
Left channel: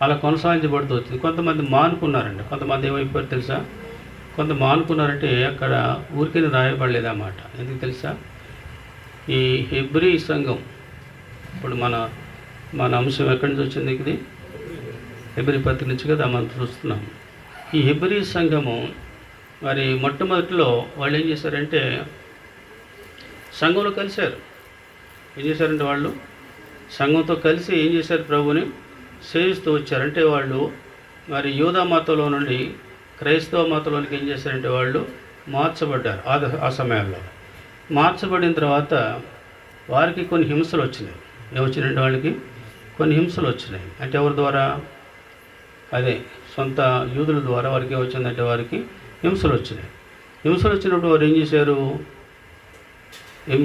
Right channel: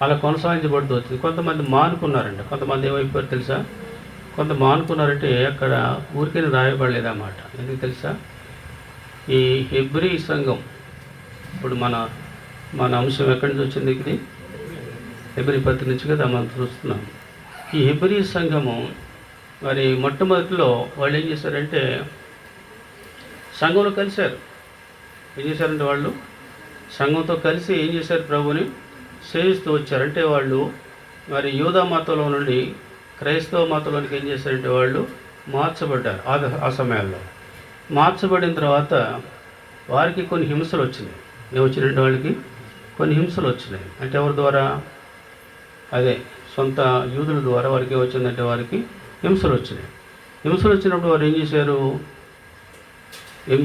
అలా కొనసాగించబడుతూ వచ్చింది. కొంతమంది మానుకున్నారంట. కొంతమంది ఏమైపోయారు తెలుసా? కొంత మానుకున్నారంటే అక్కడ ఊరికే రాయబడలేదన్నమాట. ఎందుకు తెలుసా? ఈ హెబ్రీ సంఘం, ఇప్పుడు మన అంశం ఎక్కడి నుంచి వచ్చింది? ఇది హెబ్రీ పత్రిక నుంచి కదా మనం చూస్తున్నాం. ఈ హెబ్రీ సంఘము మరి మొట్టమొదటిలో వాళ్ళు ఏం చేశారంటే సంఘంలో కలిశారు. ఏం చేశారంటే వాళ్ళు సంఘంతో కలిసి ఏం చేశారు? ప్రభుని సేవిస్తూ వచ్చారంటే వాళ్ళు మరి యూదా మతంలో నుండి క్రైస్తవ మతంలోనికి ఏం చేశారంటే వాళ్ళు మార్చబడ్డారు. ఆ సమయంలో మార్చబడిన తర్వాత వారికి కొన్ని హింసలు వచ్చినాయి. ఏమొచ్చినాయంటే వాళ్ళకి కొన్ని హింసలు వచ్చినాయి. అంటే ఎవరి ద్వారా? అదే సొంత యూదుల ద్వారా వారికి ఏమొచ్చిందంటే వారికి హింసలు వచ్చినాయి. హింసలు వచ్చినప్పుడు వారు ఏం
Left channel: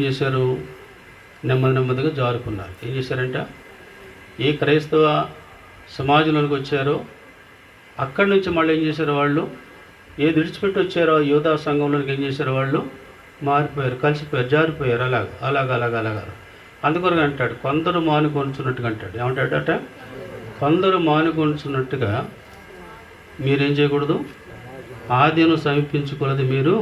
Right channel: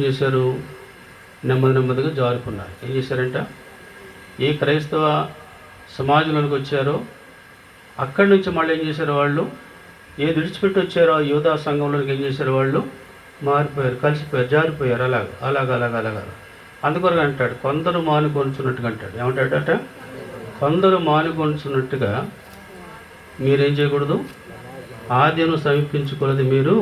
చేశారు? నెమ్మదిగా జారుకున్నారు. ఏం చేశారంట? ఏ క్రైస్తవ సమాజంలోనికి వచ్చారో అక్కడి నుంచి మళ్ళీ ఏం చేశారు? వాళ్ళు ఏది విడిచిపెట్టి వచ్చారో యూదా సంఘంలోనికి ఏం చేశారు? వాళ్ళు మారిపోయారు, కలిసిపోయారు, జారిపోయారు. అలాగా అందుకొరకు అంటాడు, కొందరు మానుకొంచున్నట్టుగా అంటాడు. ఏమంటాడట? కొందరు మానుకొంచున్నట్టుగా మీరేం చేయకూడదు? ఆదిను సమీపించుకున్నది మీరు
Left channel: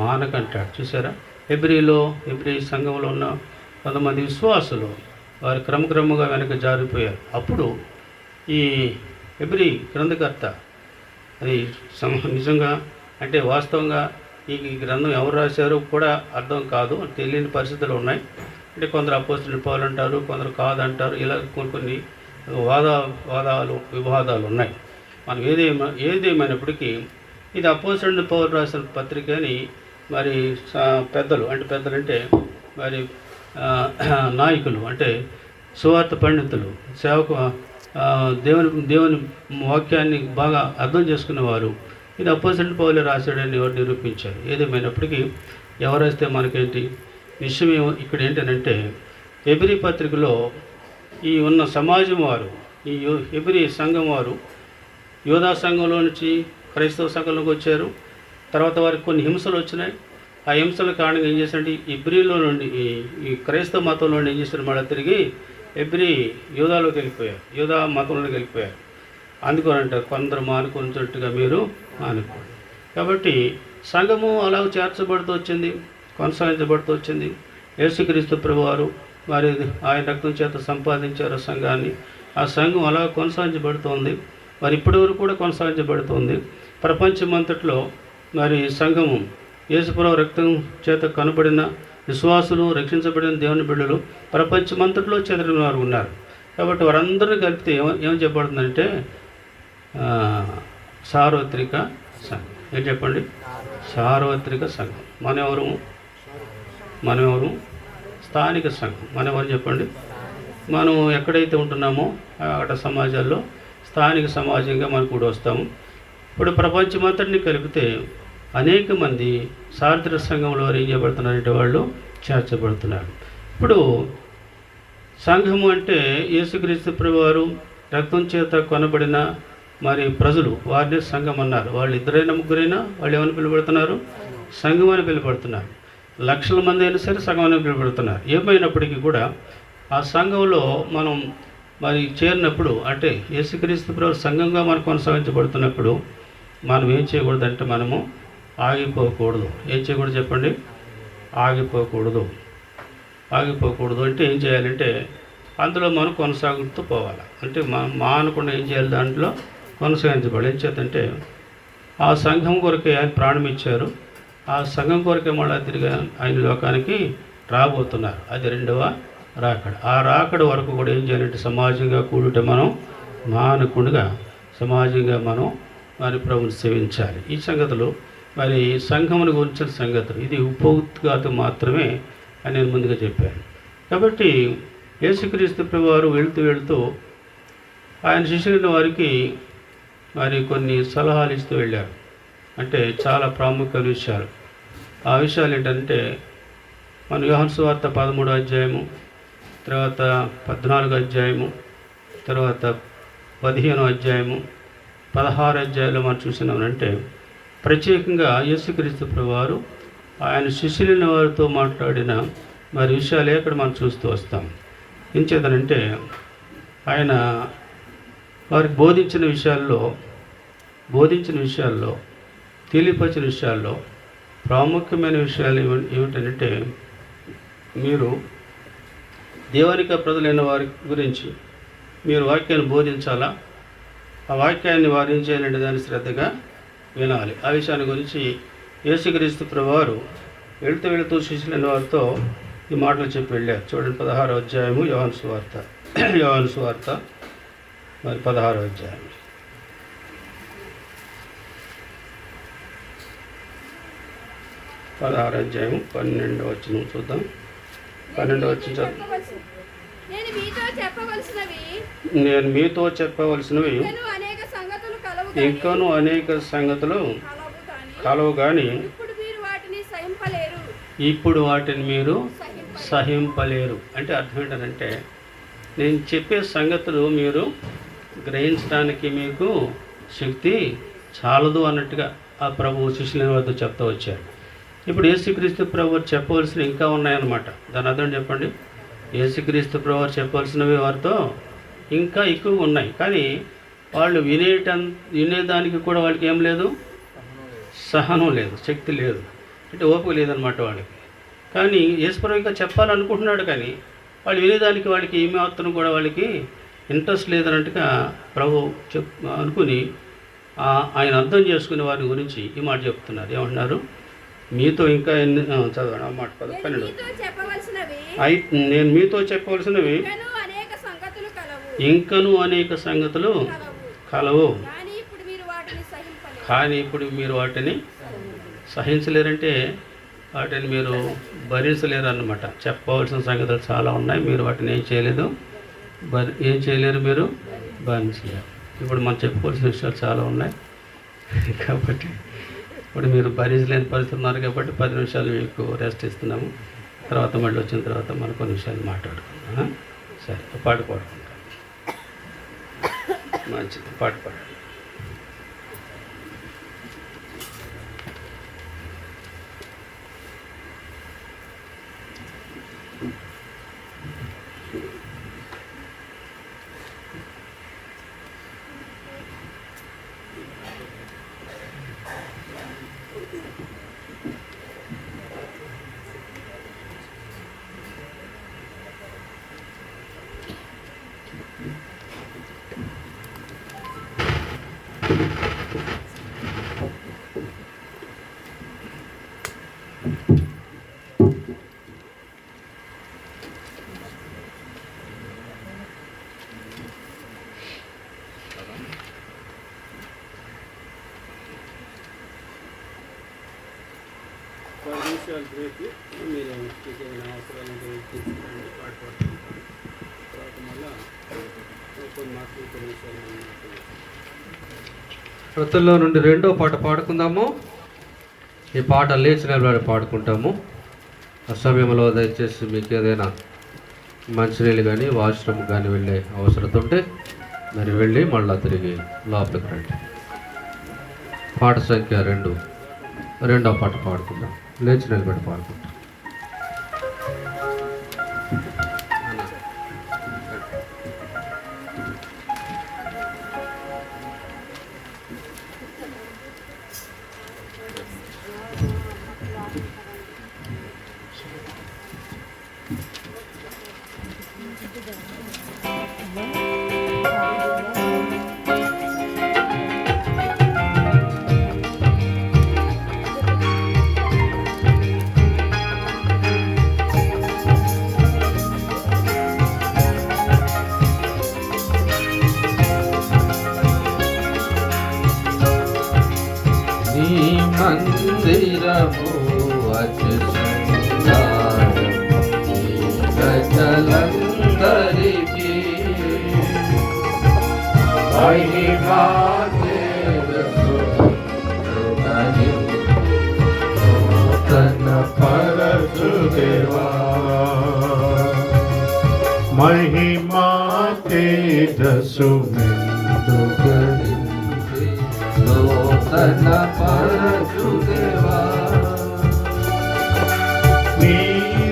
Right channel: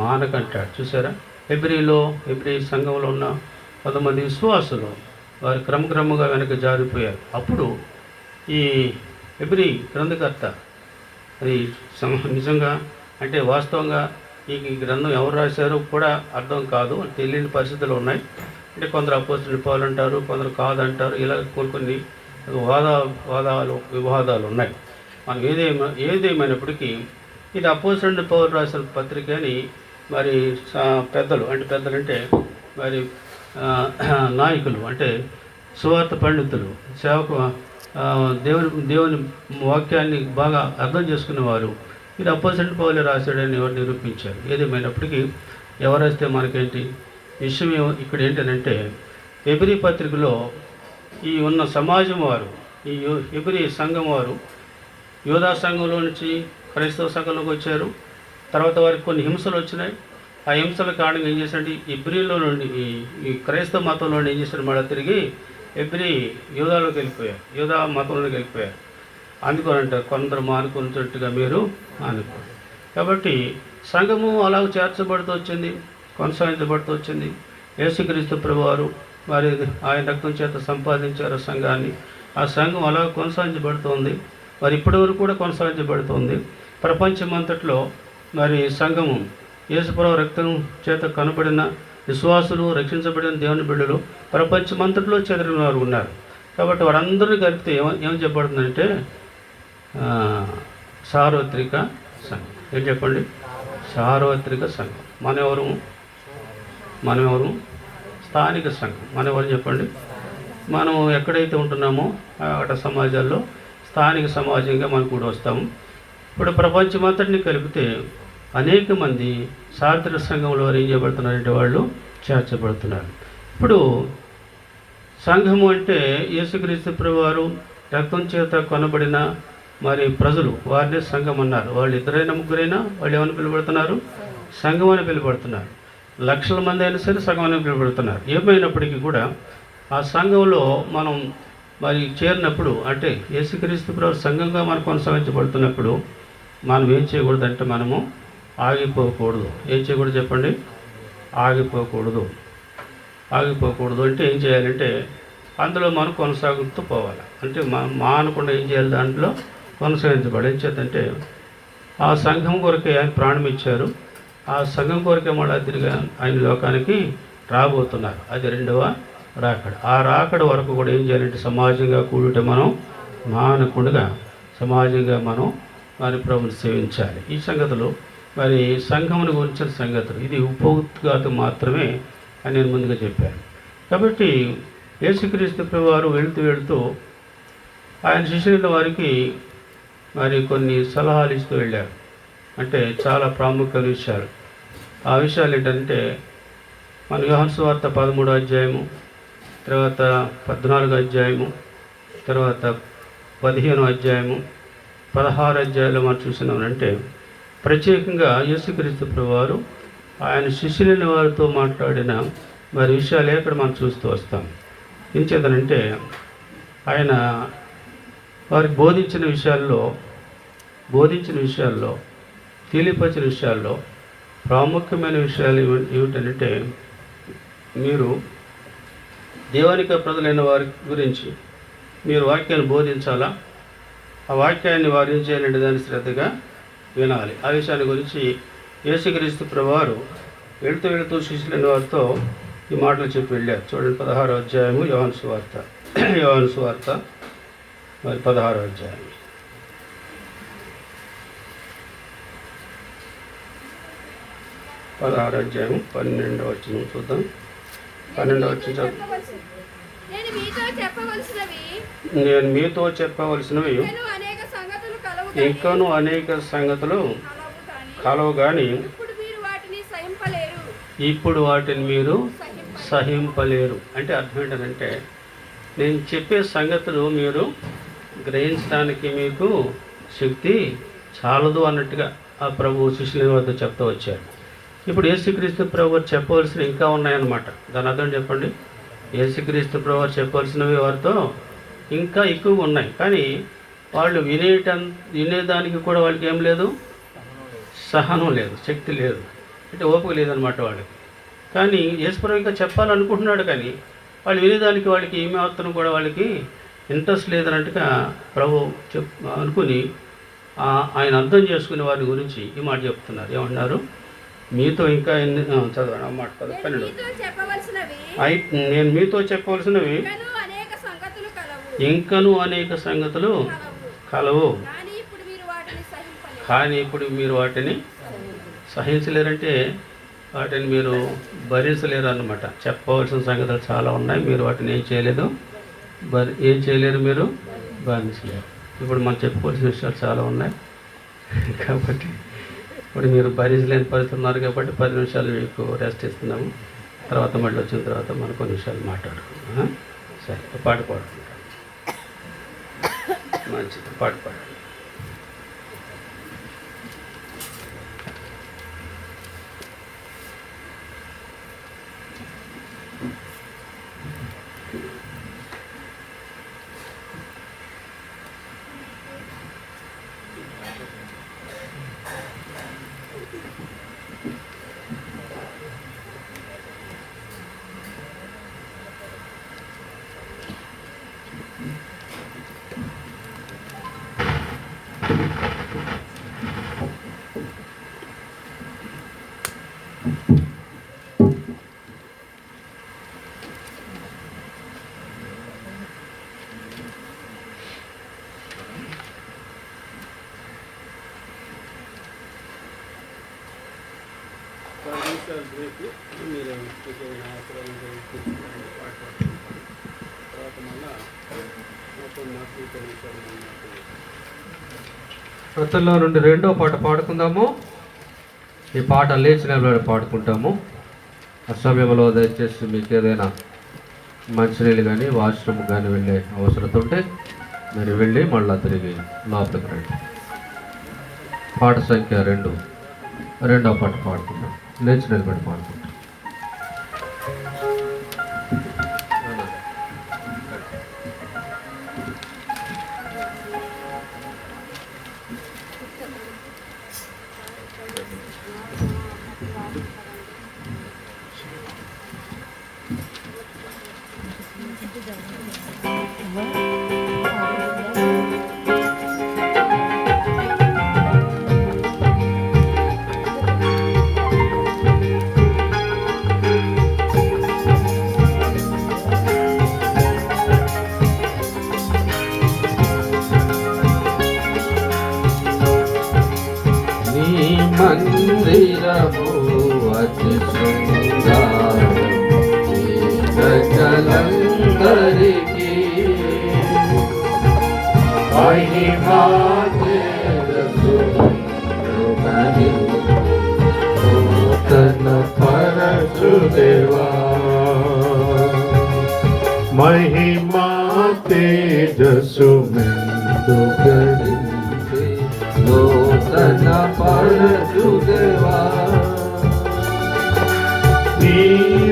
మానకంటాడు. చూసారా? హెబ్రీ సంఘంలో ఉన్న కొంతమంది విశ్వాసులు వారు క్రమక్రమంగా వెనక జారిపోయారు. అప్పుడు ఈ హెబ్రీ గ్రంథకర్త అది నిజంగా అంటే వాస్తవంగా ఈ గ్రంథం ఎవరు రాశారో కూడా అర్థం కాదు, తెలియని పరిస్థితులు ఉన్నాయి. అంటే కొందరు అపోస్తలుడు పౌలు అంటారు, కొందరు కాదంటారు. ఇలా కొన్ని వివాదాలు ఉన్నాయి. మనం ఏదేమైనప్పటికీ ఇది అపోస్తలుడు పౌలు రాసిన పత్రిక అని మరి పెద్దలు అంటే మరి నాయకులు అంటే సువార్త పండితులు, సేవకు దేవుని వాక్యాన్ని బాగా అర్థం చేసుకునేవారు ఇది అపోస్తలుడు పౌలు రాశాడని ఎవరు నిరూపించారు. ఏదేమైనప్పటికీ ఎవరు రాస్తే మనకేంటి? విషయం ఇక్కడ ఏంటంటే హెబ్రీ పత్రికలో ఈ ఉన్న సమాజం వారు, ఈ హెబ్రీ సంఘం వారు యూదా సంఘంలో నుంచి క్రైస్తవ సంఘంలోకి వచ్చారు. తర్వాత వారికి కొన్ని హింసలు వచ్చినాయి. ఆ హింసల కారణంగా ఏం చేశారంటే హెబ్రీలో నుండి ఈ క్రైస్తవ మతంలో ఏం చేశారు? మళ్ళీ తిరిగి హెబ్రీ యూదాలోకి వెళ్ళిపోయారు, యూదా మతంలోకి వెళ్ళిపోయారు. అందుకని అంటారు కొందరు మానుకున్నట్టుగా మీరు అనుకోండి. కాబట్టి సంఘము అలా చేర్చబడుతూ వచ్చింది, కొనసాగించబడుతూ వచ్చింది. యేసుక్రీస్తు ప్రభువారు వారి ఆయన రక్తం చేత సంపాదించారు సంఘాన్ని. ఆ సంఘం అలా కొనసాగించబడుతోంది. మరి ఇప్పటి వరకు కూడా కొనసాగించబడుతోంది. ప్రపంచమంతట్లో మరి సంఘము యేసుప్రభు రక్తం చేత కనబడిన విశ్వాసులు, రక్షించబడిన దేవుని బిడ్డలు ప్రపంచమంతట్లో చెదిరిన వారు ఉన్నారు. కాబట్టి వారందరినీ కలిపితే ఏం చెప్పబడుతుందంటే సార్వత్రిక సంఘం. ఏం చెప్పండి? సార్వత్రిక సంఘం. మనెవరు? స్థానిక సంఘం. మనెవరు చెప్పండి? మనం ఎక్కడైతే ఉంటున్నామో అట సమాజాల్లో స్థానిక సమాజంగా మనం కూడా వస్తాము. ఇప్పుడు ప్రపంచమంతటిని కలిపితే అనేక మంది సార్వత్రిక సంఘంలో ఏం చేయబడుతున్నారంటే వాళ్ళు చేర్చబడుతున్నారు. ఇప్పుడు సంఘము అంటే యేసుక్రీస్తు ప్రభువారు రక్తం చేత కొనబడిన మరి ప్రజలు, వారిని సంఘం అన్నారు. వాళ్ళు ఇద్దరైనా ముగ్గురైనా వాళ్ళు ఏమని పిలువబడుతున్నారు? సంఘం అని పిలువబడుతున్నారు. లక్షల మంది అయినా సరే సంఘం అని పిలువబడుతున్నారు. ఏమైనప్పటికీ కూడా ఆ సంఘంలో మనం మరి చేరినప్పుడు అంటే యేసుక్రీస్తు ప్రభు సంఘంగా మనం కొనసాగించబడుతున్నప్పుడు మనం ఏం చేయకూడదు అంటే మనము ఆగిపోకూడదు. ఏం చేయకూడదు చెప్పండి? ఆగిపోకూడదు అంటే ఏం చేయాలంటే అందులో మనం కొనసాగుతూ పోవాలి. అంటే మనం మానకుండా ఏం చేయాలి? దాంట్లో కొనసాగించబడి ఏం చేద్దంటే ఆ సంఘం కొరకే ఆయన ప్రాణం ఇచ్చారు. ఆ సంఘం కొరకే మళ్ళీ తిరిగి ఆయన లోకానికి రాబోతున్నారు. అది రెండవ రాకడ. ఆ రాకడ వరకు కూడా ఏం చేయాలంటే సమాజంగా కూడుట మనం మానకుండా సమాజంగా మనం మరి ప్రభుని సేవించాలి. ఈ సంగతులు మరి సంఘమును గురించిన సంగతులు ఇది ఉపోద్ఘాతం మాత్రమే అని నేను ముందుగా చెప్పాను. కాబట్టి యేసుక్రీస్తు ప్రభువారు వెళుతూ ఆయన శిష్యులైన వారికి మరి కొన్ని సలహాలు ఇస్తూ వెళ్ళారు. అంటే చాలా ప్రాముఖ్యమైన విషయాలు. ఆ విషయాలు ఏంటంటే మన యోహాను సువార్త 13వ అధ్యాయము, తర్వాత 14వ అధ్యాయము, తర్వాత 15వ అధ్యాయము, 16 అధ్యాయంలో మనం చూసినామంటే ప్రత్యేకంగా యేసుక్రీస్తు ప్రభువారు ఆయన శిష్యులైన వారితో మాట్లాడిన మరి విషయాలు ఎక్కడ మనం చూస్తూ వస్తాం. ఏం చేద్దానంటే ఆయన వారికి బోధించిన విషయాల్లో తెలియపరిచిన విషయాల్లో ప్రాముఖ్యమైన విషయాలు ఏమిటంటే మీరు దేవునిక ప్రజలైన వారి గురించి మీరు వాక్యాన్ని బోధించాలా, ఆ వాక్యాన్ని వారు ఏం చేయాలంటే దాన్ని శ్రద్ధగా వినాలి. ఆ విషయాన్ని గురించి యేసుక్రీస్తు ప్రభువారు వెళుతూ శిష్యులైన వారితో ఈ మాటలు చెప్పి వెళ్ళారు. చూడండి 16వ అధ్యాయము యోహాను సువార్త మరి 16వ అధ్యాయం 12వ వచనం చూద్దాం. 12వ వచనం చదువు. నేను మీతో చెప్పవలసినవి ఇంకను అనేక సంగతులు కలవు కానీ ఇప్పుడు వాటిని మీరు సహింపలేరు. అంటే అర్థం ఏంటంటే నేను చెప్పే సంగతులు మీరు గ్రహించడానికి మీకు శక్తి చాలదు అన్నట్టుగా ఆ ప్రభు శిష్యుల వద్ద చెప్తూ వచ్చారు. ఇప్పుడు యేసుక్రీస్తు ప్రభు చెప్పవలసినవి ఇంకా ఉన్నాయన్నమాట. దాని అర్థం చెప్పండి. యేసుక్రీస్తు ప్రభు చెప్పవలసినవి వారితో ఇంకా ఎక్కువగా ఉన్నాయి. కానీ వాళ్ళు వినేదానికి కూడా వాళ్ళకి ఏం లేదు, సహనం లేదు, శక్తి లేదు, అంటే ఓపిక లేదనమాట వాళ్ళకి. కానీ యేసుప్రభు ఇంకా చెప్పాలనుకుంటున్నాడు, కానీ వాళ్ళు వినేదానికి వాళ్ళకి ఏమాత్రం కూడా వాళ్ళకి ఇంట్రెస్ట్ లేదన్నట్టుగా ప్రభు అనుకుని ఆయన అర్థం చేసుకునే వారి గురించి ఈ మాట చెప్తున్నారు. ఏమంటున్నారు? మీతో ఇంకా ఎన్ని చదవండి ఆ మాట 12. నేను మీతో చెప్పవలసినవి ఇంకను అనేక సంగతులు కలవు, కానీ ఇప్పుడు మీరు వాటిని సహించలేరంటే వాటిని మీరు భరించలేరు అన్నమాట. చెప్పవలసిన సంగతులు చాలా ఉన్నాయి, మీరు వాటిని ఏం చేయలేరు, మీరు భరించలేరు. ఇప్పుడు మనం చెప్పుకోవాల్సిన విషయాలు చాలా ఉన్నాయి, కాబట్టి ఇప్పుడు మీరు భరించలేని పరిస్థితి ఉన్నారు. కాబట్టి 10 నిమిషాలు మీకు రెస్ట్ ఇస్తున్నాము. తర్వాత మళ్ళీ వచ్చిన తర్వాత మనం కొన్ని విషయాలు మాట్లాడుకుంటాం. సరే, పాట పాడుకుంటాం. మంచిది, పాట పాడు. బ్రేక్. మీరు ఏమైనా అవసరాలు తీర్చుకోండి, పాట పాడుకుంటారు. తర్వాత మళ్ళీ కొన్ని మాటలు కొన్ని విషయాలు కృతల్లో నుండి 2వ పాట పాడుకుందాము. ఈ పాట లేచిన నిలబడి పాడుకుంటాము. ఆ సమయంలో దయచేసి మీకు ఏదైనా మంచినీళ్ళు కానీ వాష్రూమ్ కానీ వెళ్ళే అవసరం ఉంటే మీరు వెళ్ళి మళ్ళీ తిరిగి లోపలికి రండి. పాట సంఖ్య 2, 2వ పాట పాడుకుందాం. లేచి నిలబడి పాడుకుంటాం. మందిరము అతి శృంగారం ఈ ప్రజలందరికీ మహిమా నూతన పరచుదేవా మహిమా తేజస్సు మెందుగడించి నూతన పరచుదేవా నీ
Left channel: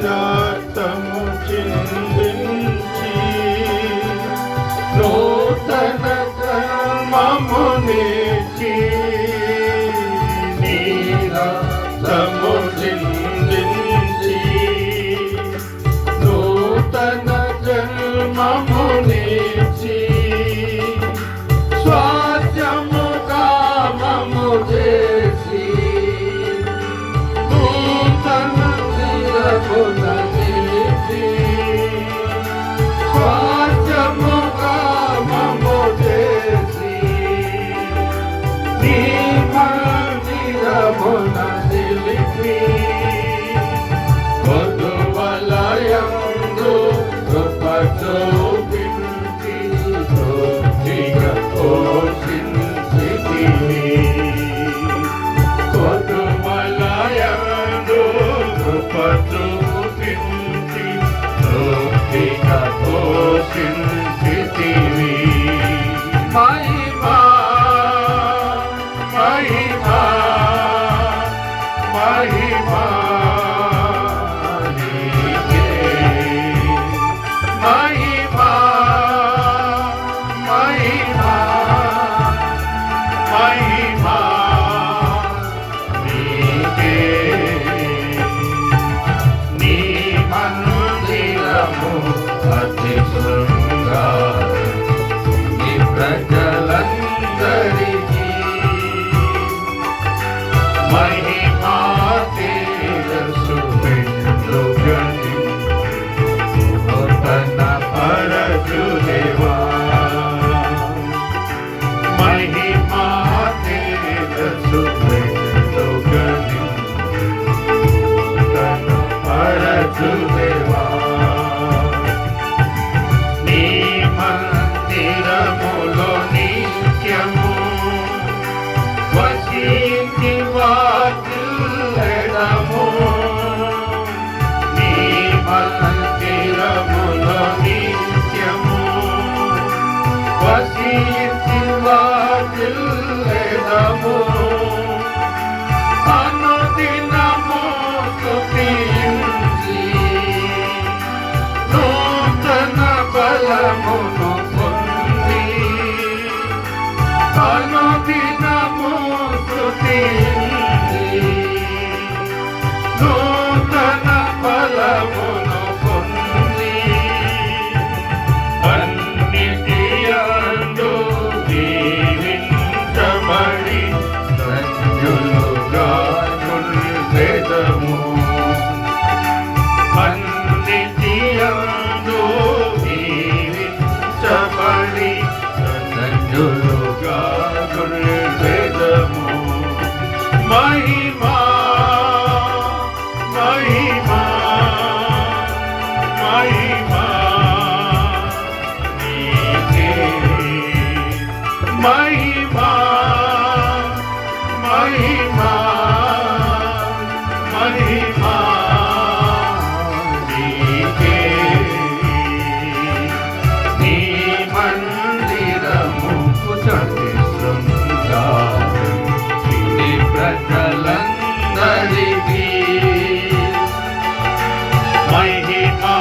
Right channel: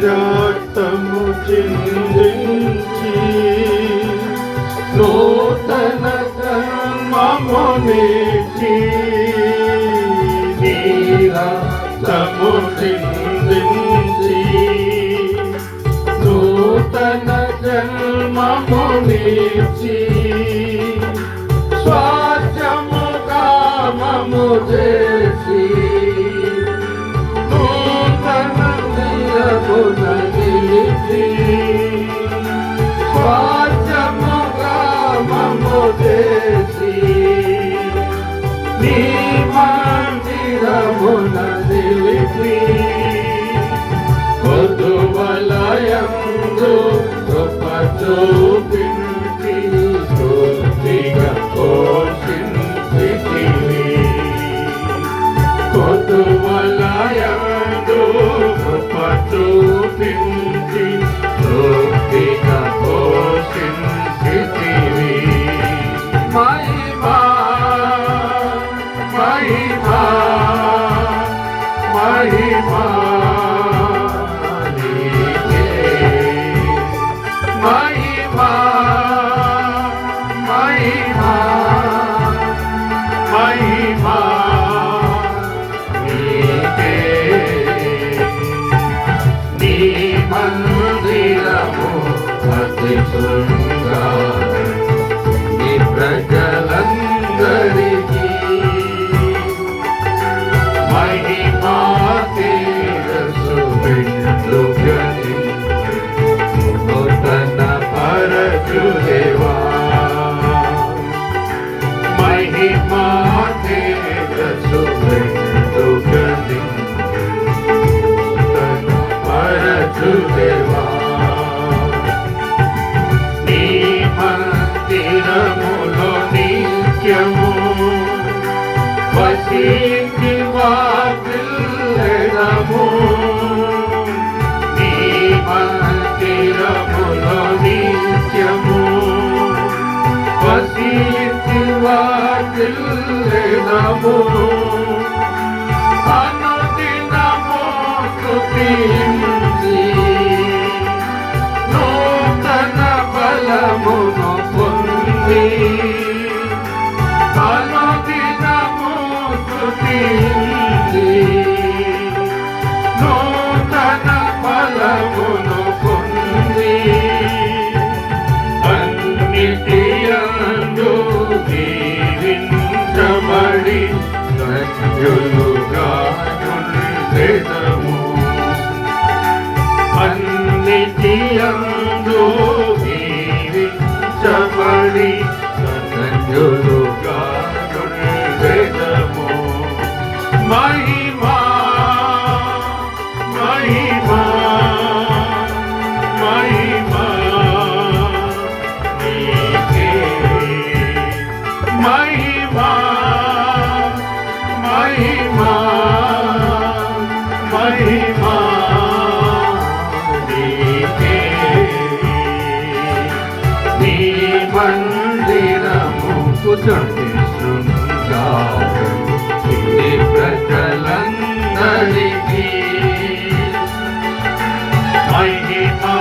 రక్తము చిందించి నూతన మమనేచి నీ రక్తము చిందించి నూతన మమనేచి స్వార్థము కామము చేసి నూతన నిరమున నిలిచి స్వార్థము కామము చేసి నీ మందిరమున నిలిచి వధువలయందు కృప చూపించి తృప్తిగా పోషించితివి. వధువలయందు కృప చూపించి తృప్తిగా పోషించితివి. మహిమా మహిమా మహిమా నీకే. మహిమా మహిమా మహిమా నీకే. నీ మందిరము అతి శృంగారం ఈ ప్రజలందరికీ మహిమా తేజస్సు మెండుగడించి నూతన పరచుదేవా. మహిమా తేజస్సు మెండుగడించి నూతన పరచుదేవా. నీ మందిరములో నిత్యము వసించి వాటిల్లెదము. నీ మందిరములో నిత్యము వసించి వాటిల్లెదము. అనుదినము స్తుతించి నూతన బలమును పొంది అనుదినము స్తుతించి నూతన బలమును పొంది అన్నిటియందు దీవించబడి ధన్యులుగా ఉండెదము. అన్నిటియందు దీవించబడి ధన్యులుగా ఉండెదము. మహిమా మహిమా మహిమా నీకే. మహిమా మహిమా మహిమా నీకే. నీ మందిరము కూర్చోండి శృంగారం ఈ ప్రజలందరికీ మహిమా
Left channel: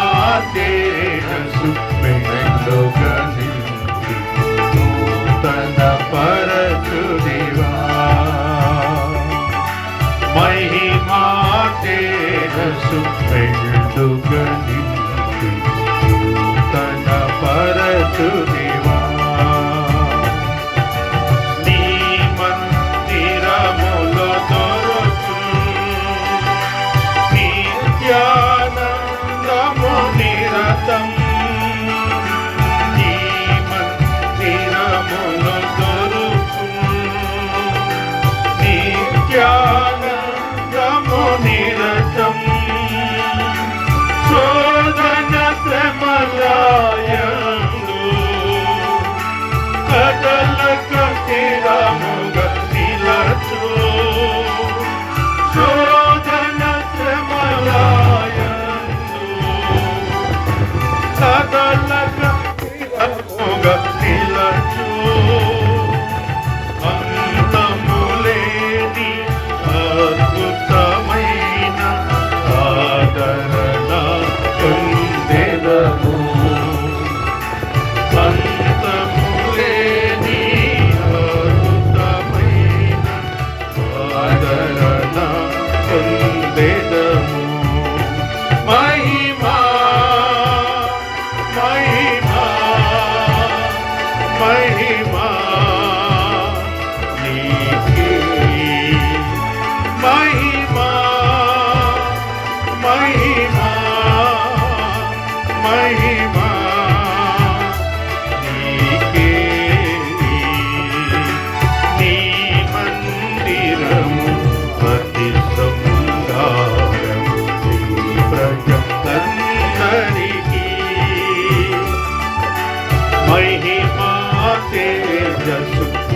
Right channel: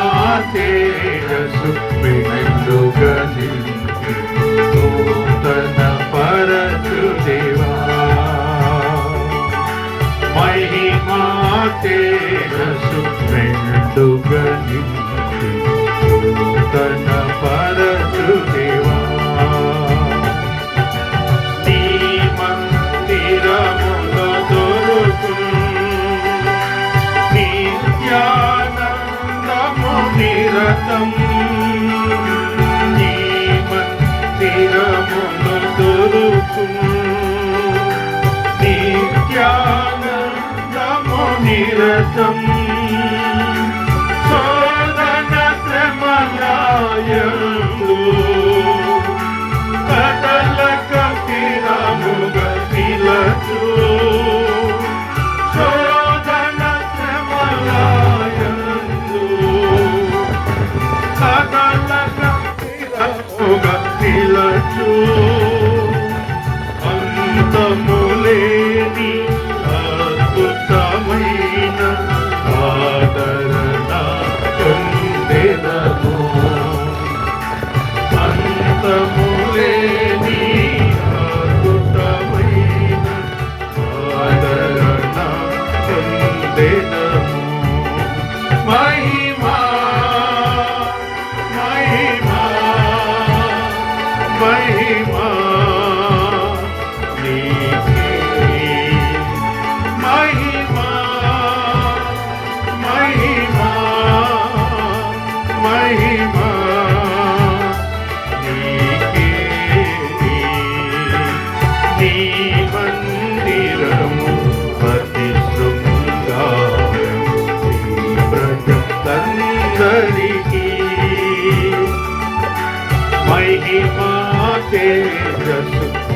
తేజస్సు మెండుగడించి నూతన పరచుదేవా.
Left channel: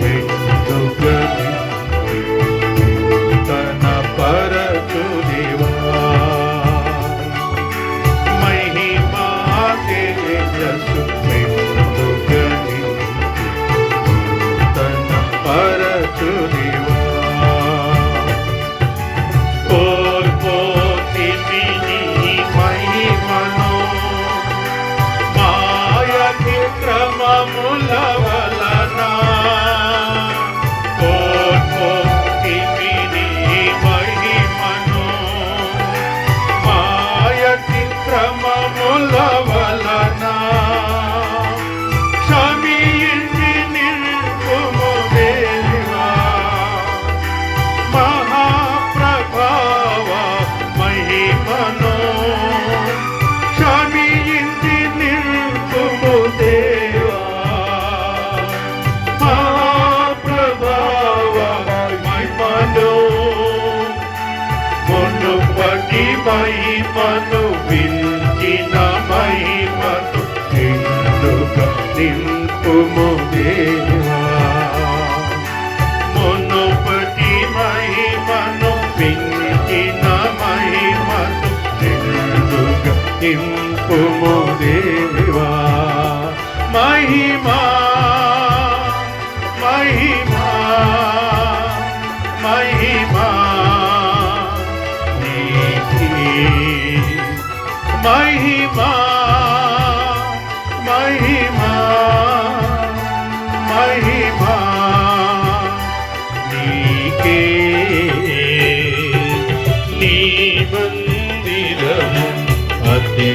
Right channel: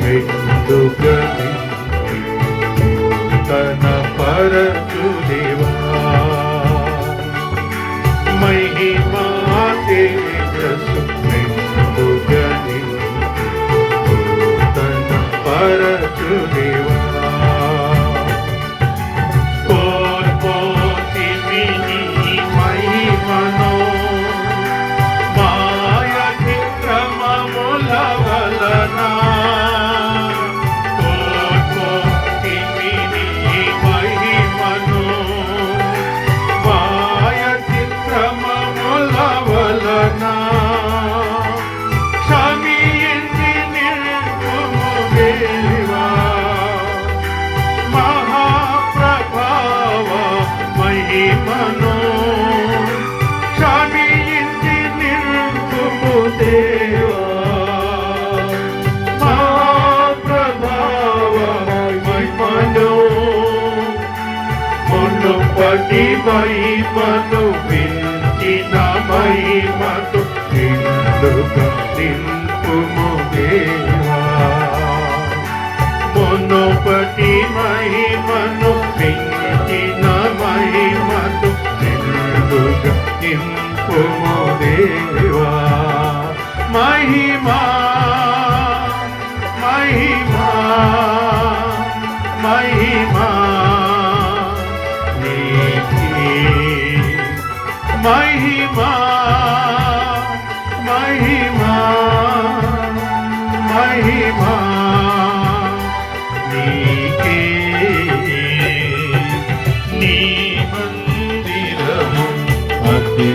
వెందుకని తన పరచు దేవా మహిమా తేజస్సు వెందుకని తన పరచు దేవా మహిమను వించిన మహిమతో నిండుగా నింపుము దేవా మునుపటి మహిమను వించిన మహిమతో నిండుగా నింపుము దేవా మహిమా మహిమా మహిమా మహిమా మహిమా మహిమా నీకే నీ మందిరము అతి